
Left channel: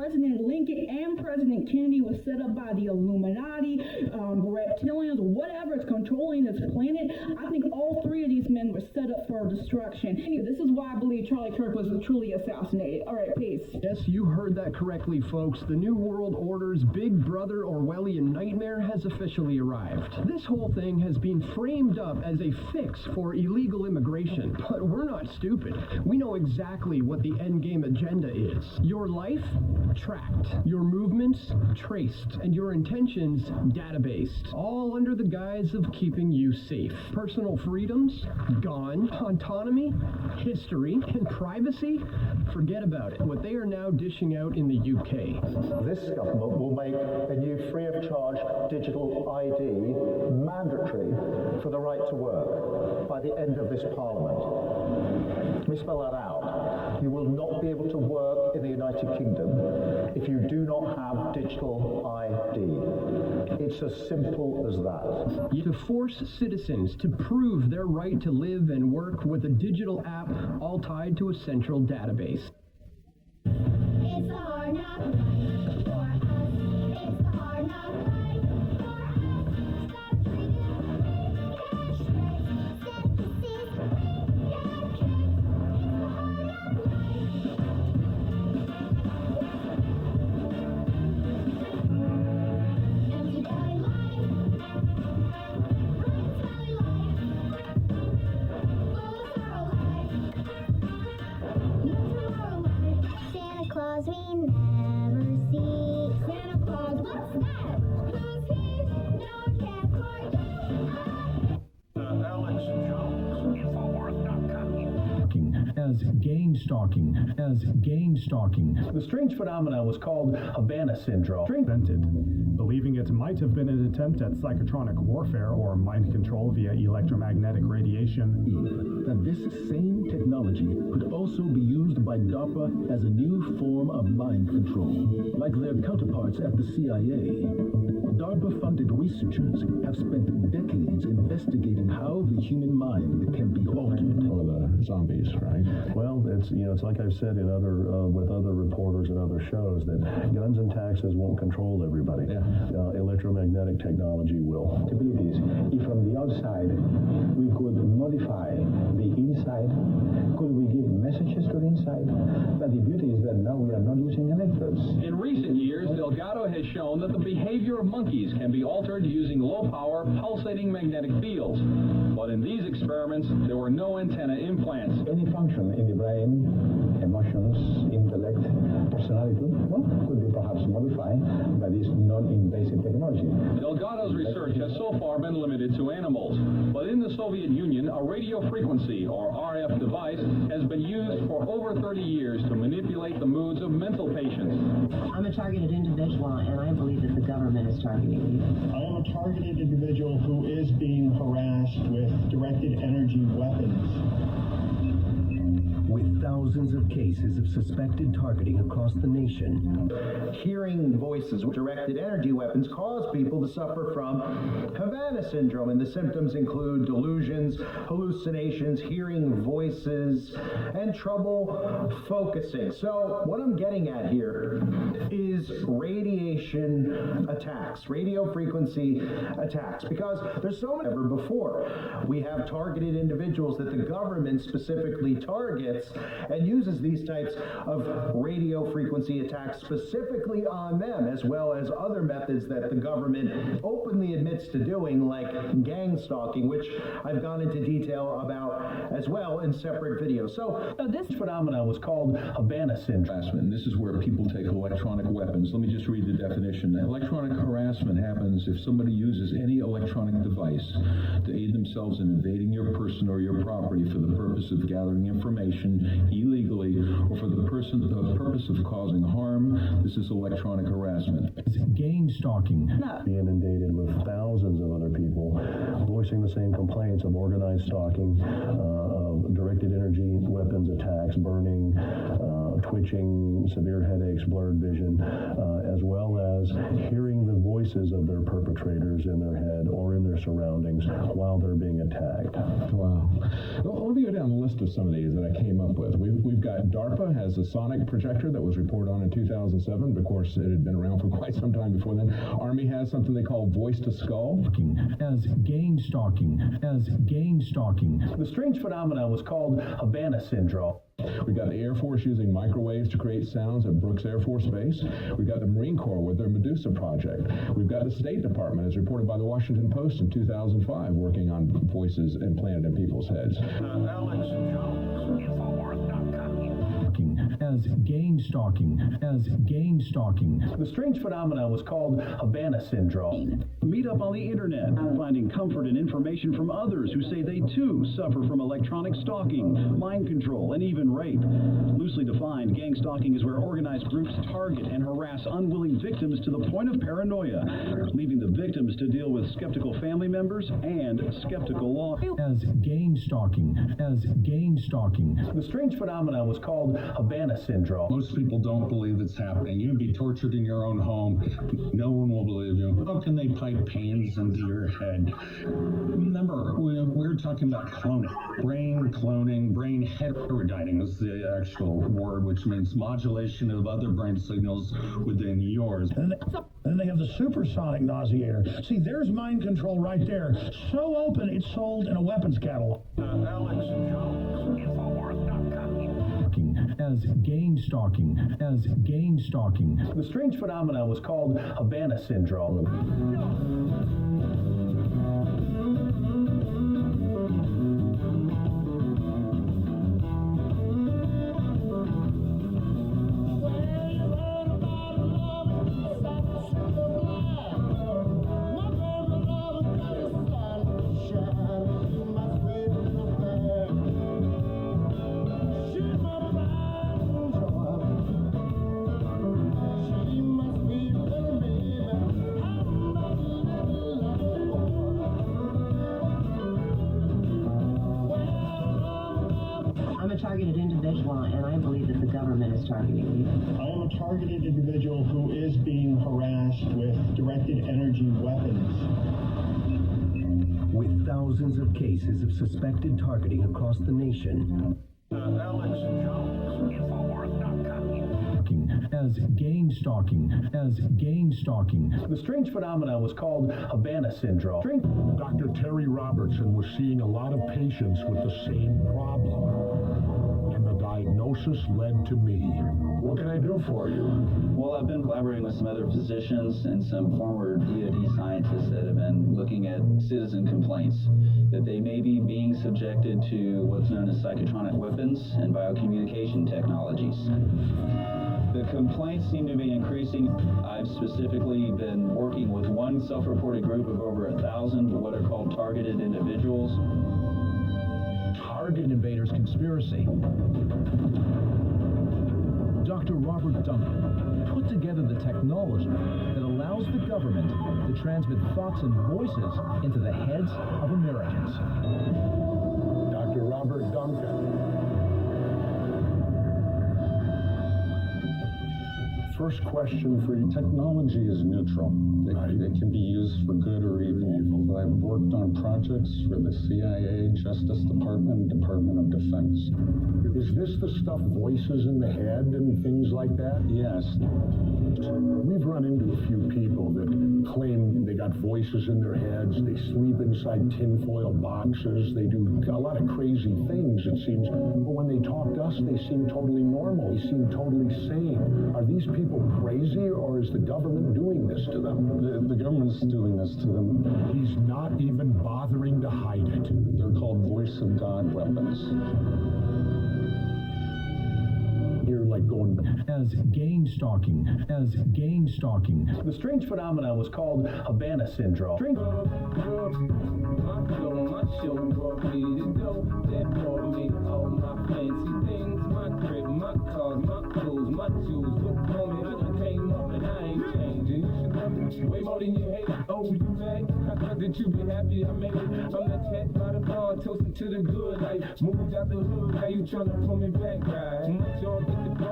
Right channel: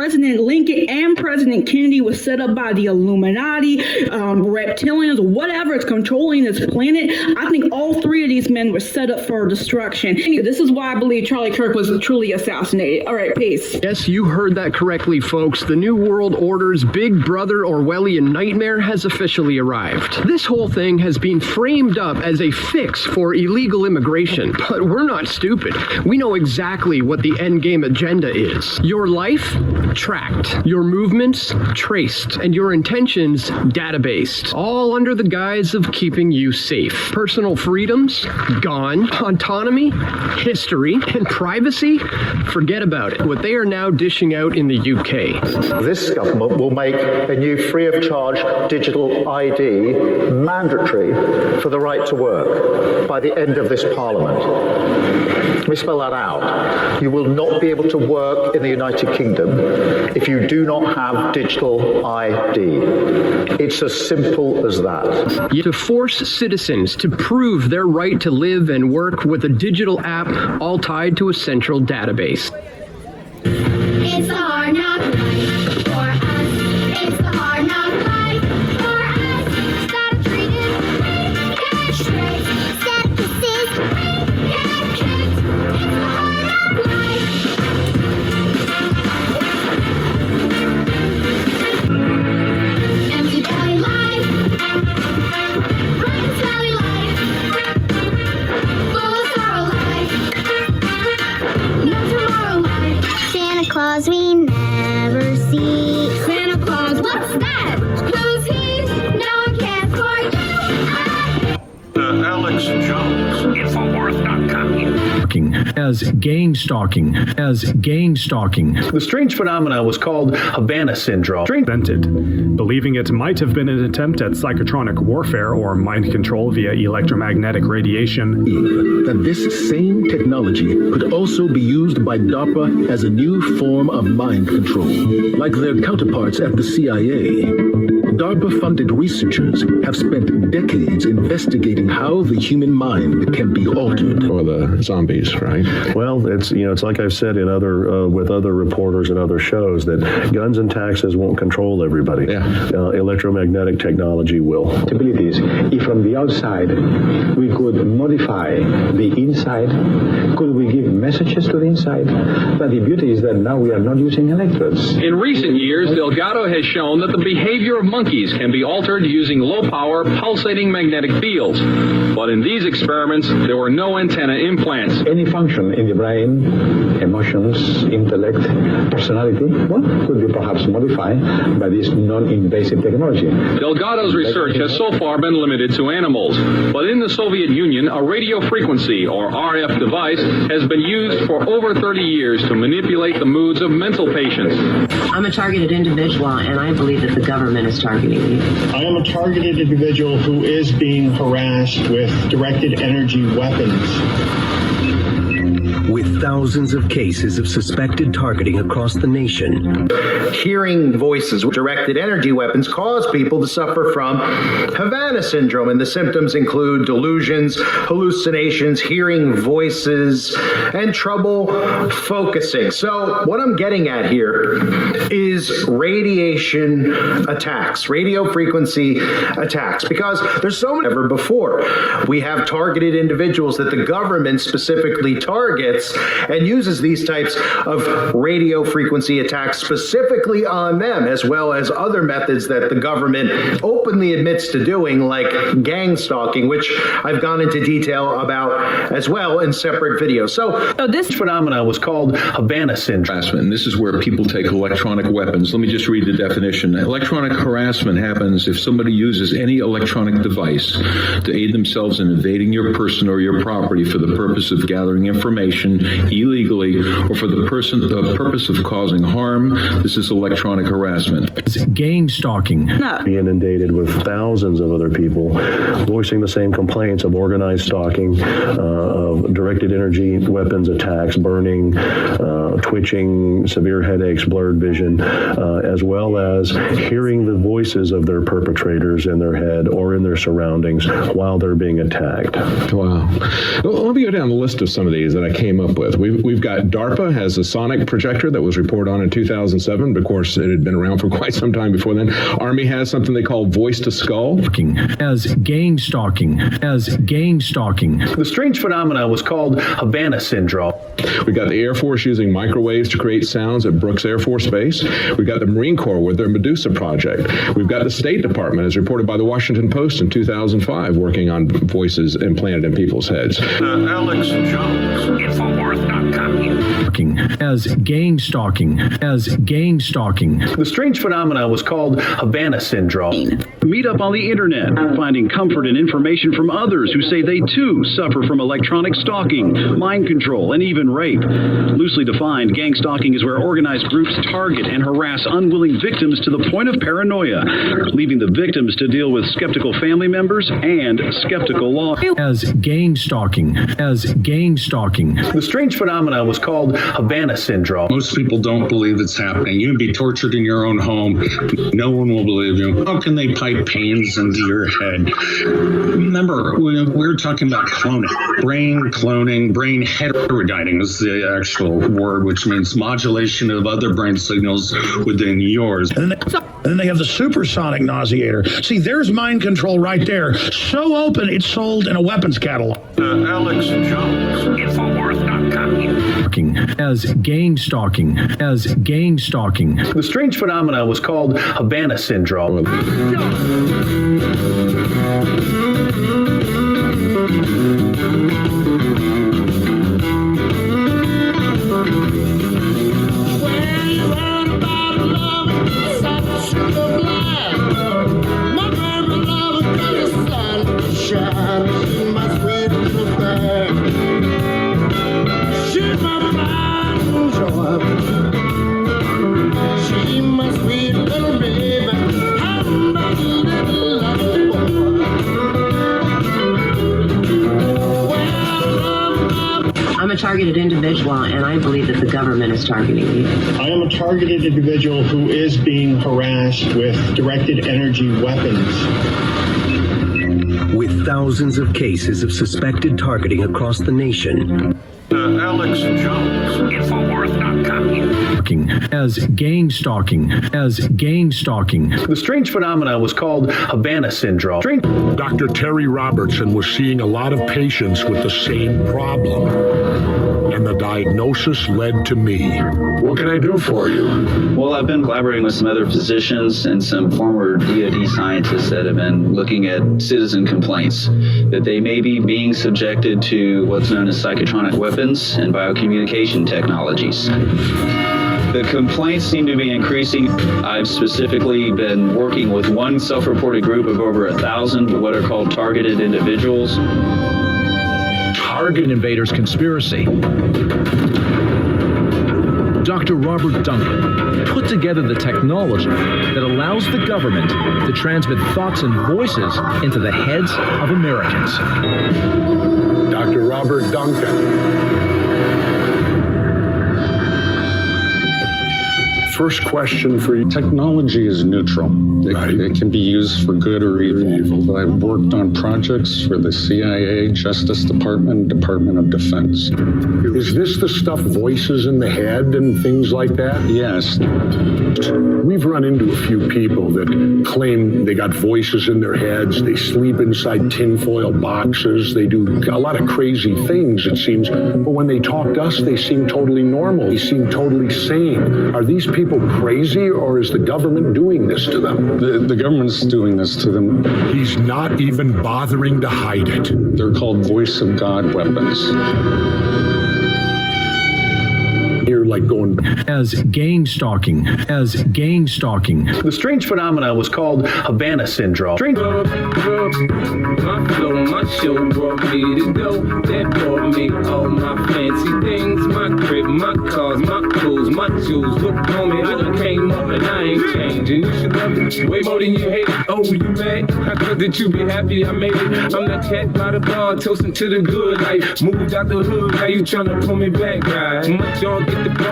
President Lincoln and President Kennedy was set up by the Illuminati, reptilians, whatever is controlling this planet. I think all three of these men were set up for destruction. This is why I believe Charlie Kirk was truly assassinated. All right, peace. Yes, you heard that correctly, folks. The New World Order's Big Brother Orwellian nightmare has officially arrived. This whole thing has been framed up as a fix for illegal immigration, but we're not stupid. We know exactly what the endgame agenda is. Your life, tracked. Your movements, traced. And your intentions, databased. All under the guise of keeping you safe. Personal freedoms, gone. Autonomy, history, and privacy, forget about it. What they are now dishing out in the UK. This government will make a new free of charge digital ID mandatory for the right to work by the end of this Parliament. Let me spell that out. You will not be able to work in the United Kingdom if you do not have digital ID. It's as simple as that. To force citizens to prove their right to live and work with a digital app all tied to a central database. It's the hard knock life for us. It's the hard knock life for us. Stop treating, get straight. Skepticism, get kicked. It's the hard knock life. Empty belly life. Right belly life. Full of sorrow life. No tomorrow life. Santa Claus we never see. Santa Claus, what's that? Who's he? No one cares for you. Alex Jones. Infowars.com. As gang-stalking. The strange phenomenon was called Havana Syndrome. Invented, believing it might have been an attempt at psychotronic warfare or mind control via electromagnetic radiation. That this same technology could also be used by DARPA as a new form of mind control. Like their counterparts at the CIA, DARPA-funded researchers have spent decades investigating how the human mind can be altered. Or the zombies, right? Well, it's like I've said in other with other reporters and other shows that guns and taxes won't control everybody. Yeah. Electromagnetic technology will. Possibilities. If from the outside we could modify the inside, could we give messages to the inside? But the beauty is that now we are not using electrodes. In recent years, Delgado has shown that the behavior of monkeys can be altered using low-power, pulsating magnetic fields. But in these experiments, there were no antenna implants. Any function in the brain, emotions, intellect, personality, could be perhaps modified by this non-invasive technology. Delgado's research has so far been limited to animals. But in the Soviet Union, a radio frequency, or RF device, has been used for over 30 years to manipulate the moods of mental patients. I'm a targeted individual, and I believe that the government is targeting me. I am a targeted individual who is being harassed with directed energy weapons. With thousands of cases of suspected targeting across the nation. Hearing voices with directed energy weapons cause people to suffer from Havana Syndrome, and the symptoms include delusions, hallucinations, hearing voices, and trouble focusing. So what I'm getting at here is radiation attacks, radio frequency attacks, because there's so many ever before. We have targeted individuals that the government specifically targets and uses these types of radio frequency attacks specifically on them, as well as other methods that the government openly admits to doing, like gang stalking, which I've gone into detail about as well in separate videos. So this phenomenon was called Havana Syndrome. Harassment. This is where people take electronic weapons. Let me just read the definition. Electronic harassment happens if somebody uses any electronic device to aid themselves in invading your person or your property for the purpose of gathering information illegally or for the purpose of causing harm. This is electronic harassment. It's gang-stalking. Being inundated with thousands of other people voicing the same complaints of organized stalking, of directed energy weapons attacks, burning, twitching, severe headaches, blurred vision, as well as hearing the voices of their perpetrators in their head or in their surroundings while they're being attacked. Wow. Well, let me go down the list of some of these that I came up with. We've got DARPA has a sonic projector that was reported on in 2007. But of course, it had been around for quite some time before then. Army has something they call voice to skull. As gang-stalking. The strange phenomenon was called Havana syndrome. We got the Air Force using microwaves to create sounds at Brooks Air Force Base. We've got the Marine Corps with their Medusa project. We've got the State Department, as reported by the Washington Post in 2005, working on voices implanted in people's heads. Alex Jones, Infowars.com. As gang-stalking. The strange phenomenon was called Havana syndrome. Meet up on the internet, finding comfort and information from others who say they too suffer from electronic stalking, mind control, and even rape. Loosely defined, gang-stalking is where organized groups target and harass unwilling victims to the point of paranoia, leaving the victims to deal with skeptical family members and skeptical law. As gang-stalking. The strange phenomenon was called Havana syndrome. Most people don't believe it's happening. You can be tortured in your own home. No one will believe you. How can they pipe pains into your head? Remember, we're talking about cloning. Brain cloning, brain heterodyning is the actual word, which means modulation of other brain signals within yours. And then they have the supersonic nauseator. See, there's mind control right there. So open, it's sold in a weapons catalog. Alex Jones, Infowars.com. As gang-stalking. The strange phenomenon was called Havana syndrome. I'm a targeted individual, and I believe that the government is targeting me. I am a targeted individual who is being harassed with directed energy weapons. With thousands of cases of suspected targeting across the nation. Alex Jones, Infowars.com. As gang-stalking. The strange phenomenon was called Havana syndrome. Dr. Terry Robertson was seeing a lot of patients with the same problem, and the diagnosis led to me. What can I do for you? Well, I've been collaborating with some other physicians and some former DoD scientists that have been looking at citizen complaints that they may be being subjected to what's known as psychotronic weapons and biocommunication technologies. The complaints seem to be increasing. I've specifically been working with one self-reported group of over 1,000 what are called targeted individuals. Target Invaders Conspiracy. Dr. Robert Duncan put together the technology that allows the government to transmit thoughts and voices into the heads of Americans. Dr. Robert Duncan. First question for you. Technology is neutral. It can be used for good or evil. I've worked on projects for the CIA, Justice Department, Department of Defense. Is this the stuff, voices in the head and things like that? Yes. We've run into a few people that claim they got voices in their heads, they sleep inside tinfoil boxes, they do a lot of crazy things, it seems, but when they talk to us, they seem totally normal, they seem totally sane. Are these people crazy, or is the government doing this to them? The government's doing this to them. He's not even bothering to hide it. They're called voice of God weapons. You're like going as gang-stalking. The strange phenomenon was called Havana syndrome. My flow, my show brought me to go. That brought me all my fancy things. My crib, my cars, my clothes, my jewels. Look on me, I done came up and I ain't changing. You should love it way more than you hate it. Oh, you mad? I thought that you be happy I made it. I'm that cat by the bar, toasting to the good life. Moved out the hood, now you tryna pull me back, right? Much y'all get the bump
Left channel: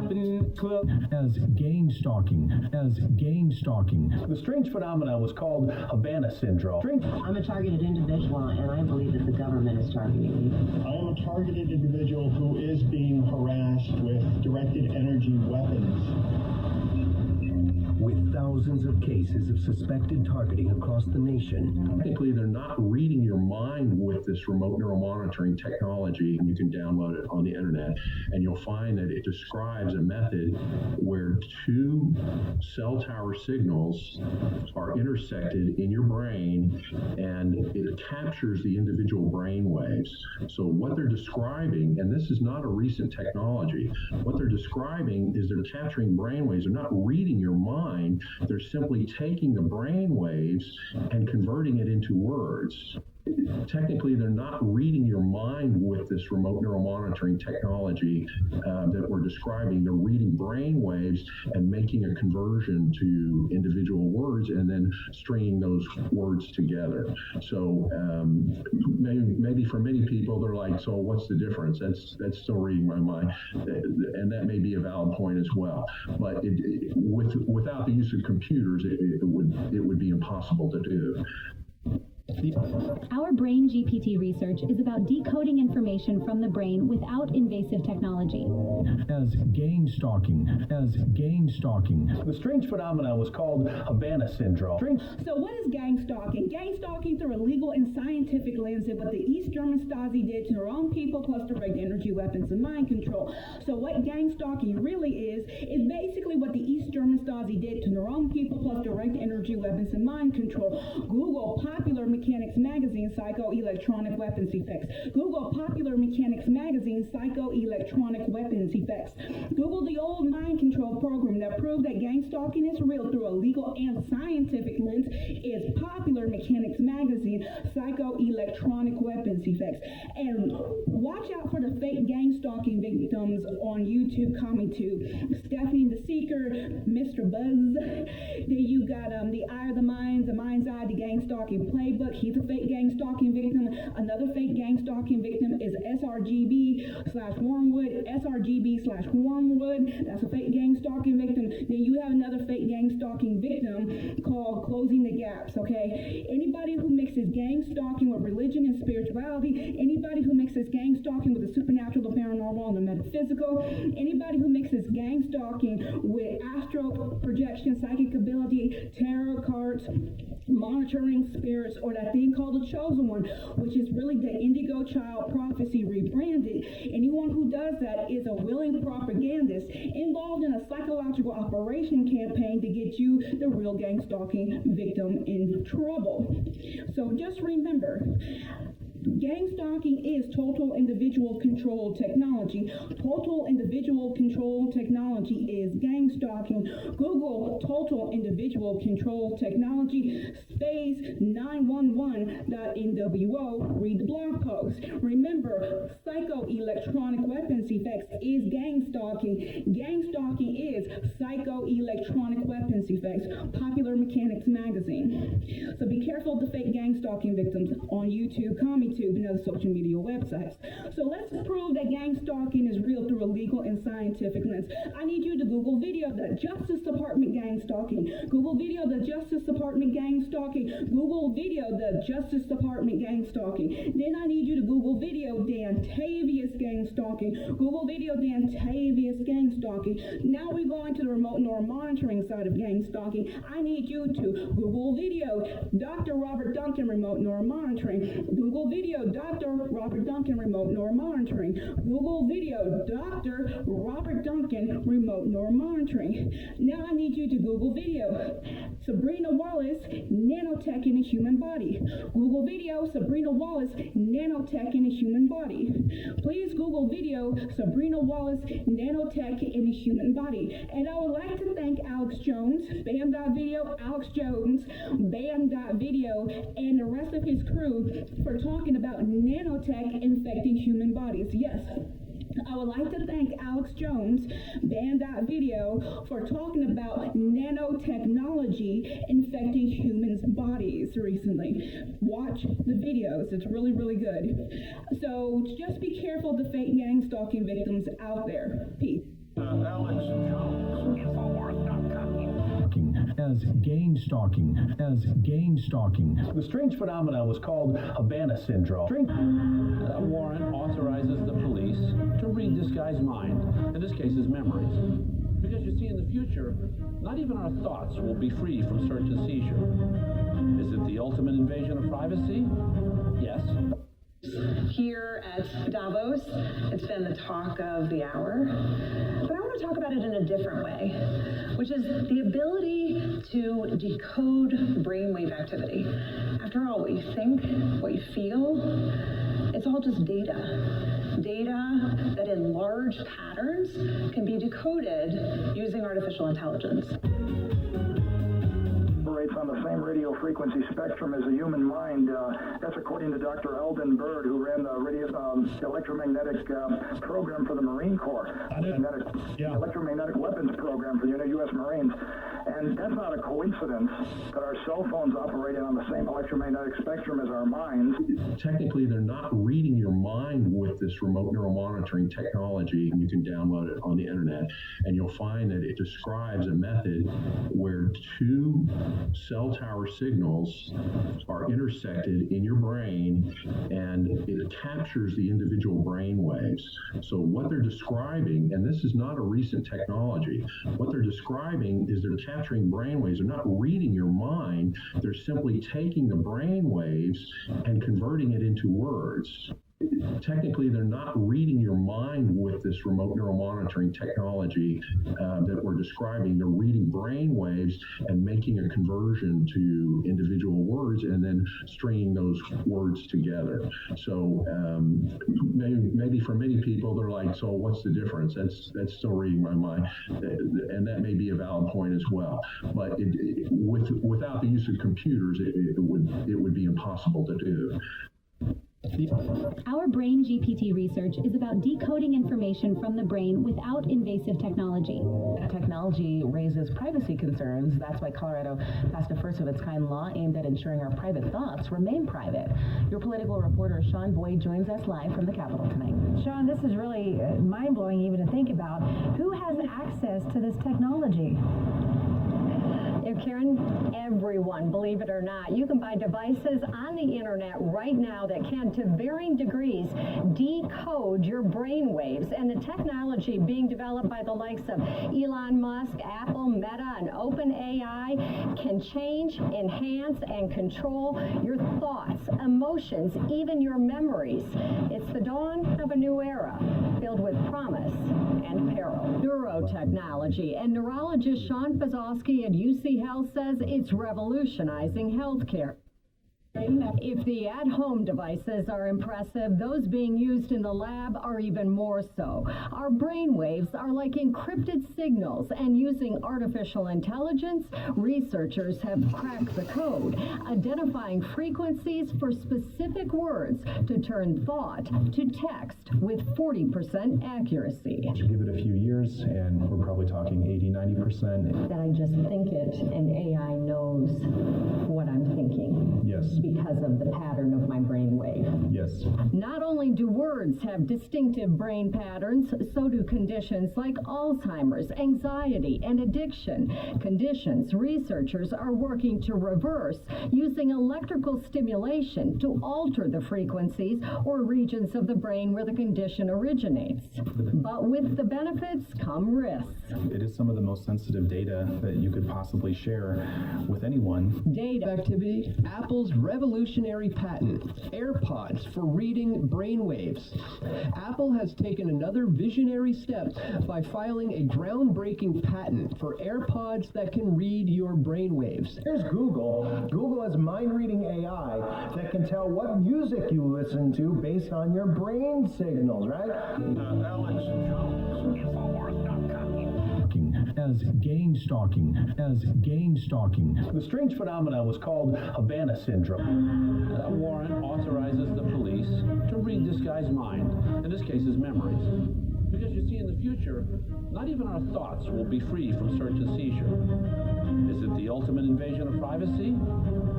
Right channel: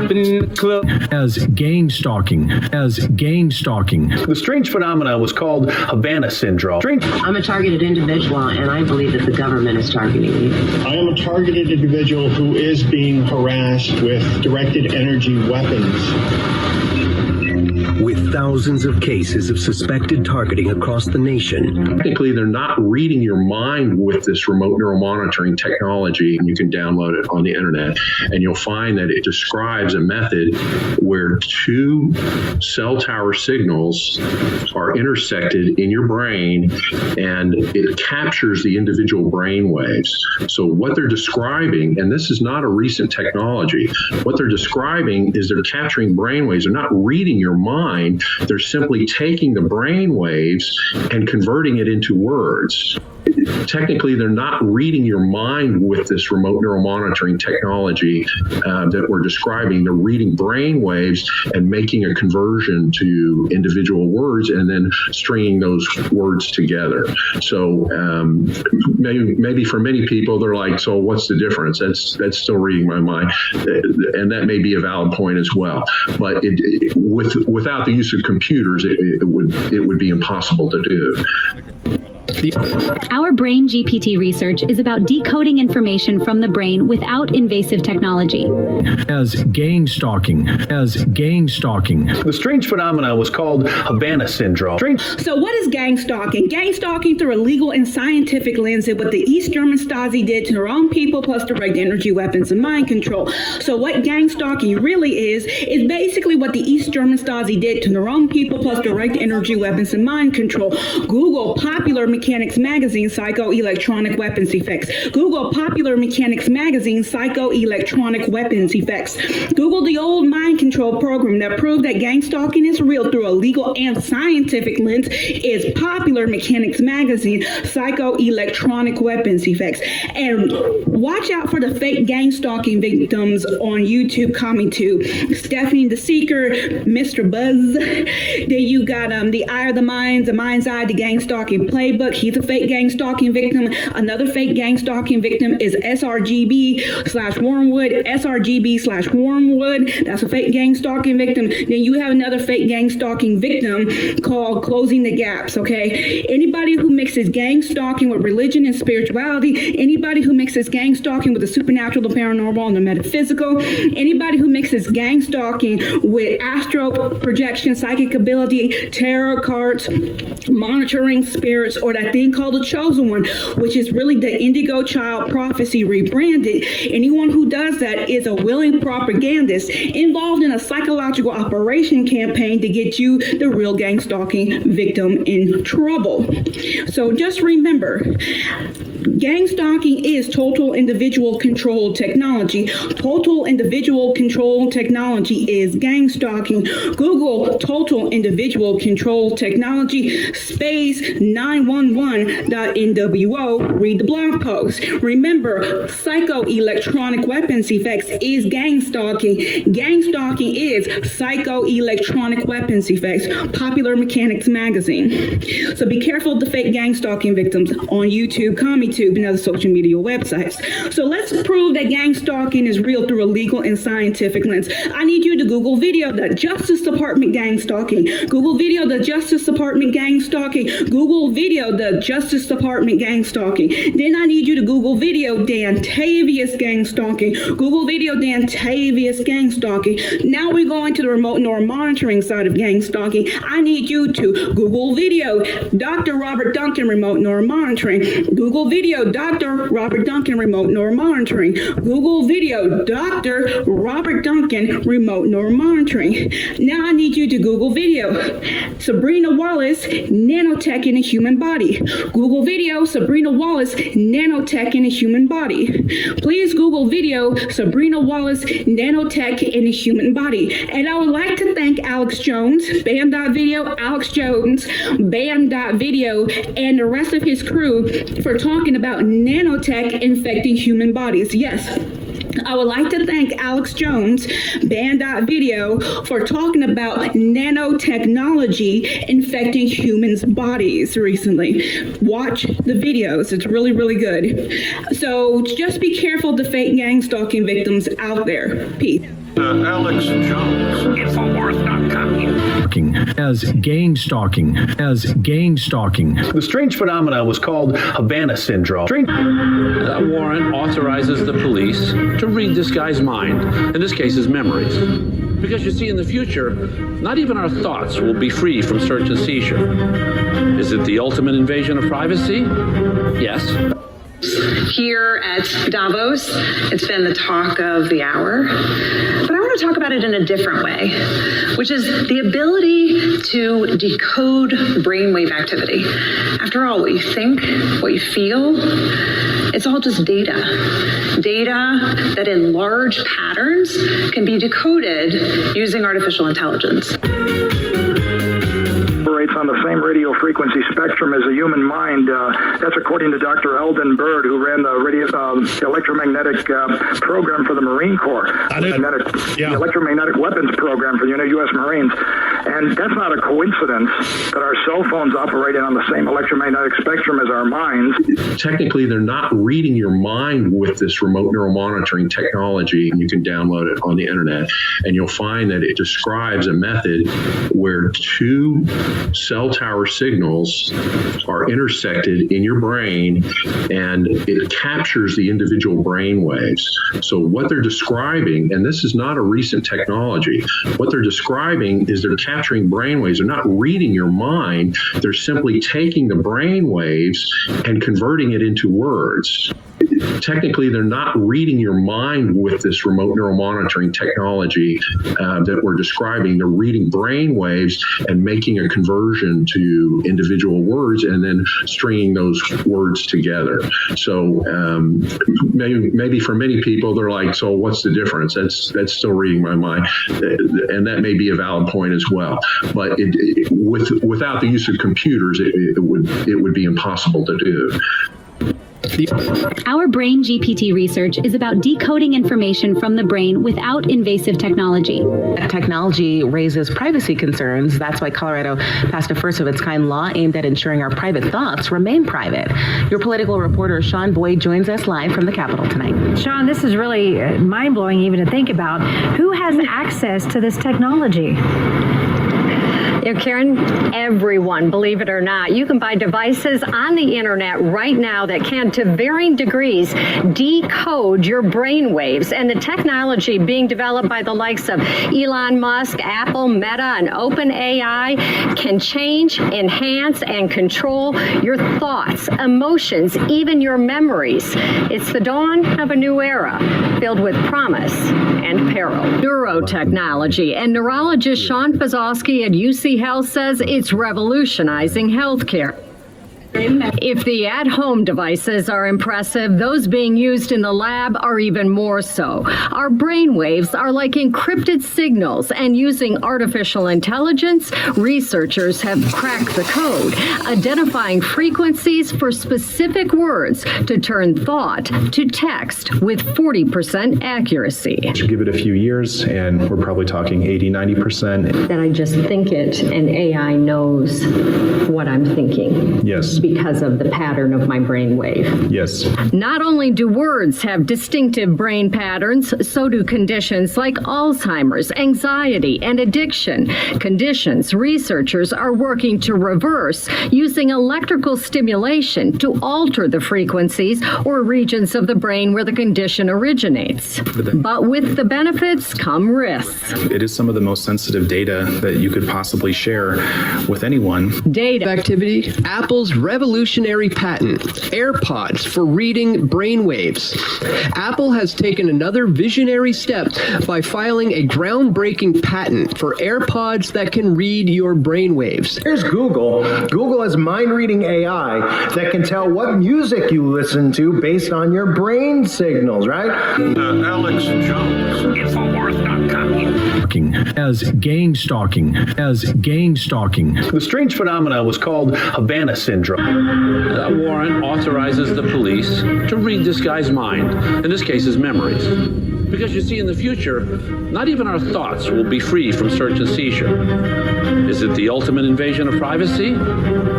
jumping in the club. As gang-stalking. As gang-stalking. The strange phenomena was called Havana syndrome. I'm a targeted individual, and I believe that the government is targeting me. I am a targeted individual who is being harassed with directed energy weapons. With thousands of cases of suspected targeting across the nation. Technically, they're not reading your mind with this remote neural monitoring technology. You can download it on the internet, and you'll find that it describes a method where two cell tower signals are intersected in your brain, and it captures the individual brain waves. So what they're describing, and this is not a recent technology, what they're describing is they're capturing brain waves. They're not reading your mind. They're simply taking the brain waves and converting it into words. Technically, they're not reading your mind with this remote neural monitoring technology that we're describing. They're reading brain waves and making a conversion to individual words and then stringing those words together. So maybe for many people, they're like, so what's the difference? That's still reading my mind. And that may be a valid point as well. But without the use of computers, it would be impossible to do. Our brain GPT research is about decoding information from the brain without invasive technology. As gang-stalking. As gang-stalking. The strange phenomena was called Havana syndrome. So what is gang-stalking? Gang-stalking through a legal and scientific lens is what the East German Stasi did to their own people, plus direct energy weapons and mind control. So what gang-stalking really is basically what the East German Stasi did to their own people, plus direct energy weapons and mind control. Google popular Mechanics Magazine Psycho-Electronic Weapons Effects. Google Popular Mechanics Magazine Psycho-Electronic Weapons Effects. Google the old mind control program that proved that gang-stalking is real through a legal and scientific lens is Popular Mechanics Magazine Psycho-Electronic Weapons Effects. And watch out for the fake gang-stalking victims on YouTube coming to Stephanie the Seeker, Mr. Buzz. Then you got the Eye of the Minds, the Mind's Eye, the gang-stalking playbook. He's a fake gang-stalking victim. Another fake gang-stalking victim is sRGB/Wormwood. sRGB/Wormwood. That's a fake gang-stalking victim. Then you have another fake gang-stalking victim called Closing the Gaps, okay? Anybody who mixes gang-stalking with religion and spirituality, anybody who mixes gang-stalking with the supernatural, the paranormal, and the metaphysical, anybody who mixes gang-stalking with astral projection, psychic ability, tarot cards, monitoring spirits, or that thing called the Chosen One, which is really the Indigo Child Prophecy rebranded. Anyone who does that is a willing propagandist involved in a psychological operation campaign to get you, the real gang-stalking victim, in trouble. So just remember, gang-stalking is total individual control technology. Total individual control technology is gang-stalking. Google total individual control technology space 911.nwo. Read the blog post. Remember, psycho-electronic weapons effects is gang-stalking. Gang-stalking is psycho-electronic weapons effects. Popular Mechanics Magazine. So be careful of the fake gang-stalking victims on YouTube, CommonTube, and other social media websites. So let's prove that gang-stalking is real through a legal and scientific lens. I need you to Google video the Justice Department gang-stalking. Google video the Justice Department gang-stalking. Google video the Justice Department gang-stalking. Then I need you to Google video Dantavius gang-stalking. Google video Dantavius gang-stalking. Now we're going to the remote neural monitoring side of gang-stalking. I need you to Google video Dr. Robert Duncan remote neural monitoring. Google video Dr. Robert Duncan remote neural monitoring. Google video Dr. Robert Duncan remote neural monitoring. Now I need you to Google video Sabrina Wallace nanotech in a human body. Google video Sabrina Wallace nanotech in a human body. Please Google video Sabrina Wallace nanotech in a human body. And I would like to thank Alex Jones, Band.video, Alex Jones, Band.video, and the rest of his crew for talking about nanotech infecting human bodies. Yes. I would like to thank Alex Jones, Band.video, for talking about nanotechnology infecting humans' bodies recently. Watch the videos. It's really, really good. So just be careful of the fake gang-stalking victims out there. Peace. Alex Jones. Infowars.com. As gang-stalking. The strange phenomena was called Havana syndrome. That warrant authorizes the police to read this guy's mind, in this case his memories. Because you see, in the future, not even our thoughts will be free from search and seizure. Is it the ultimate invasion of privacy? Yes. Here at Davos, it's been the talk of the hour. But I want to talk about it in a different way, which is the ability to decode brainwave activity. After all, what you think, what you feel, it's all just data. Data that in large patterns can be decoded using artificial intelligence. On the same radio frequency spectrum as the human mind. That's according to Dr. Eldon Bird, who ran the electromagnetic program for the Marine Corps, the electromagnetic weapons program for the U.S. Marines. And that's not a coincidence that our cell phones operating on the same electromagnetic spectrum as our minds. Technically, they're not reading your mind with this remote neural monitoring technology. You can download it on the internet, and you'll find that it describes a method where two cell tower signals are intersected in your brain, and it captures the individual brain waves. So what they're describing, and this is not a recent technology, what they're describing is they're capturing brain waves. They're not reading your mind. They're simply taking the brain waves and converting it into words. Technically, they're not reading your mind with this remote neural monitoring technology that we're describing. They're reading brain waves and making a conversion to individual words and then stringing those words together. So maybe for many people, they're like, so what's the difference? That's still reading my mind. And that may be a valid point as well. But without the use of computers, it would be impossible to do. Our brain GPT research is about decoding information from the brain without invasive technology. Technology raises privacy concerns. That's why Colorado passed a first-of-its-kind law aimed at ensuring our private thoughts remain private. Your political reporter, Sean Boyd, joins us live from the Capitol tonight. Sean, this is really mind-blowing even to think about. Who has access to this technology? Karen, everyone, believe it or not, you can buy devices on the internet right now that can, to varying degrees, decode your brain waves. And the technology being developed by the likes of Elon Musk, Apple, Meta, and OpenAI can change, enhance, and control your thoughts, emotions, even your memories. It's the dawn of a new era filled with promise and peril. Neurotechnology, and neurologist Sean Fazowski at UC Health says it's revolutionizing healthcare. If the at-home devices are impressive, those being used in the lab are even more so. Our brainwaves are like encrypted signals, and using artificial intelligence, researchers have cracked the code, identifying frequencies for specific words to turn thought to text with 40% accuracy. Give it a few years, and we're probably talking 80-90%. That I just think it, and AI knows what I'm thinking. Yes. Because of the pattern of my brainwave. Yes. Not only do words have distinctive brain patterns, so do conditions like Alzheimer's, anxiety, and addiction. Conditions researchers are working to reverse using electrical stimulation to alter the frequencies or regions of the brain where the condition originates. But with the benefits come risks. It is some of the most sensitive data that you could possibly share with anyone. Data activity, Apple's revolutionary patent, AirPods for reading brainwaves. Apple has taken another visionary step by filing a groundbreaking patent for AirPods that can read your brainwaves. Here's Google. Google has mind-reading AI that can tell what music you listen to based on your brain signals, right? Alex Jones, Infowars.com. As gang-stalking. The strange phenomena was called Havana syndrome. That warrant authorizes the police to read this guy's mind, in this case his memories. Because you see, in the future, not even our thoughts will be free from search and seizure. Is it the ultimate invasion of privacy?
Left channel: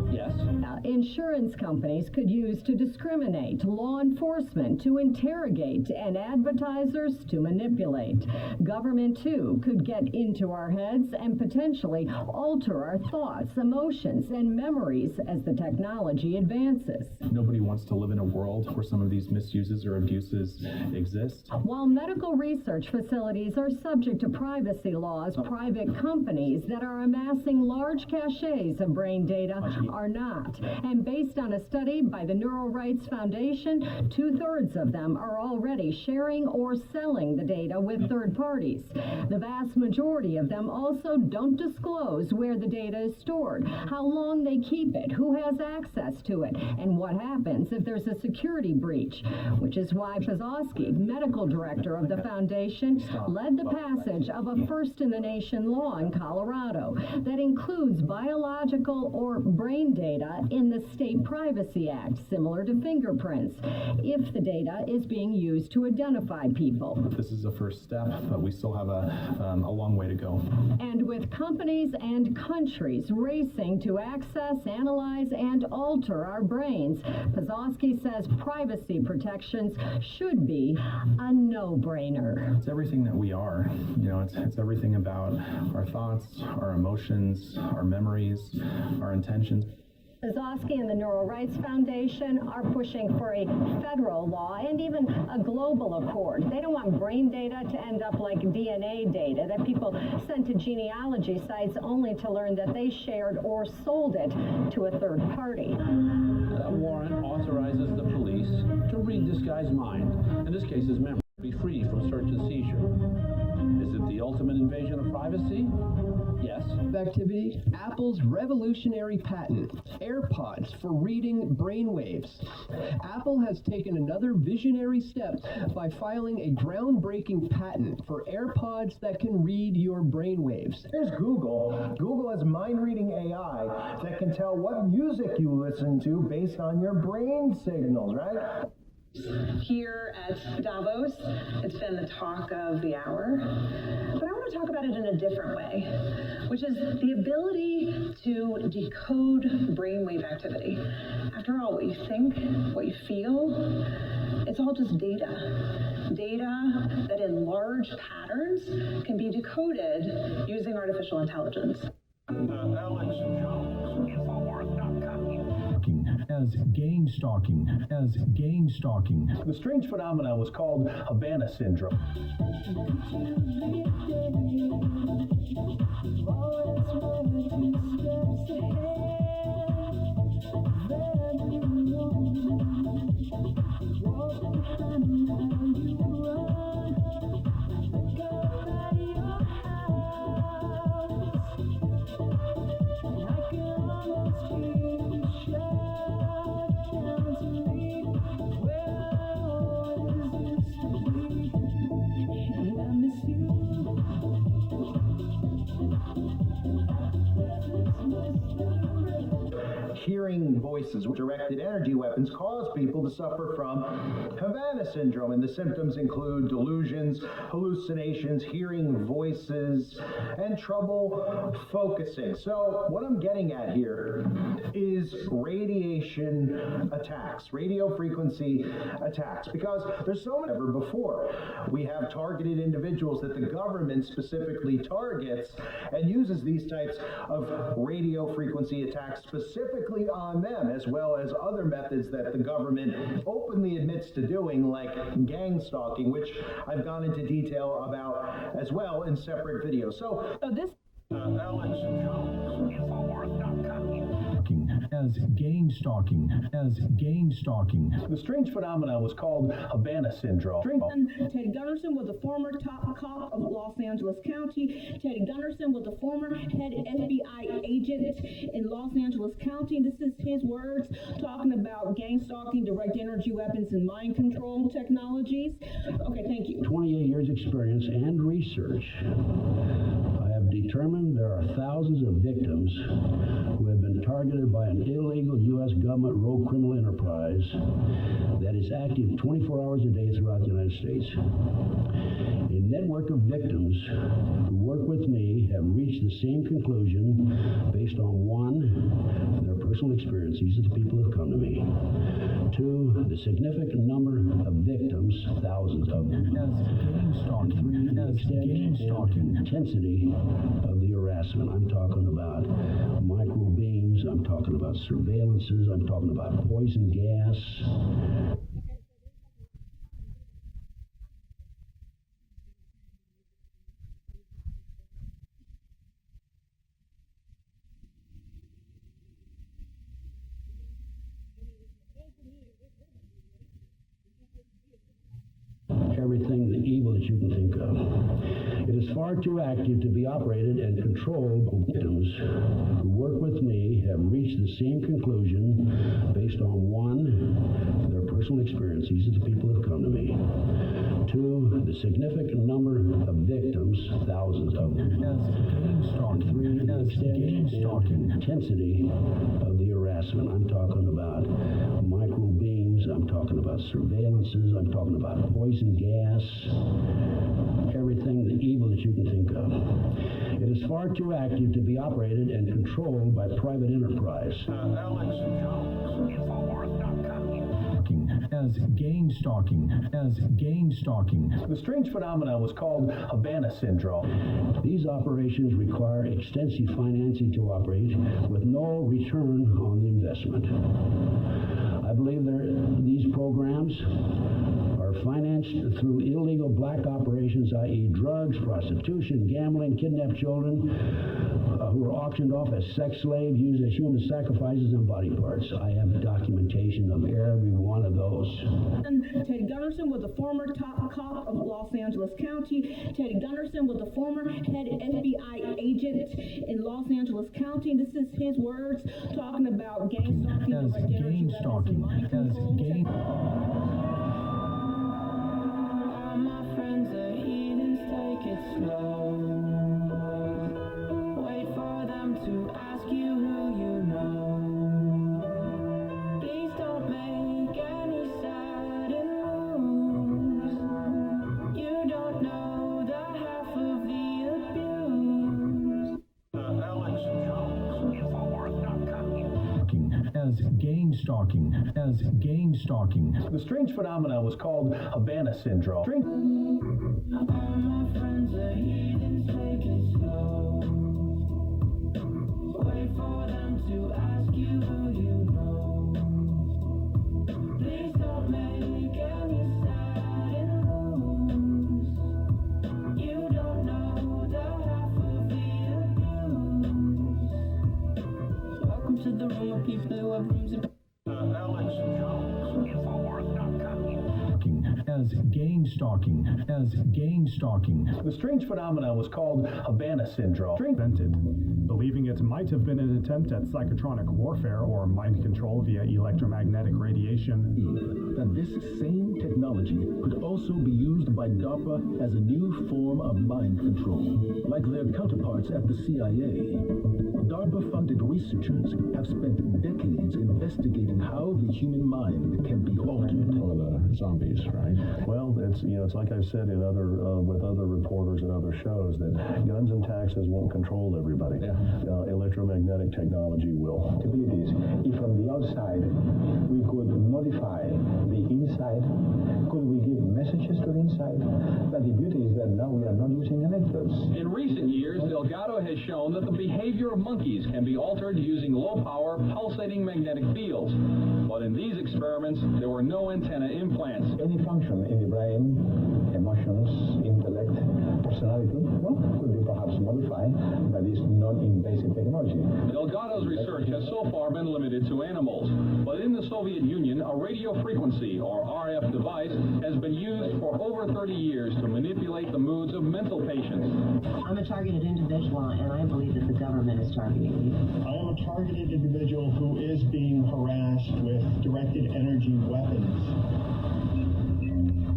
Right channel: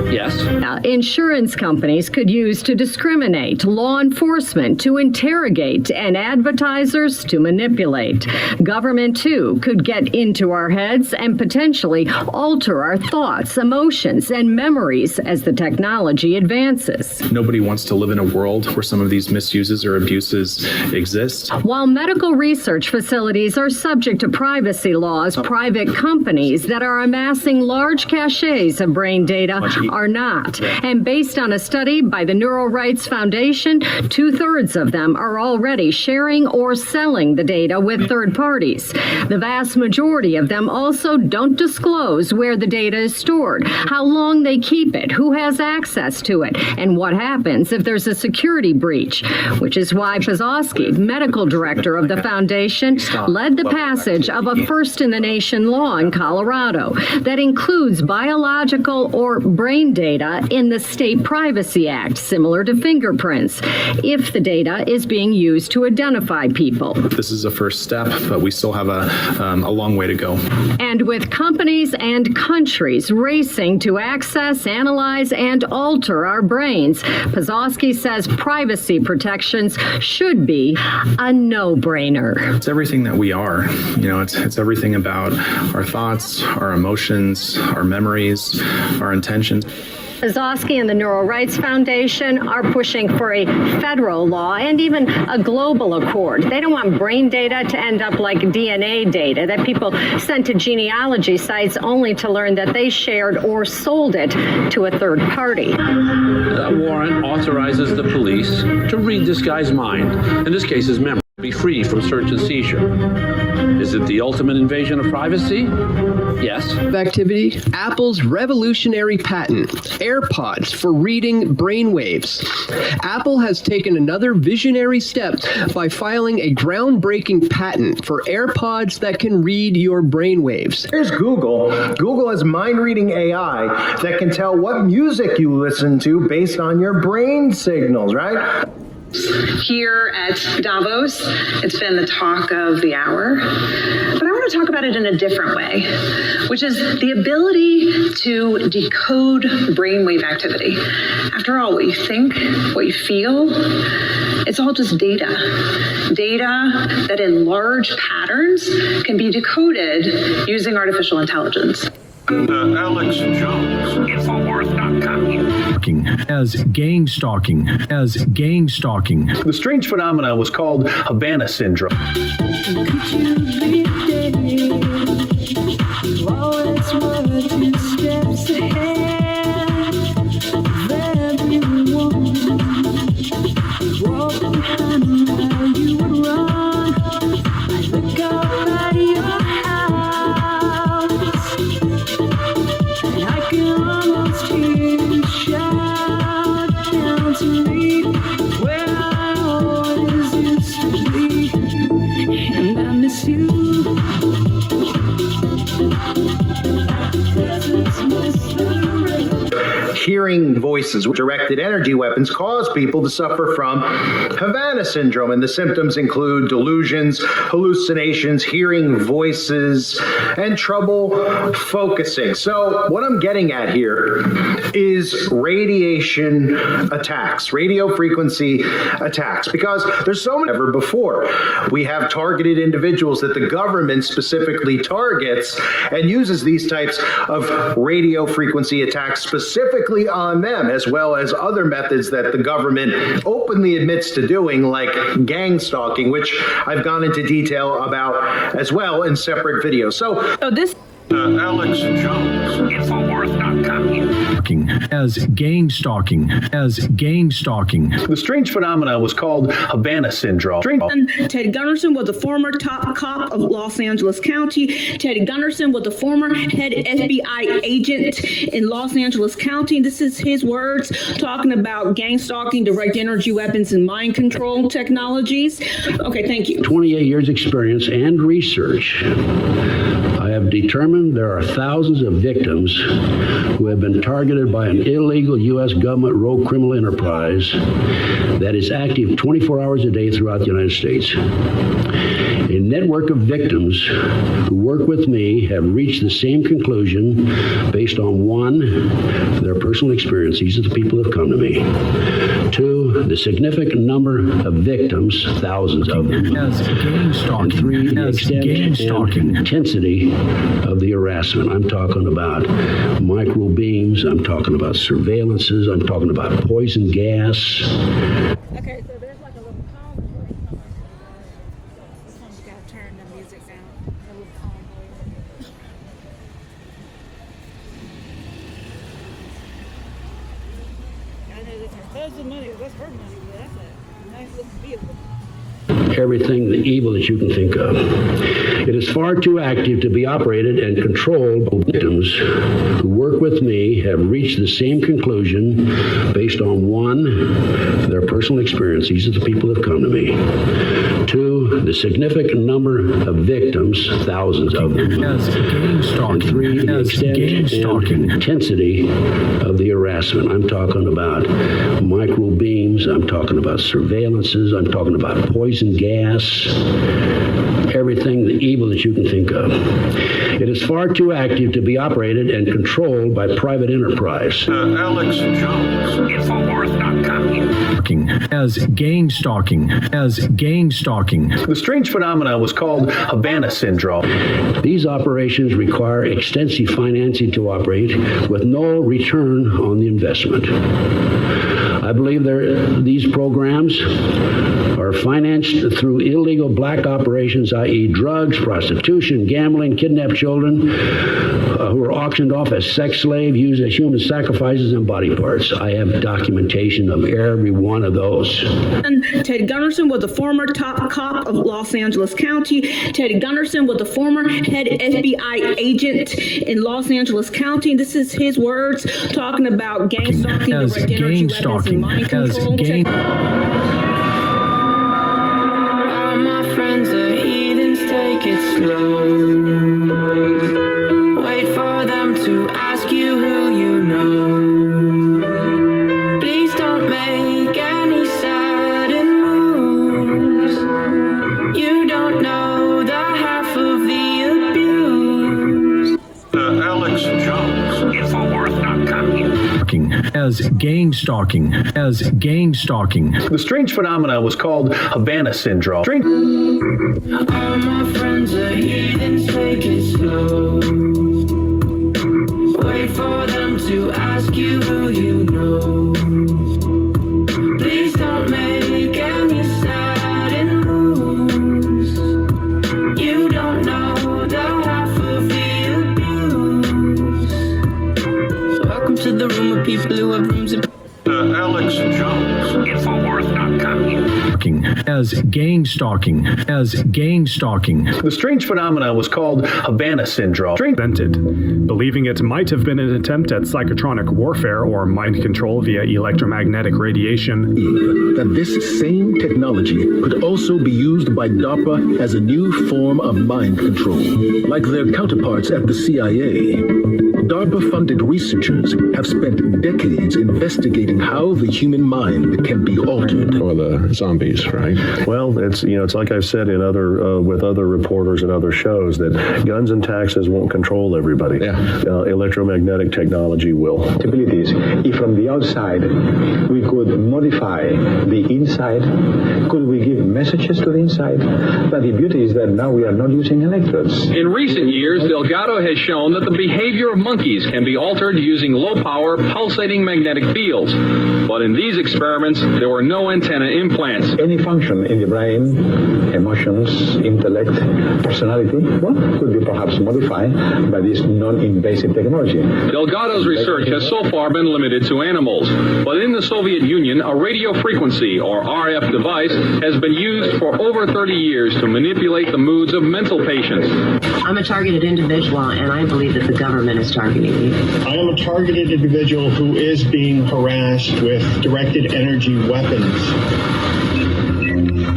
Yes. Insurance companies could use to discriminate, law enforcement to interrogate, and advertisers to manipulate. Government, too, could get into our heads and potentially alter our thoughts, emotions, and memories as the technology advances. Nobody wants to live in a world where some of these misuses or abuses exist. While medical research facilities are subject to privacy laws, private companies that are amassing large caches of brain data are not. And based on a study by the Neural Rights Foundation, 2/3 of them are already sharing or selling the data with third parties. The vast majority of them also don't disclose where the data is stored, how long they keep it, who has access to it, and what happens if there's a security breach, which is why PSYOPS, medical director of the foundation, led the passage of a first-in-the-nation law in Colorado that includes biological or brain data in the State Privacy Act, similar to fingerprints, if the data is being used to identify people. This is a first step, but we still have a long way to go. And with companies and countries racing to access, analyze, and alter our brains, Pazowski says privacy protections should be a no-brainer. It's everything that we are. You know, it's everything about our thoughts, our emotions, our memories, our intentions. Pazowski and the Neural Rights Foundation are pushing for a federal law and even a global accord. They don't want brain data to end up like DNA data that people sent to genealogy sites only to learn that they shared or sold it to a third party. That warrant authorizes the police to read this guy's mind, in this case his memory, be free from search and seizure. Is it the ultimate invasion of privacy? Yes. Activity, Apple's revolutionary patent, AirPods for reading brainwaves. Apple has taken another visionary step by filing a groundbreaking patent for AirPods that can read your brainwaves. Here's Google. Google has mind-reading AI that can tell what music you listen to based on your brain signals, right? Here at Davos, it's been the talk of the hour, but I want to talk about it in a different way, which is the ability to decode brainwave activity. After all, what you think, what you feel, it's all just data. Data that in large patterns can be decoded using artificial intelligence. Alex Jones. Infowars.com. As gang-stalking. The strange phenomenon was called Havana syndrome. Hearing voices with directed energy weapons cause people to suffer from Havana syndrome, and the symptoms include delusions, hallucinations, hearing voices, and trouble focusing. So what I'm getting at here is radiation attacks, radio frequency attacks, because there's so many ever before. We have targeted individuals that the government specifically targets and uses these types of radio frequency attacks specifically on them, as well as other methods that the government openly admits to doing, like gang stalking, which I've gone into detail about as well in separate videos. So this Alex Jones. Infowars.com. As gang-stalking. The strange phenomenon was called Havana syndrome. Ted Gunderson was a former top cop of Los Angeles County. Ted Gunderson was a former head FBI agent in Los Angeles County. This is his words talking about gang stalking, direct energy weapons, and mind control technologies. Okay, thank you. 28 years experience and research. I have have determined there are thousands of victims who have been targeted by an illegal U.S. government rogue criminal enterprise that is active 24 hours a day throughout the United States. A network of victims who work with me have reached the same conclusion based on 1, their personal experience. These are the people who have come to me. 2, the significant number of victims, thousands of them. And 3, the extent and intensity of the harassment. I'm talking about micro beams. I'm talking about surveillances. I'm talking about poison gas. Okay, so there's like a little calm before he comes. This one's got to turn the music down. A little calm before. I know that's her husband's money, that's her money, but that's a nice little vehicle. Everything, the evil that you can think of. It is far too active to be operated and controlled. Victims who work with me have reached the same conclusion based on 1, their personal experience. These are the people who have come to me. 2, the significant number of victims, thousands of them. And 3, the extent and intensity of the harassment. I'm talking about micro beams. I'm talking about surveillances. I'm talking about poison gas. Everything, the evil that you can think of. It is far too active to be operated and controlled by private enterprise. Alex Jones, Infowars.com. As gang-stalking. The strange phenomena was called Havana Syndrome. These operations require extensive financing to operate with no return on the investment. I believe these programs are financed through illegal black operations, i.e. drugs, prostitution, gambling, kidnapped children who are auctioned off as sex slaves, used as human sacrifices and body parts. I have documentation of every one of those. Ted Gunderson was the former top cop of Los Angeles County. Ted Gunderson was the former head FBI agent in Los Angeles County. This is his words talking about gang-stalking, direct energy weapons, and mind control. All my friends are heathens, take it slow. Wait for them to ask you who you know. Please don't make any sudden moves. You don't know the half of the abuse. Alex Jones, Infowars.com. As gang-stalking. The strange phenomena was called Havana Syndrome. All my friends are heathens, take it slow. Wait for them to ask you who you know. Please don't make any sudden moves. You don't know the half of the abuse. Welcome to the room of people who have rooms of Alex Jones, Infowars.com. As gang-stalking. The strange phenomena was called Havana Syndrome. Invented, believing it might have been an attempt at psychotronic warfare or mind control via electromagnetic radiation. That this same technology could also be used by DARPA as a new form of mind control. Like their counterparts at the CIA, DARPA-funded researchers have spent decades investigating how the human mind can be altered. Or the zombies, right? Well, it's like I've said in other with other reporters and other shows that guns and taxes won't control everybody. Yeah. Electromagnetic technology will. Possibilities. If from the outside we could modify the inside, could we give messages to the inside? But the beauty is that now we are not using electrodes. In recent years, Delgado has shown that the behavior of monkeys can be altered using low-power, pulsating magnetic fields. But in these experiments, there were no antenna implants. Any function in the brain, emotions, intellect, personality, could be perhaps modified by this non-invasive technology. Delgado's research has so far been limited to animals. But in the Soviet Union, a radio frequency, or RF device, has been used for over 30 years to manipulate the moods of mental patients. I'm a targeted individual, and I believe that the government is targeting me. I am a targeted individual who is being harassed with directed energy weapons.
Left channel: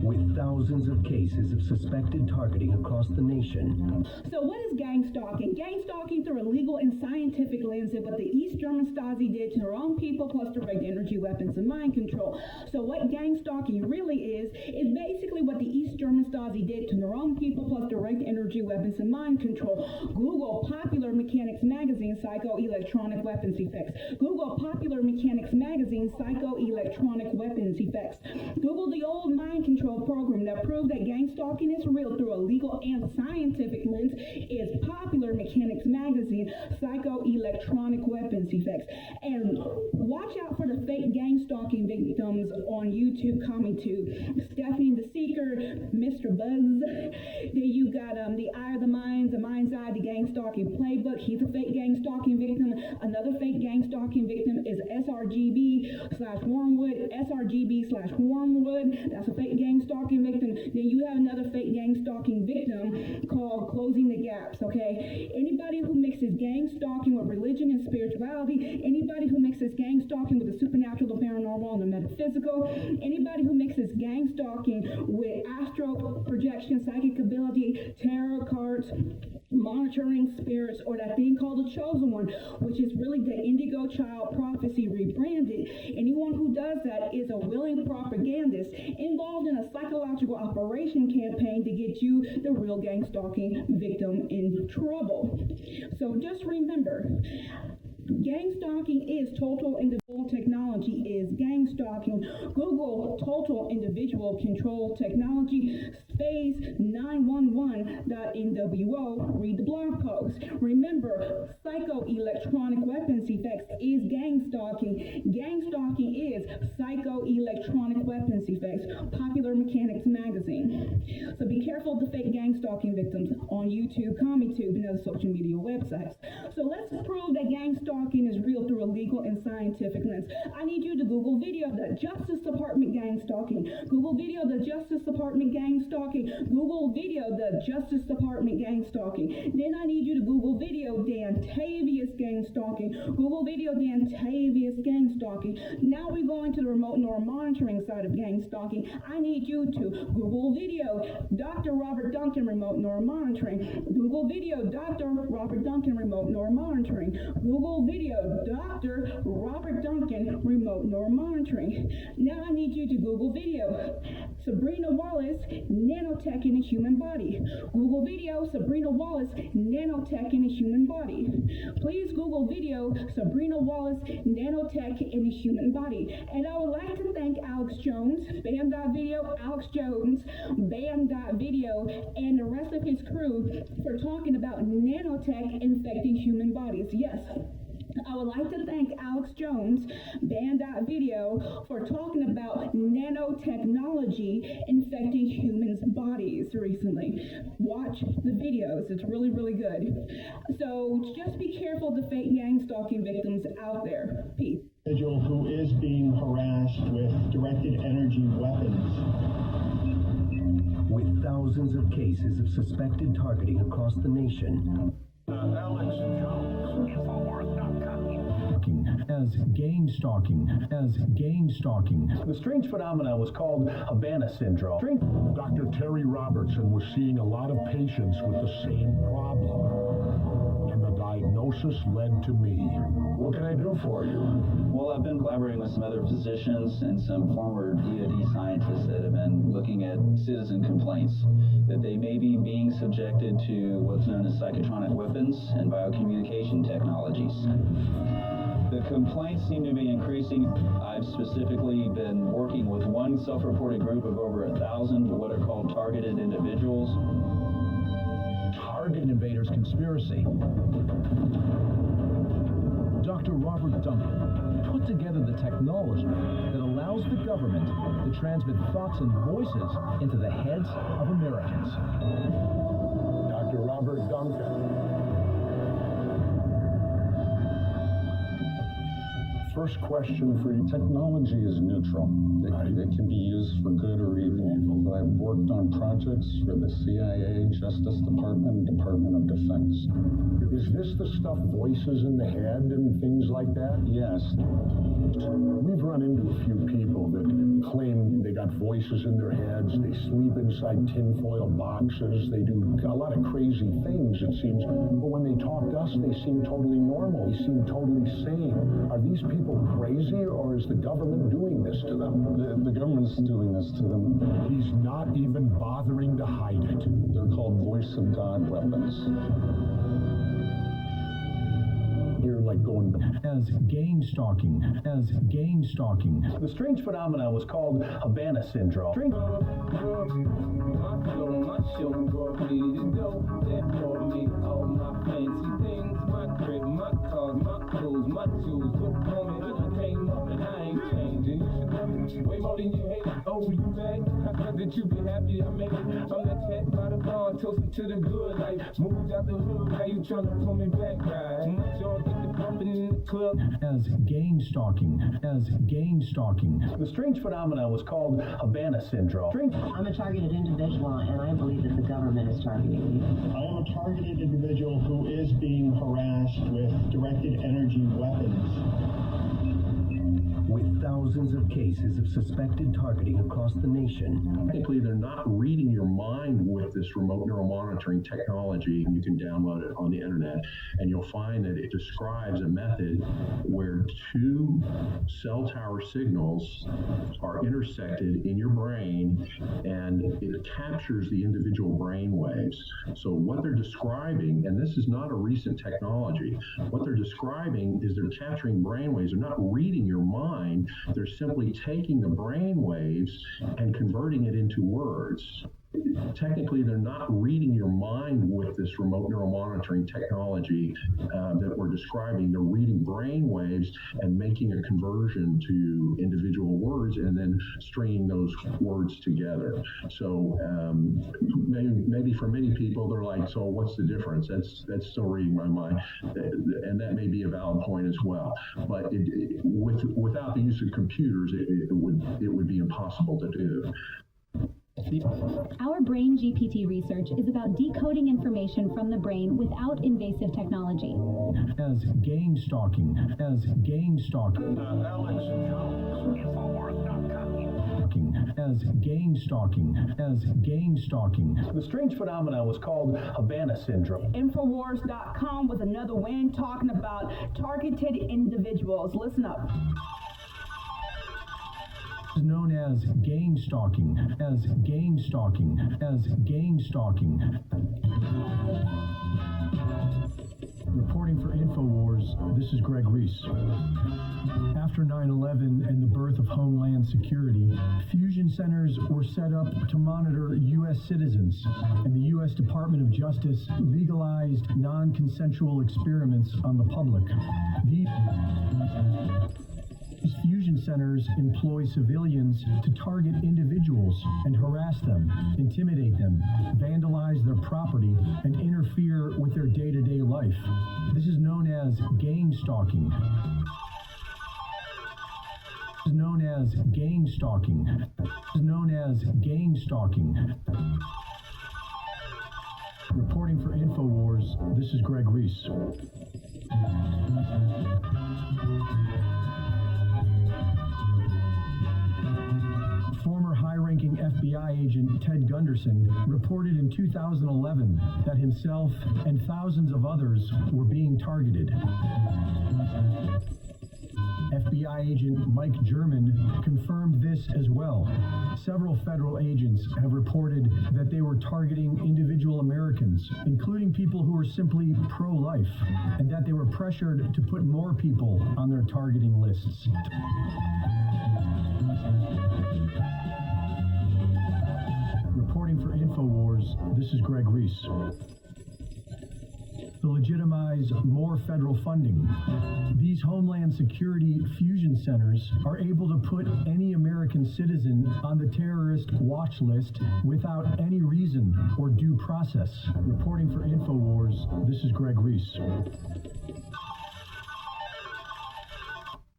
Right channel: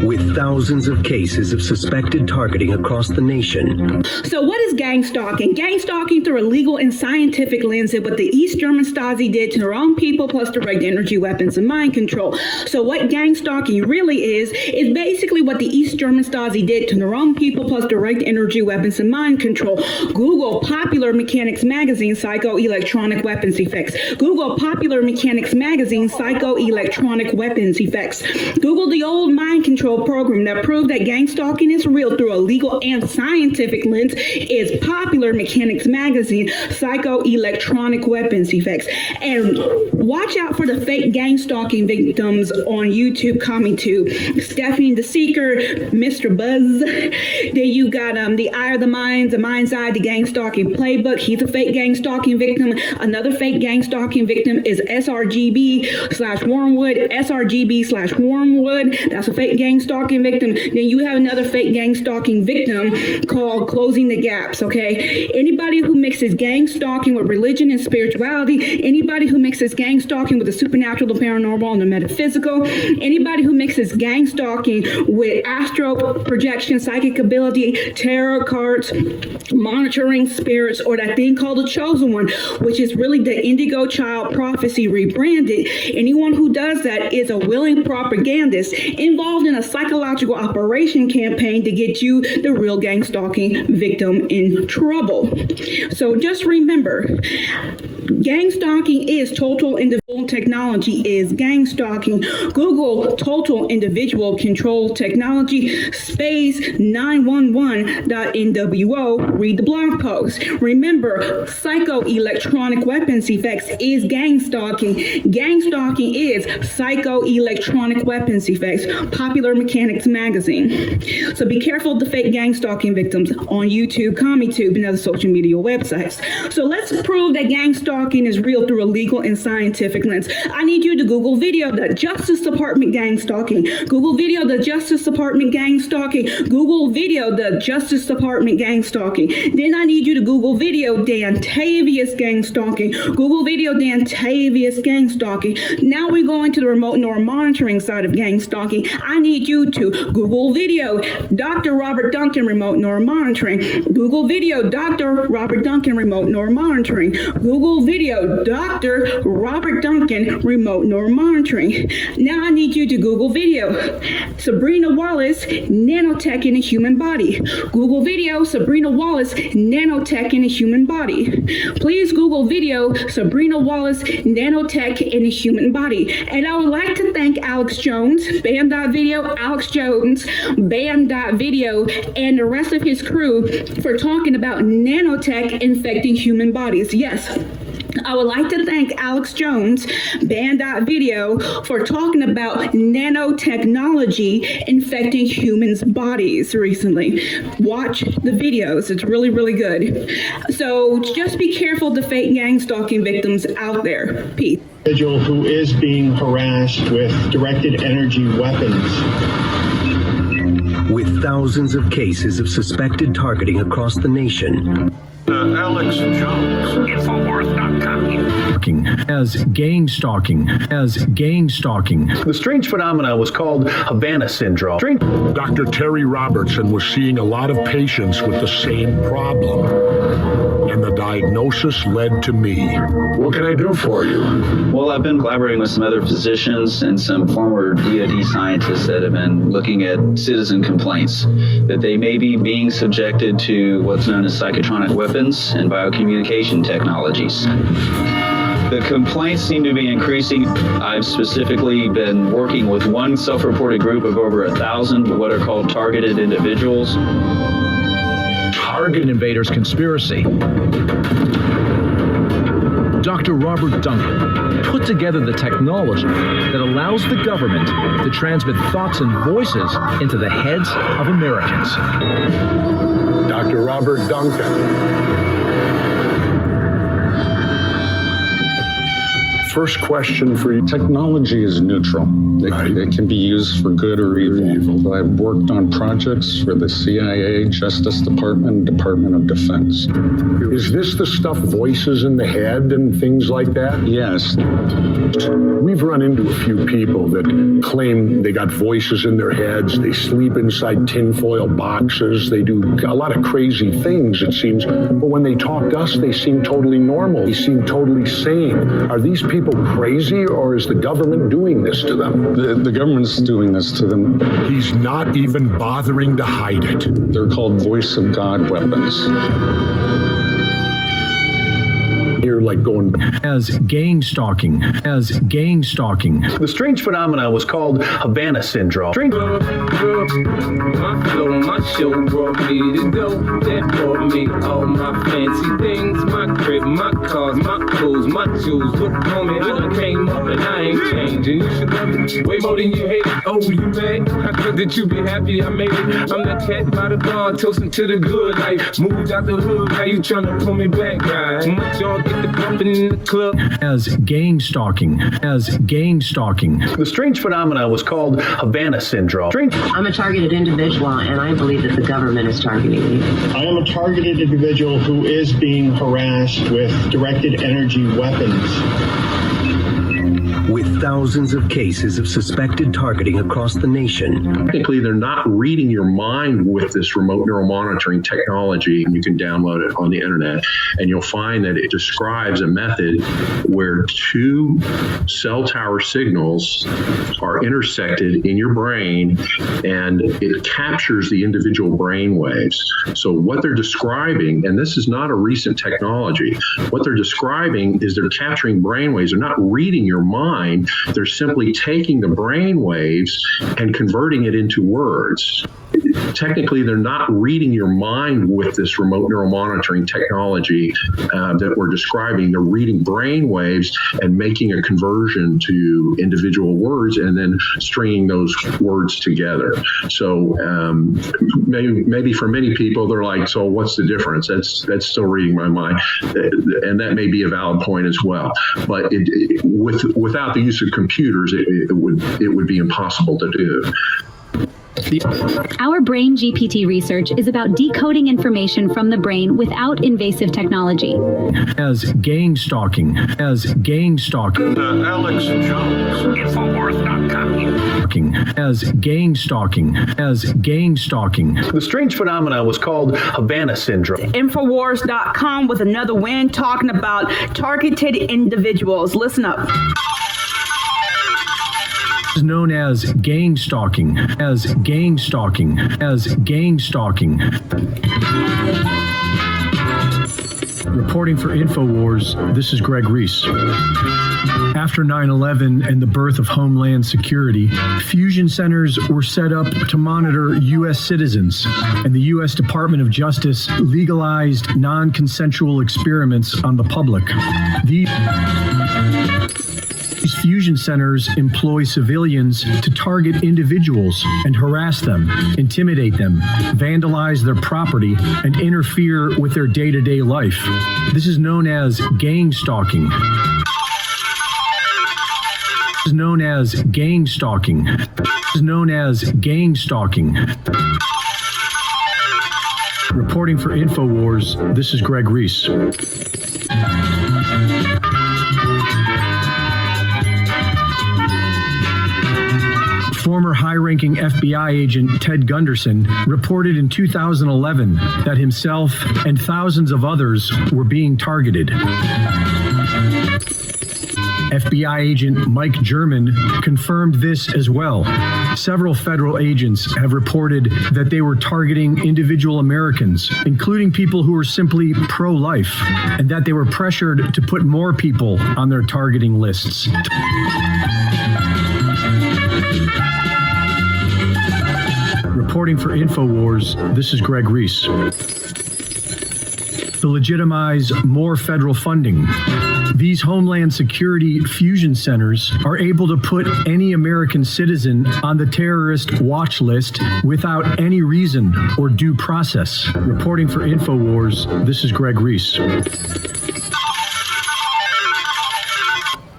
With thousands of cases of suspected targeting across the nation. So what is gang stalking? Gang stalking through a legal and scientific lens is what the East German Stasi did to their own people, plus direct energy weapons and mind control. So what gang stalking really is basically what the East German Stasi did to their own people, plus direct energy weapons and mind control. Google Popular Mechanics Magazine, Psychoelectronic Weapons Effects. Google Popular Mechanics Magazine, Psychoelectronic Weapons Effects. Google the old mind control program that proved that gang stalking is real through a legal and scientific lens is Popular Mechanics Magazine, Psychoelectronic Weapons Effects. And watch out for the fake gang stalking victims on YouTube coming to Stephanie the Seeker, Mr. Buzz. Then you got the Eye of the Minds, the Mind's Eye, the gang stalking playbook. He's a fake gang stalking victim. Another fake gang stalking victim is SRGB/Wormwood, SRGB/Wormwood. That's a fake gang stalking victim. Then you have another fake gang stalking victim called Closing the Gaps, okay? Anybody who mixes gang stalking with religion and spirituality, anybody who mixes gang stalking with the supernatural, the paranormal, and the metaphysical, anybody who mixes gang stalking with astral projection, psychic ability, tarot cards, monitoring spirits, or that thing called the Chosen One, which is really the Indigo Child Prophecy rebranded. Anyone who does that is a willing propagandist involved in a psychological operation campaign to get you, the real gang stalking victim, in trouble. So just remember, gang stalking is total individual technology is gang stalking. Google total individual control technology space 911.NWO. Read the blog post. Remember, psychoelectronic weapons effects is gang stalking. Gang stalking is psychoelectronic weapons effects. Popular Mechanics Magazine. So be careful of the fake gang stalking victims on YouTube, ComicTube, and other social media websites. So let's prove that gang stalking is real through a legal and scientific lens. I need you to Google video the Justice Department gang stalking. Google video the Justice Department gang stalking. Google video the Justice Department gang stalking. Then I need you to Google video Dantavius gang stalking. Google video Dantavius gang stalking. Now we're going to the remote neural monitoring side of gang stalking. I need you to Google video Dr. Robert Duncan remote neural monitoring. Google video Dr. Robert Duncan remote neural monitoring. Google video Dr. Robert Duncan remote neural monitoring. Now I need you to Google video Sabrina Wallace nanotech in a human body. Google video Sabrina Wallace nanotech in a human body. Please Google video Sabrina Wallace nanotech in a human body. And I would like to thank Alex Jones, Band.video, Alex Jones, Band.video, and the rest of his crew for talking about nanotech infecting human bodies. Yes, I would like to thank Alex Jones, Band.video, for talking about nanotechnology infecting humans' bodies recently. Watch the videos. It's really, really good. So just be careful of the fake gang stalking victims out there. Peace. Individual who is being harassed with directed energy weapons. With thousands of cases of suspected targeting across the nation. Alex Jones, Infowars.com. As gang-stalking. The strange phenomena was called Havana syndrome. Dr. Terry Robertson was seeing a lot of patients with the same problem. And the diagnosis led to me. What can I do for you? Well, I've been collaborating with some other physicians and some former DoD scientists that have been looking at citizen complaints that they may be being subjected to what's known as psychotronic weapons and biocommunication technologies. The complaints seem to be increasing. I've specifically been working with one self-reported group of over 1,000 what are called targeted individuals. Target Invaders Conspiracy. Dr. Robert Duncan put together the technology that allows the government to transmit thoughts and voices into the heads of Americans. Dr. Robert Duncan. First question for you. Technology is neutral. It can be used for good or evil. I've worked on projects for the CIA, Justice Department, Department of Defense. Is this the stuff, voices in the head and things like that? Yes. We've run into a few people that claim they got voices in their heads, they sleep inside tinfoil boxes, they do a lot of crazy things, it seems, but when they talk to us, they seem totally normal, they seem totally sane. Are these people crazy, or is the government doing this to them? The government's doing this to them. He's not even bothering to hide it. They're called voice of God weapons. You're like going as gang-stalking. The strange phenomena was called Havana syndrome. My flow, my show brought me to go. That brought me all my fancy things. My crib, my cars, my clothes, my shoes. Look on me, I done came up and I ain't changing. You should love it way more than you hate it. Oh, you mad? I thought that you be happy I made it. I'm that cat by the bar, toasting to the good life. Moved out the hood, now you tryna pull me back, guys. Much y'all get the bumping in the club. As gang-stalking. The strange phenomena was called Havana syndrome. I'm a targeted individual, and I believe that the government is targeting me. I am a targeted individual who is being harassed with directed energy weapons. With thousands of cases of suspected targeting across the nation. Technically, they're not reading your mind with this remote neural monitoring technology, and you can download it on the internet, and you'll find that it describes a method where two cell tower signals are intersected in your brain, and it captures the individual brain waves. So what they're describing, and this is not a recent technology, what they're describing is they're capturing brain waves. They're not reading your mind. They're simply taking the brain waves and converting it into words. Technically, they're not reading your mind with this remote neural monitoring technology that we're describing. They're reading brain waves and making a conversion to individual words and then stringing those words together. So maybe for many people, they're like, so what's the difference? That's still reading my mind. And that may be a valid point as well. But without the use of computers, it would be impossible to do. Our brain GPT research is about decoding information from the brain without invasive technology. As gang-stalking. Alex Jones. Infowars.com. As gang-stalking. The strange phenomena was called Havana syndrome. Infowars.com with another win talking about targeted individuals. Listen up. Is known as gang-stalking. Reporting for InfoWars, this is Greg Reese. After 9/11 and the birth of Homeland Security, fusion centers were set up to monitor U.S. citizens, and the U.S. Department of Justice legalized non-consensual experiments on the public. These fusion centers employ civilians to target individuals and harass them, intimidate them, vandalize their property, and interfere with their day-to-day life. This is known as gang-stalking. Reporting for InfoWars, this is Greg Reese. Former high-ranking FBI agent Ted Gunderson reported in 2011 that himself and thousands of others were being targeted. FBI agent Mike German confirmed this as well. Several federal agents have reported that they were targeting individual Americans, including people who were simply pro-life, and that they were pressured to put more people on their targeting lists. Reporting for InfoWars, this is Greg Reese. To legitimize more federal funding, these Homeland Security fusion centers are able to put any American citizen on the terrorist watch list without any reason or due process. Reporting for InfoWars, this is Greg Reese.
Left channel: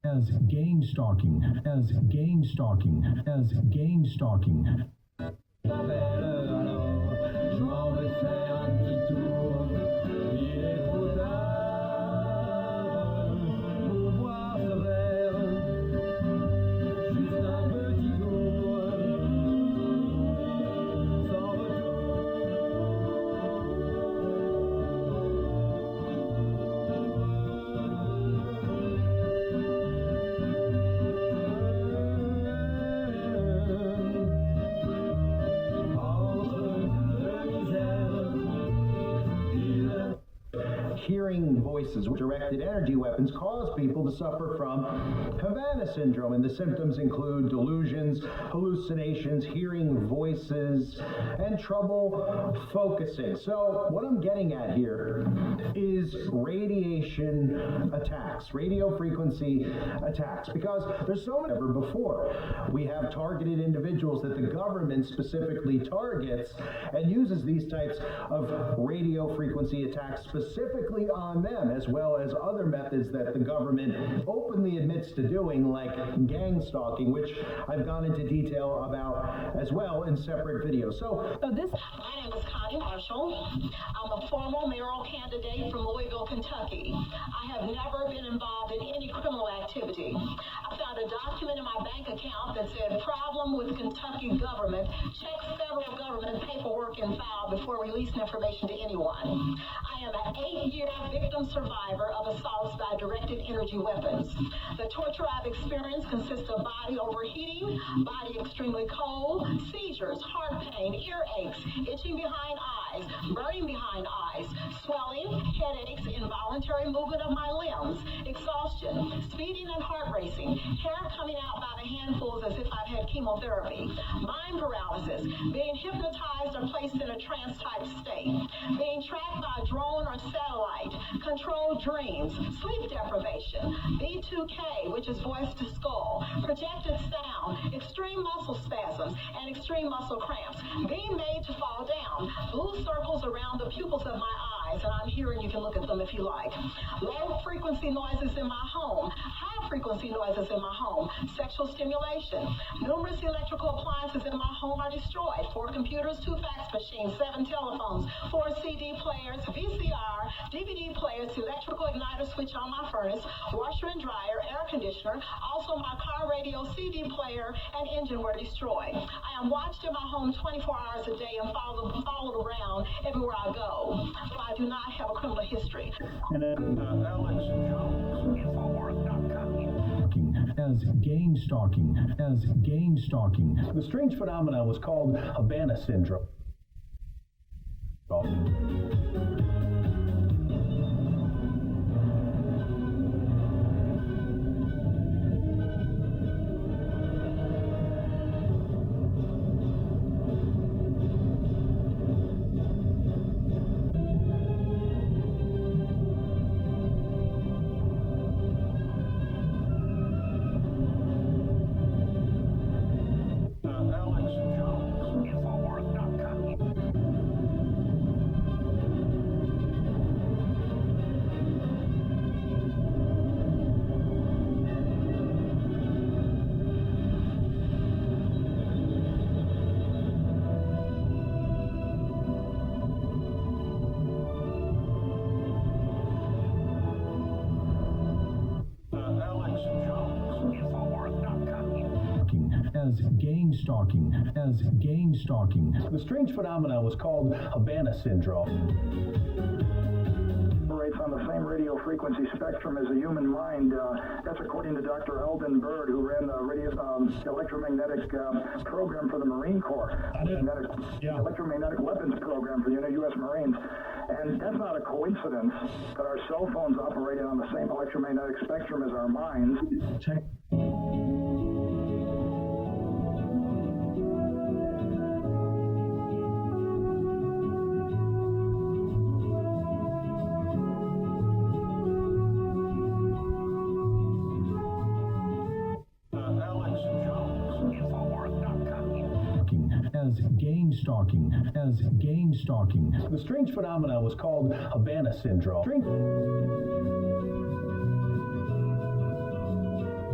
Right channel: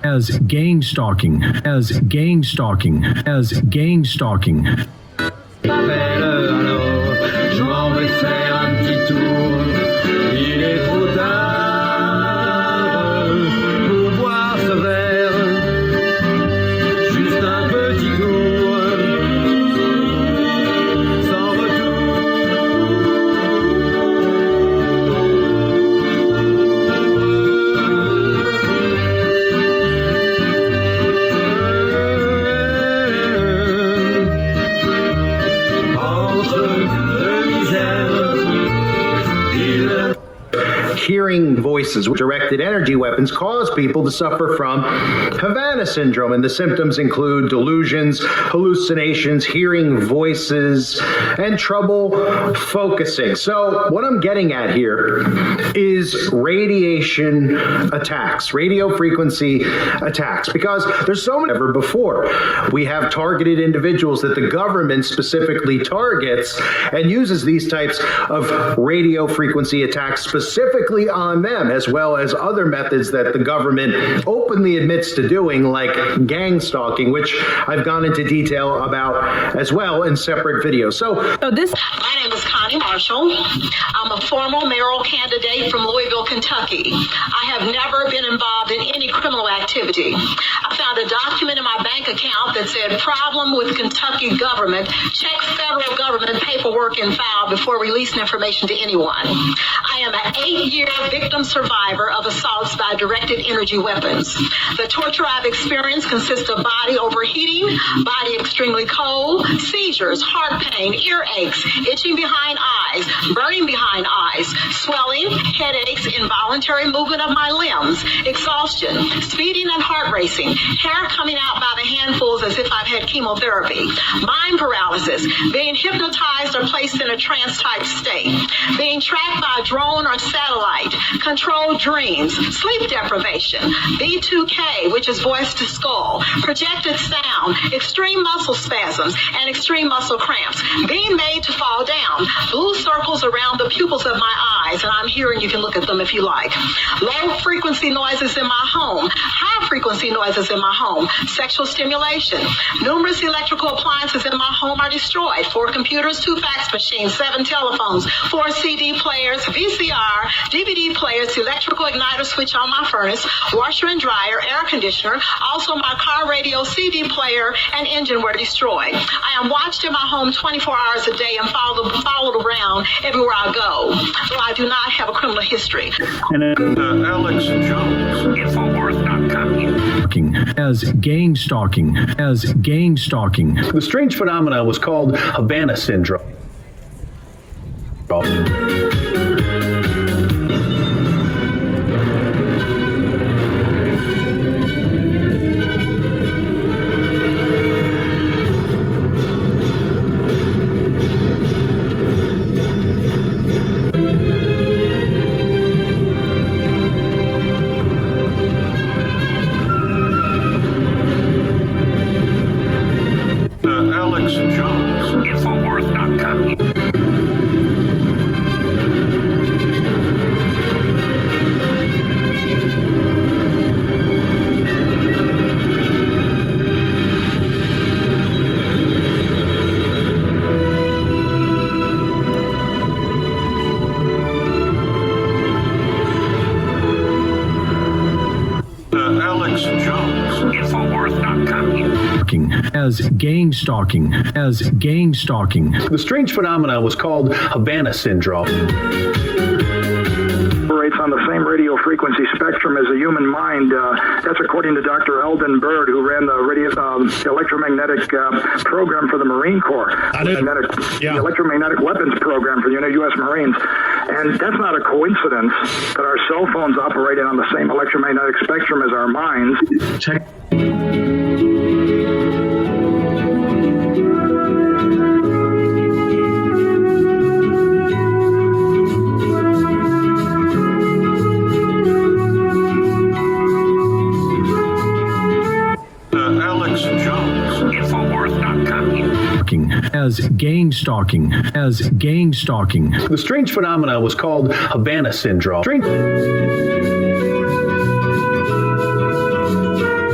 as gang-stalking, as gang-stalking, as gang-stalking. Je m'en vais faire un petit tour. Il est trop tard pour boire ce verre. Juste un petit tour, sans Hearing voices with directed energy weapons cause people to suffer from Havana syndrome, and the symptoms include delusions, hallucinations, hearing voices, and trouble focusing. So what I'm getting at here is radiation attacks, radio frequency attacks, because there's so many ever before. We have targeted individuals that the government specifically targets and uses these types of radio frequency attacks specifically on them, as well as other methods that the government openly admits to doing, like gang stalking, which I've gone into detail about as well in separate videos. So this. My name is Connie Marshall. I'm a former mayoral candidate from Louisville, Kentucky. I have never been involved in any criminal activity. I found a document in my bank account that said problem with Kentucky government. Check federal government paperwork and file before releasing information to anyone. I am an 8-year victim survivor of assaults by directed energy weapons. The torture I've experienced consists of body overheating, body extremely cold, seizures, heart pain, earaches, itching behind eyes, burning behind eyes, swelling, headaches, involuntary movement of my limbs, exhaustion, speeding and heart racing, hair coming out by the handfuls as if I've had chemotherapy, mind paralysis, being hypnotized or placed in a trance-type state, being tracked by a drone or satellite, controlled dreams, sleep deprivation, B2K, which is voice to skull, projected sound, extreme muscle spasms, and extreme muscle cramps, being made to fall down, blue circles around the pupils of my eyes, and I'm here and you can look at them if you like, low frequency noises in my home, high frequency noises in my home, sexual stimulation, numerous electrical appliances in my home are destroyed, 4 computers, 2 fax machines, 7 telephones, 4 CD players, VCR, DVD players, electrical igniter switch on my furnace, washer and dryer, air conditioner, also my car radio, CD player, and engine were destroyed. I am watched in my home 24 hours a day and followed around everywhere I go, though I do not have a criminal history. Alex Jones. Infowars.com. As gang-stalking, as gang-stalking. The strange phenomena was called Havana syndrome. Alex Jones. Infowars.com. Alex Jones. Infowars.com. As gang-stalking, as gang-stalking. The strange phenomena was called Havana syndrome. Operates on the same radio frequency spectrum as the human mind. That's according to Dr. Eldon Bird, who ran the electromagnetic program for the Marine Corps. The electromagnetic weapons program for the U.S. Marines. And that's not a coincidence that our cell phones operated on the same electromagnetic spectrum as our minds. Alex Jones. Infowars.com. As gang-stalking, as gang-stalking. The strange phenomena was called Havana syndrome.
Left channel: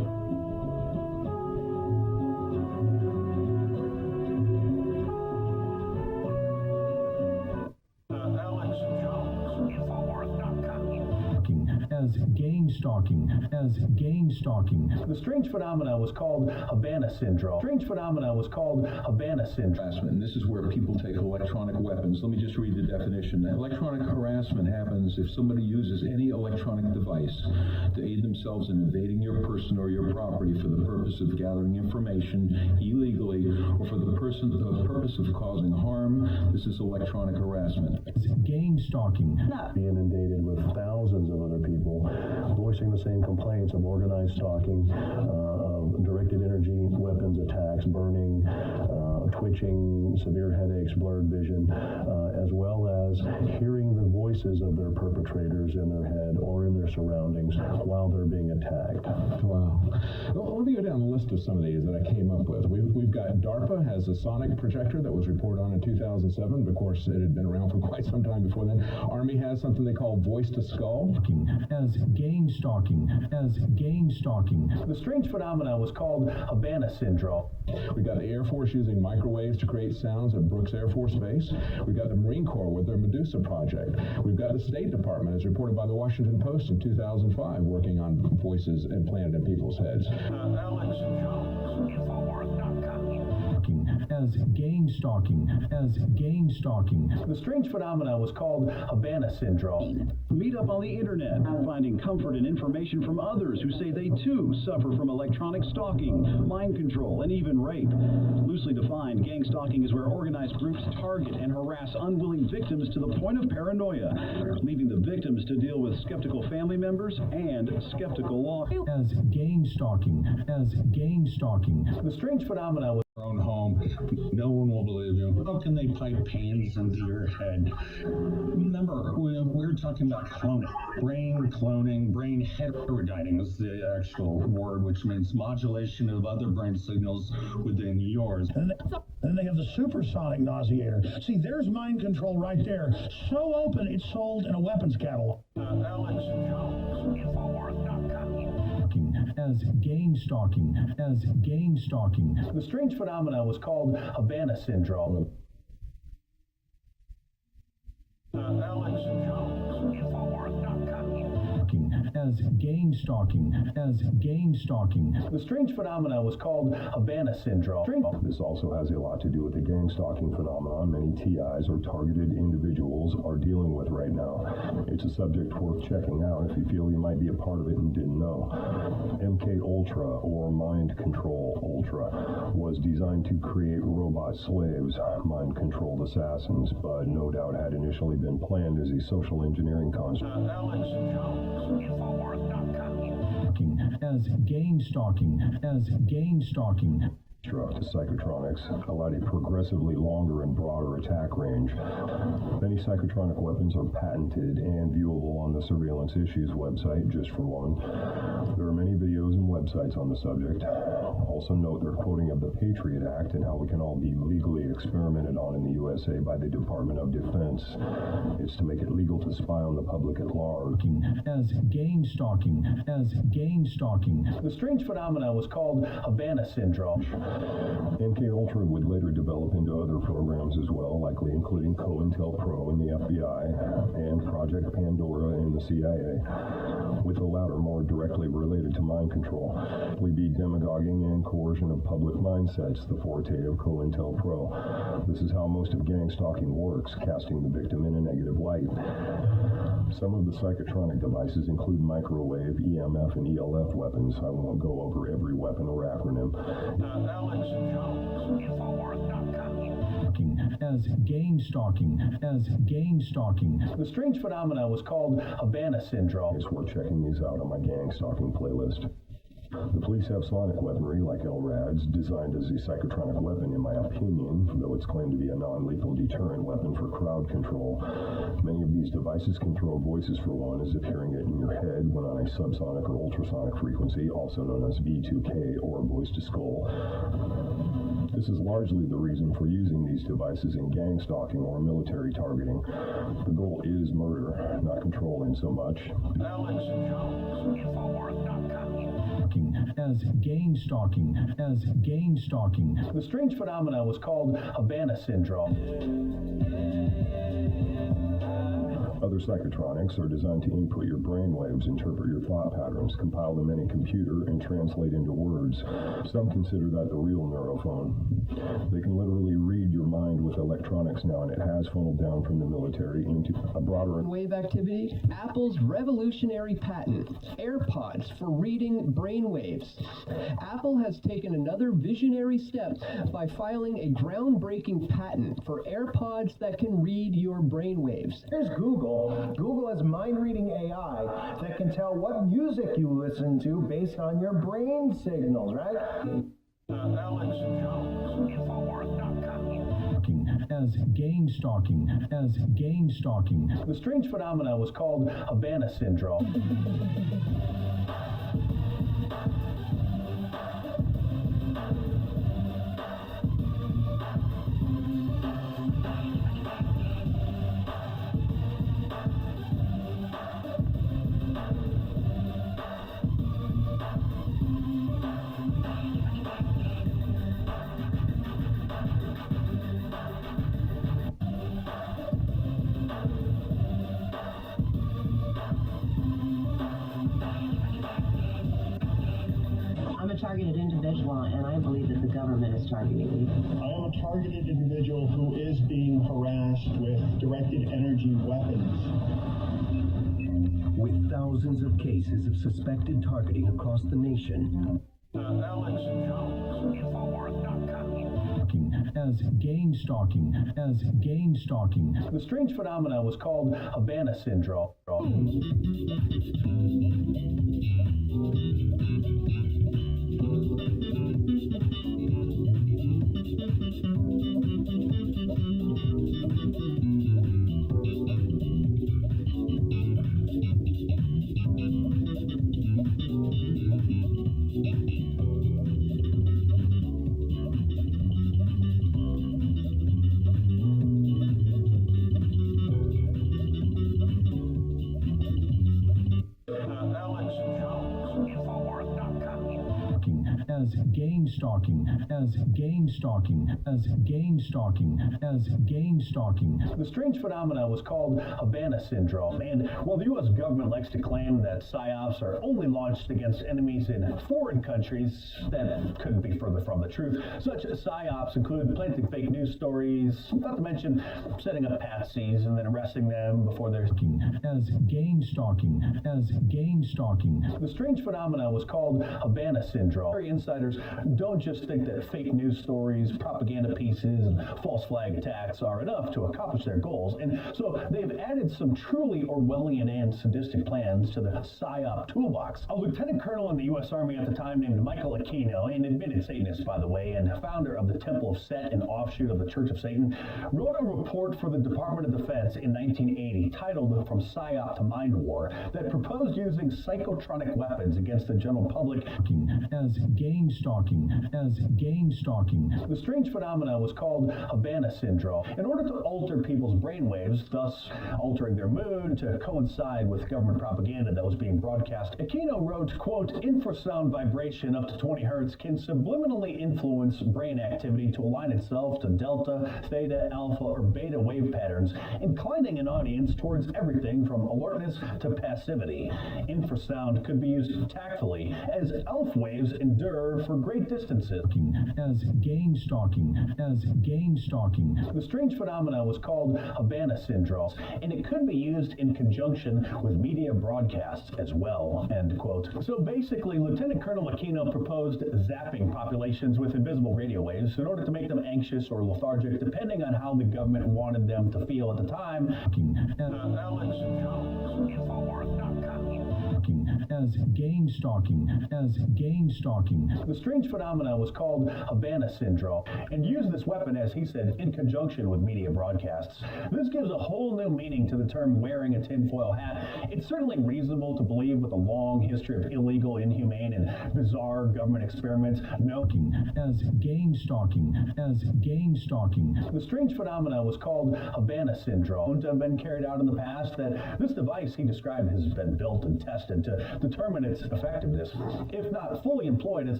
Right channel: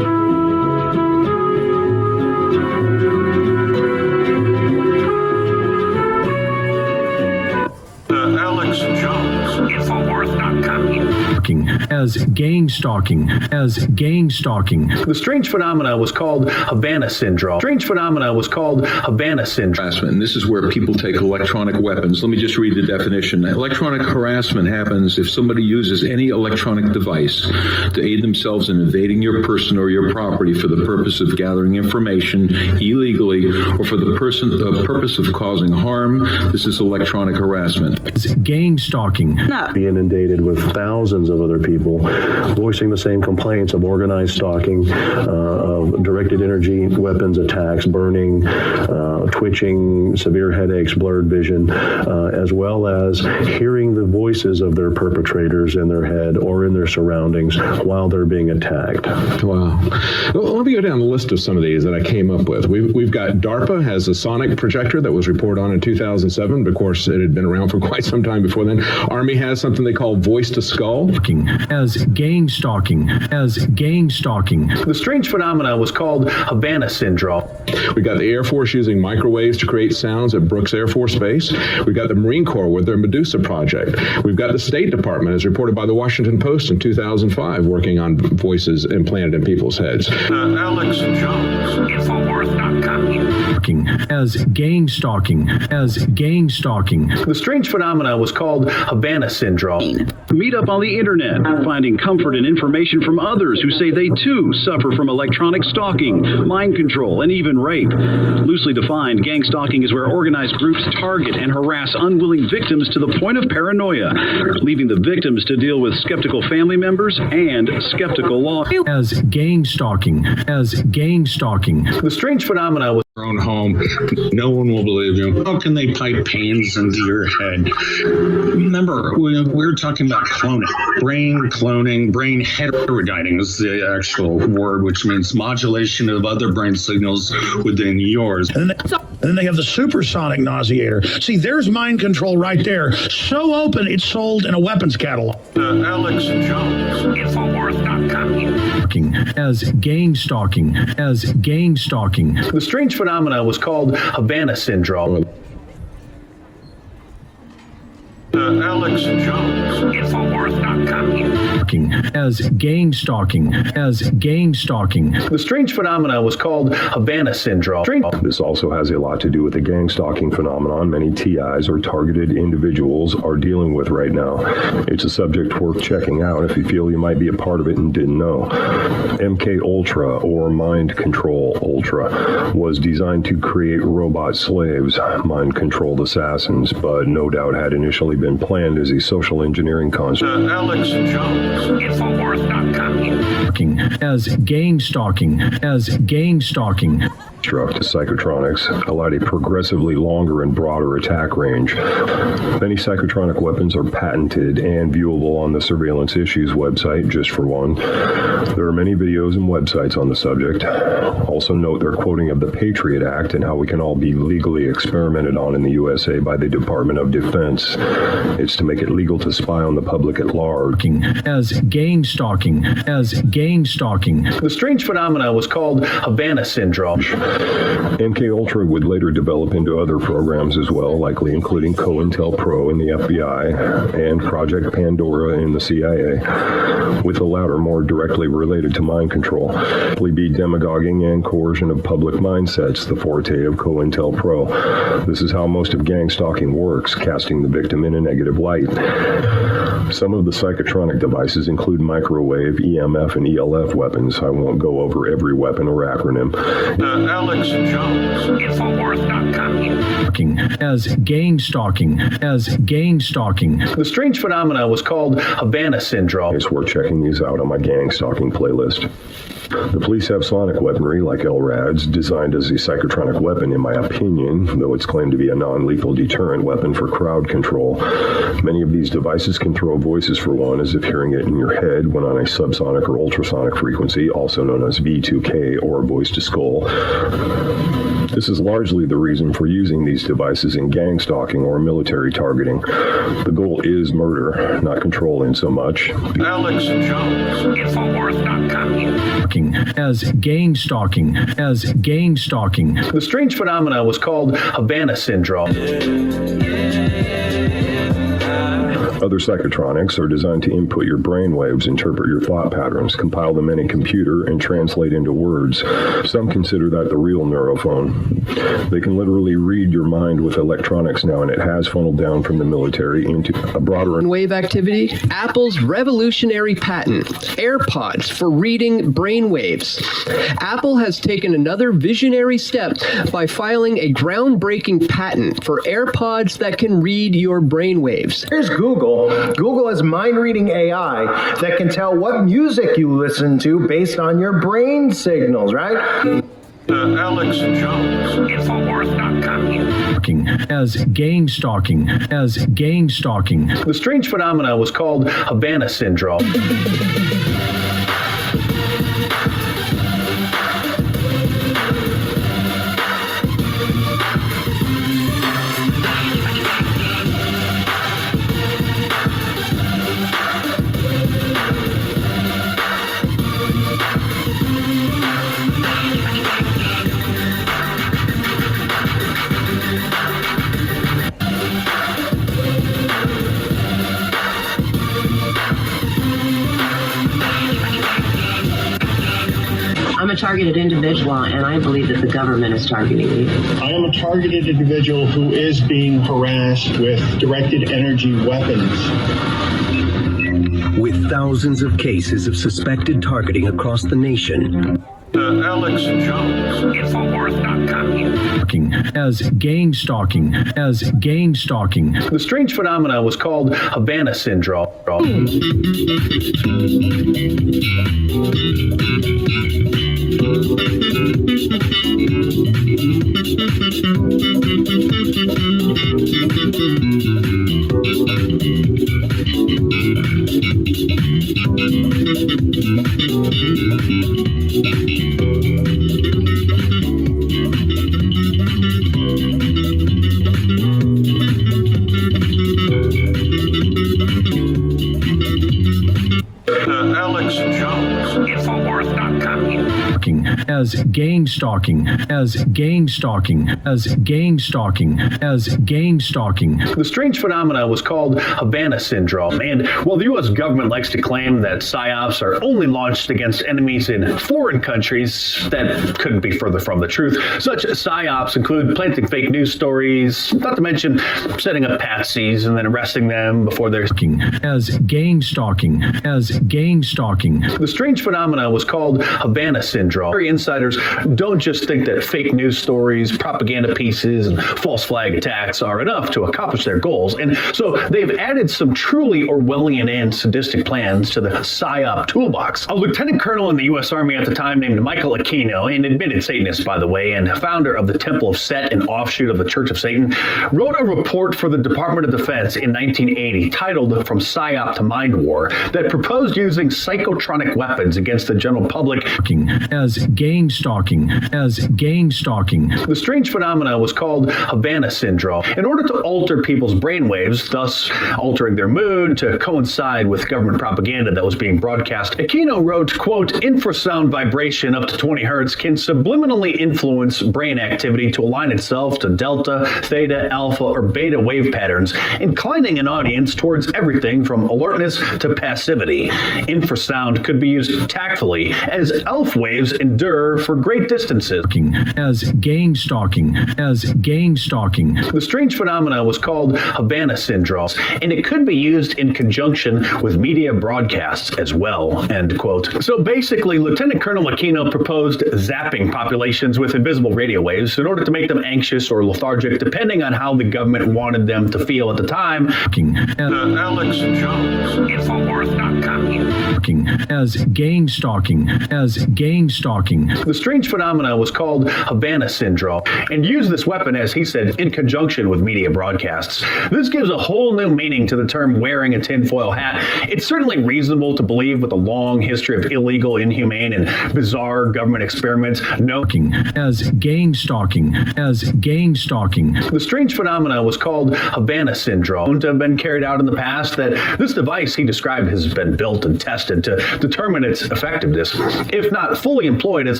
as gang-stalking. The strange phenomena was called Havana syndrome. Harassment, and this is where people take electronic weapons. Let me just read the definition. Electronic harassment happens if somebody uses any electronic device to aid themselves in invading your person or your property for the purpose of gathering information illegally or for the purpose of causing harm. This is electronic harassment. Gang-stalking. Being inundated with thousands of other people voicing the same complaints of organized stalking, of directed energy weapons attacks, burning, twitching, severe headaches, blurred vision, as well as hearing the voices of their perpetrators in their head or in their surroundings while they're being attacked. Wow. Well, let me go down the list of some of these that I came up with. We've got DARPA has a sonic projector that was reported on in 2007. Of course, it had been around for quite some time before then. Army has something they call voice to skull. As gang-stalking. The strange phenomena was called Havana syndrome. We got the Air Force using microwaves to create sounds at Brooks Air Force Base. We've got the Marine Corps with their Medusa project. We've got the State Department, as reported by the Washington Post in 2005, working on voices implanted in people's heads. Alex Jones, Infowars.com. As gang-stalking. The strange phenomena was called Havana syndrome. Meet up on the internet, finding comfort and information from others who say they too suffer from electronic stalking, mind control, and even rape. Loosely defined, gang-stalking is where organized groups target and harass unwilling victims to the point of paranoia, leaving the victims to deal with skeptical family members and skeptical law. As gang-stalking. The strange phenomena was own home. No one will believe you. How can they pipe pains into your head? Remember, we were talking about cloning. Brain cloning, brain heterodyning is the actual word, which means modulation of other brain signals within yours. And then they have the supersonic nauseator. See, there's mind control right there. So open, it's sold in a weapons catalog. Alex Jones, Infowars.com. As gang-stalking. The strange phenomena was called Havana syndrome. Alex Jones, Infowars.com. As gang-stalking. The strange phenomena was called Havana syndrome. This also has a lot to do with the gang-stalking phenomenon many TIs or targeted individuals are dealing with right now. It's a subject worth checking out if you feel you might be a part of it and didn't know. MK Ultra, or Mind Control Ultra, was designed to create robot slaves, mind-controlled assassins, but no doubt had initially been planned as a social engineering concept. Alex Jones, Infowars.com. As gang-stalking. Struck to psychotronics allowed a progressively longer and broader attack range. Many psychotronic weapons are patented and viewable on the Surveillance Issues website, just for one. There are many videos and websites on the subject. Also note their quoting of the Patriot Act and how we can all be legally experimented on in the USA by the Department of Defense. It's to make it legal to spy on the public at large. As gang-stalking. The strange phenomena was called Havana syndrome. MK Ultra would later develop into other programs as well, likely including COINTELPRO in the FBI and Project Pandora in the CIA, with the latter more directly related to mind control. Simply be demagoguing and coercion of public mindsets, the forte of COINTELPRO. This is how most of gang stalking works, casting the victim in a negative light. Some of the psychotronic devices include microwave, EMF, and ELF weapons. I won't go over every weapon or acronym. Alex Jones, Infowars.com. As gang-stalking. The strange phenomena was called Havana syndrome. It's worth checking these out on my gang stalking playlist. The police have sonic weaponry like LRADs, designed as a psychotronic weapon in my opinion, though it's claimed to be a non-lethal deterrent weapon for crowd control. Many of these devices can throw voices for one, as if hearing it in your head when on a subsonic or ultrasonic frequency, also known as V2K or voice to skull. This is largely the reason for using these devices in gang stalking or military targeting. The goal is murder, not controlling so much. Alex Jones, Infowars.com. As gang-stalking. The strange phenomena was called Havana syndrome. Other psychotronics are designed to input your brain waves, interpret your thought patterns, compile them in a computer, and translate into words. Some consider that the real neurophone. They can literally read your mind with electronics now, and it has funneled down from the military into a broader wave activity. Apple's revolutionary patent, AirPods, for reading brain waves. Apple has taken another visionary step by filing a groundbreaking patent for AirPods that can read your brain waves. Here's Google. Google has mind-reading AI that can tell what music you listen to based on your brain signals, right? Alex Jones, Infowars.com. As gang-stalking. The strange phenomena was called Havana Syndrome. I'm a targeted individual, and I believe that the government is targeting me. I am a targeted individual who is being harassed with directed energy weapons. With thousands of cases of suspected targeting across the nation. Alex Jones, Infowars.com. As gang-stalking. The strange phenomena was called Havana Syndrome. Alex Jones, Infowars.com. As gang-stalking. The strange phenomena was called Havana Syndrome. And while the U.S. government likes to claim that PSYOPs are only launched against enemies in foreign countries, that couldn't be further from the truth. Such PSYOPs include planting fake news stories, not to mention setting up patsies and then arresting them before they're... As gang-stalking. The strange phenomena was called Havana Syndrome. Insiders don't just think that fake news stories, propaganda pieces, and false flag attacks are enough to accomplish their goals, and so they've added some truly Orwellian and sadistic plans to the PSYOP toolbox. A lieutenant colonel in the U.S. Army at the time named Michael Aquino, an admitted Satanist, by the way, and founder of the Temple of Set, an offshoot of the Church of Satan, wrote a report for the Department of Defense in 1980 titled From PSYOP to Mind War that proposed using psychotronic weapons against the general public. As gang-stalking. The strange phenomena was called Havana Syndrome. In order to alter people's brainwaves, thus altering their mood to coincide with government propaganda that was being broadcast, Aquino wrote, quote, infrasound vibration up to 20 hertz can subliminally influence brain activity to align itself to delta, theta, alpha, or beta wave patterns, inclining an audience towards everything from alertness to passivity. Infrasound could be used tactfully as ELF waves endure for great distances. As gang-stalking. The strange phenomena was called Havana Syndrome, and it could be used in conjunction with media broadcasts as well, end quote. So basically, Lieutenant Colonel Aquino proposed zapping populations with invisible radio waves in order to make them anxious or lethargic, depending on how the government wanted them to feel at the time. Alex Jones, Infowars.com. As gang-stalking. The strange phenomena was called Havana Syndrome, and used this weapon, as he said, in conjunction with media broadcasts. This gives a whole new meaning to the term wearing a tinfoil hat. It's certainly reasonable to believe, with a long history of illegal, inhumane, and bizarre government experiments, As gang-stalking. The strange phenomena was called Havana Syndrome, to have been carried out in the past, that this device he described has been built and tested to determine its effectiveness. If not fully employed as a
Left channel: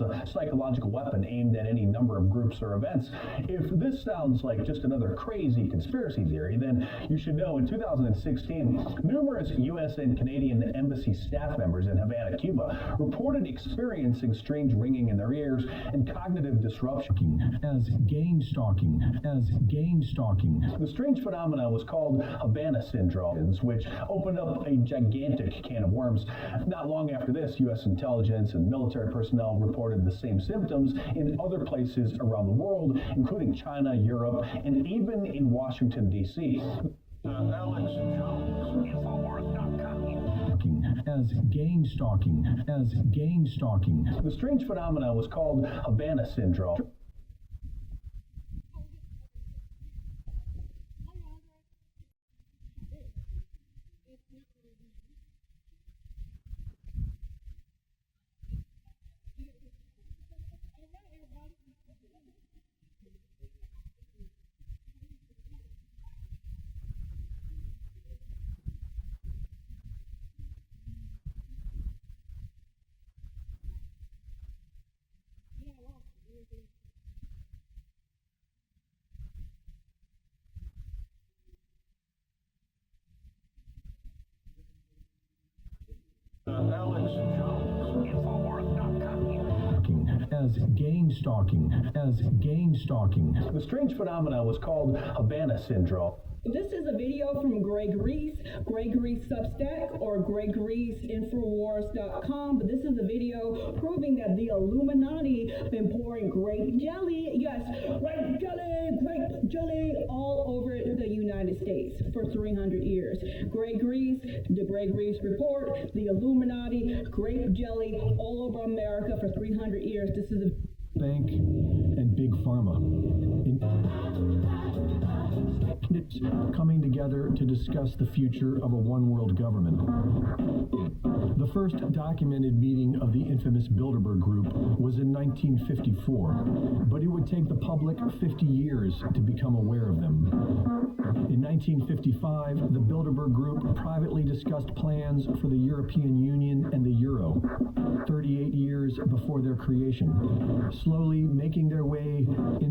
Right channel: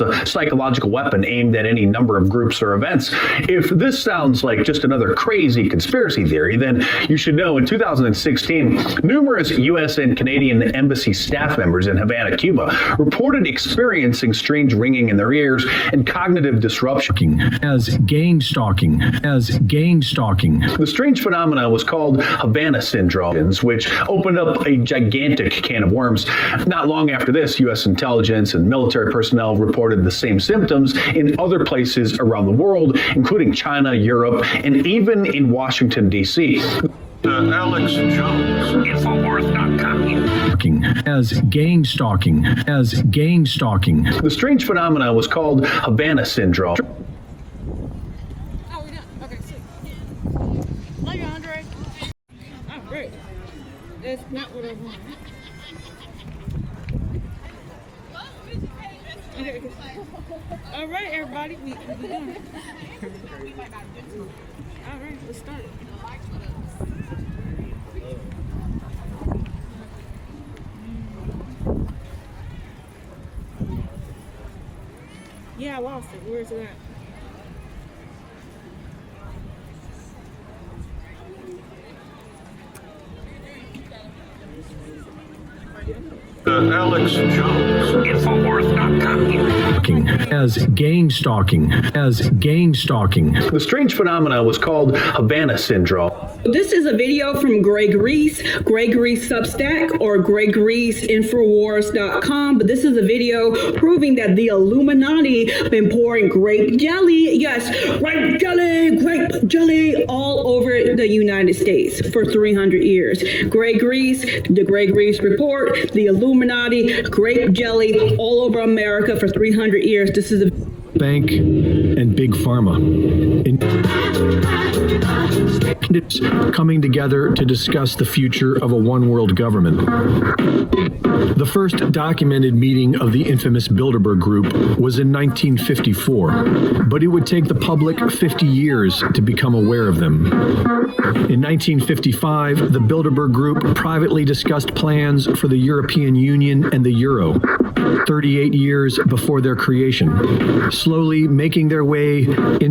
a psychological weapon aimed at any number of groups or events. If this sounds like just another crazy conspiracy theory, then you should know in 2016, numerous U.S. and Canadian embassy staff members in Havana, Cuba, reported experiencing strange ringing in their ears and cognitive disruption. As gang-stalking. The strange phenomena was called Havana syndrome, which opened up a gigantic can of worms. Not long after this, U.S. intelligence and military personnel reported the same symptoms in other places around the world, including China, Europe, and even in Washington, D.C. Alex Jones, Infowars.com. As gang-stalking. The strange phenomena was called Havana syndrome. That's not what I want. All right, everybody, we done. All right, let's start. Yeah, I lost it. Where's it at? Alex Jones, Infowars.com. As gang-stalking. The strange phenomena was called Havana syndrome. This is a video from Greg Reese Substack, or Greg Reese Infowars.com. But this is a video proving that the Illuminati been pouring grape jelly, yes, grape jelly all over the United States for 300 years. Greg Reese, the Greg Reese Report, the Illuminati, grape jelly all over America for 300 years. This is a bank and big pharma coming together to discuss the future of a one-world government. The first documented meeting of the infamous Bilderberg Group was in 1954, but it would take the public 50 years to become aware of them. In 1955, the Bilderberg Group privately discussed plans for the European Union and the Euro, 38 years before their creation, slowly making their way in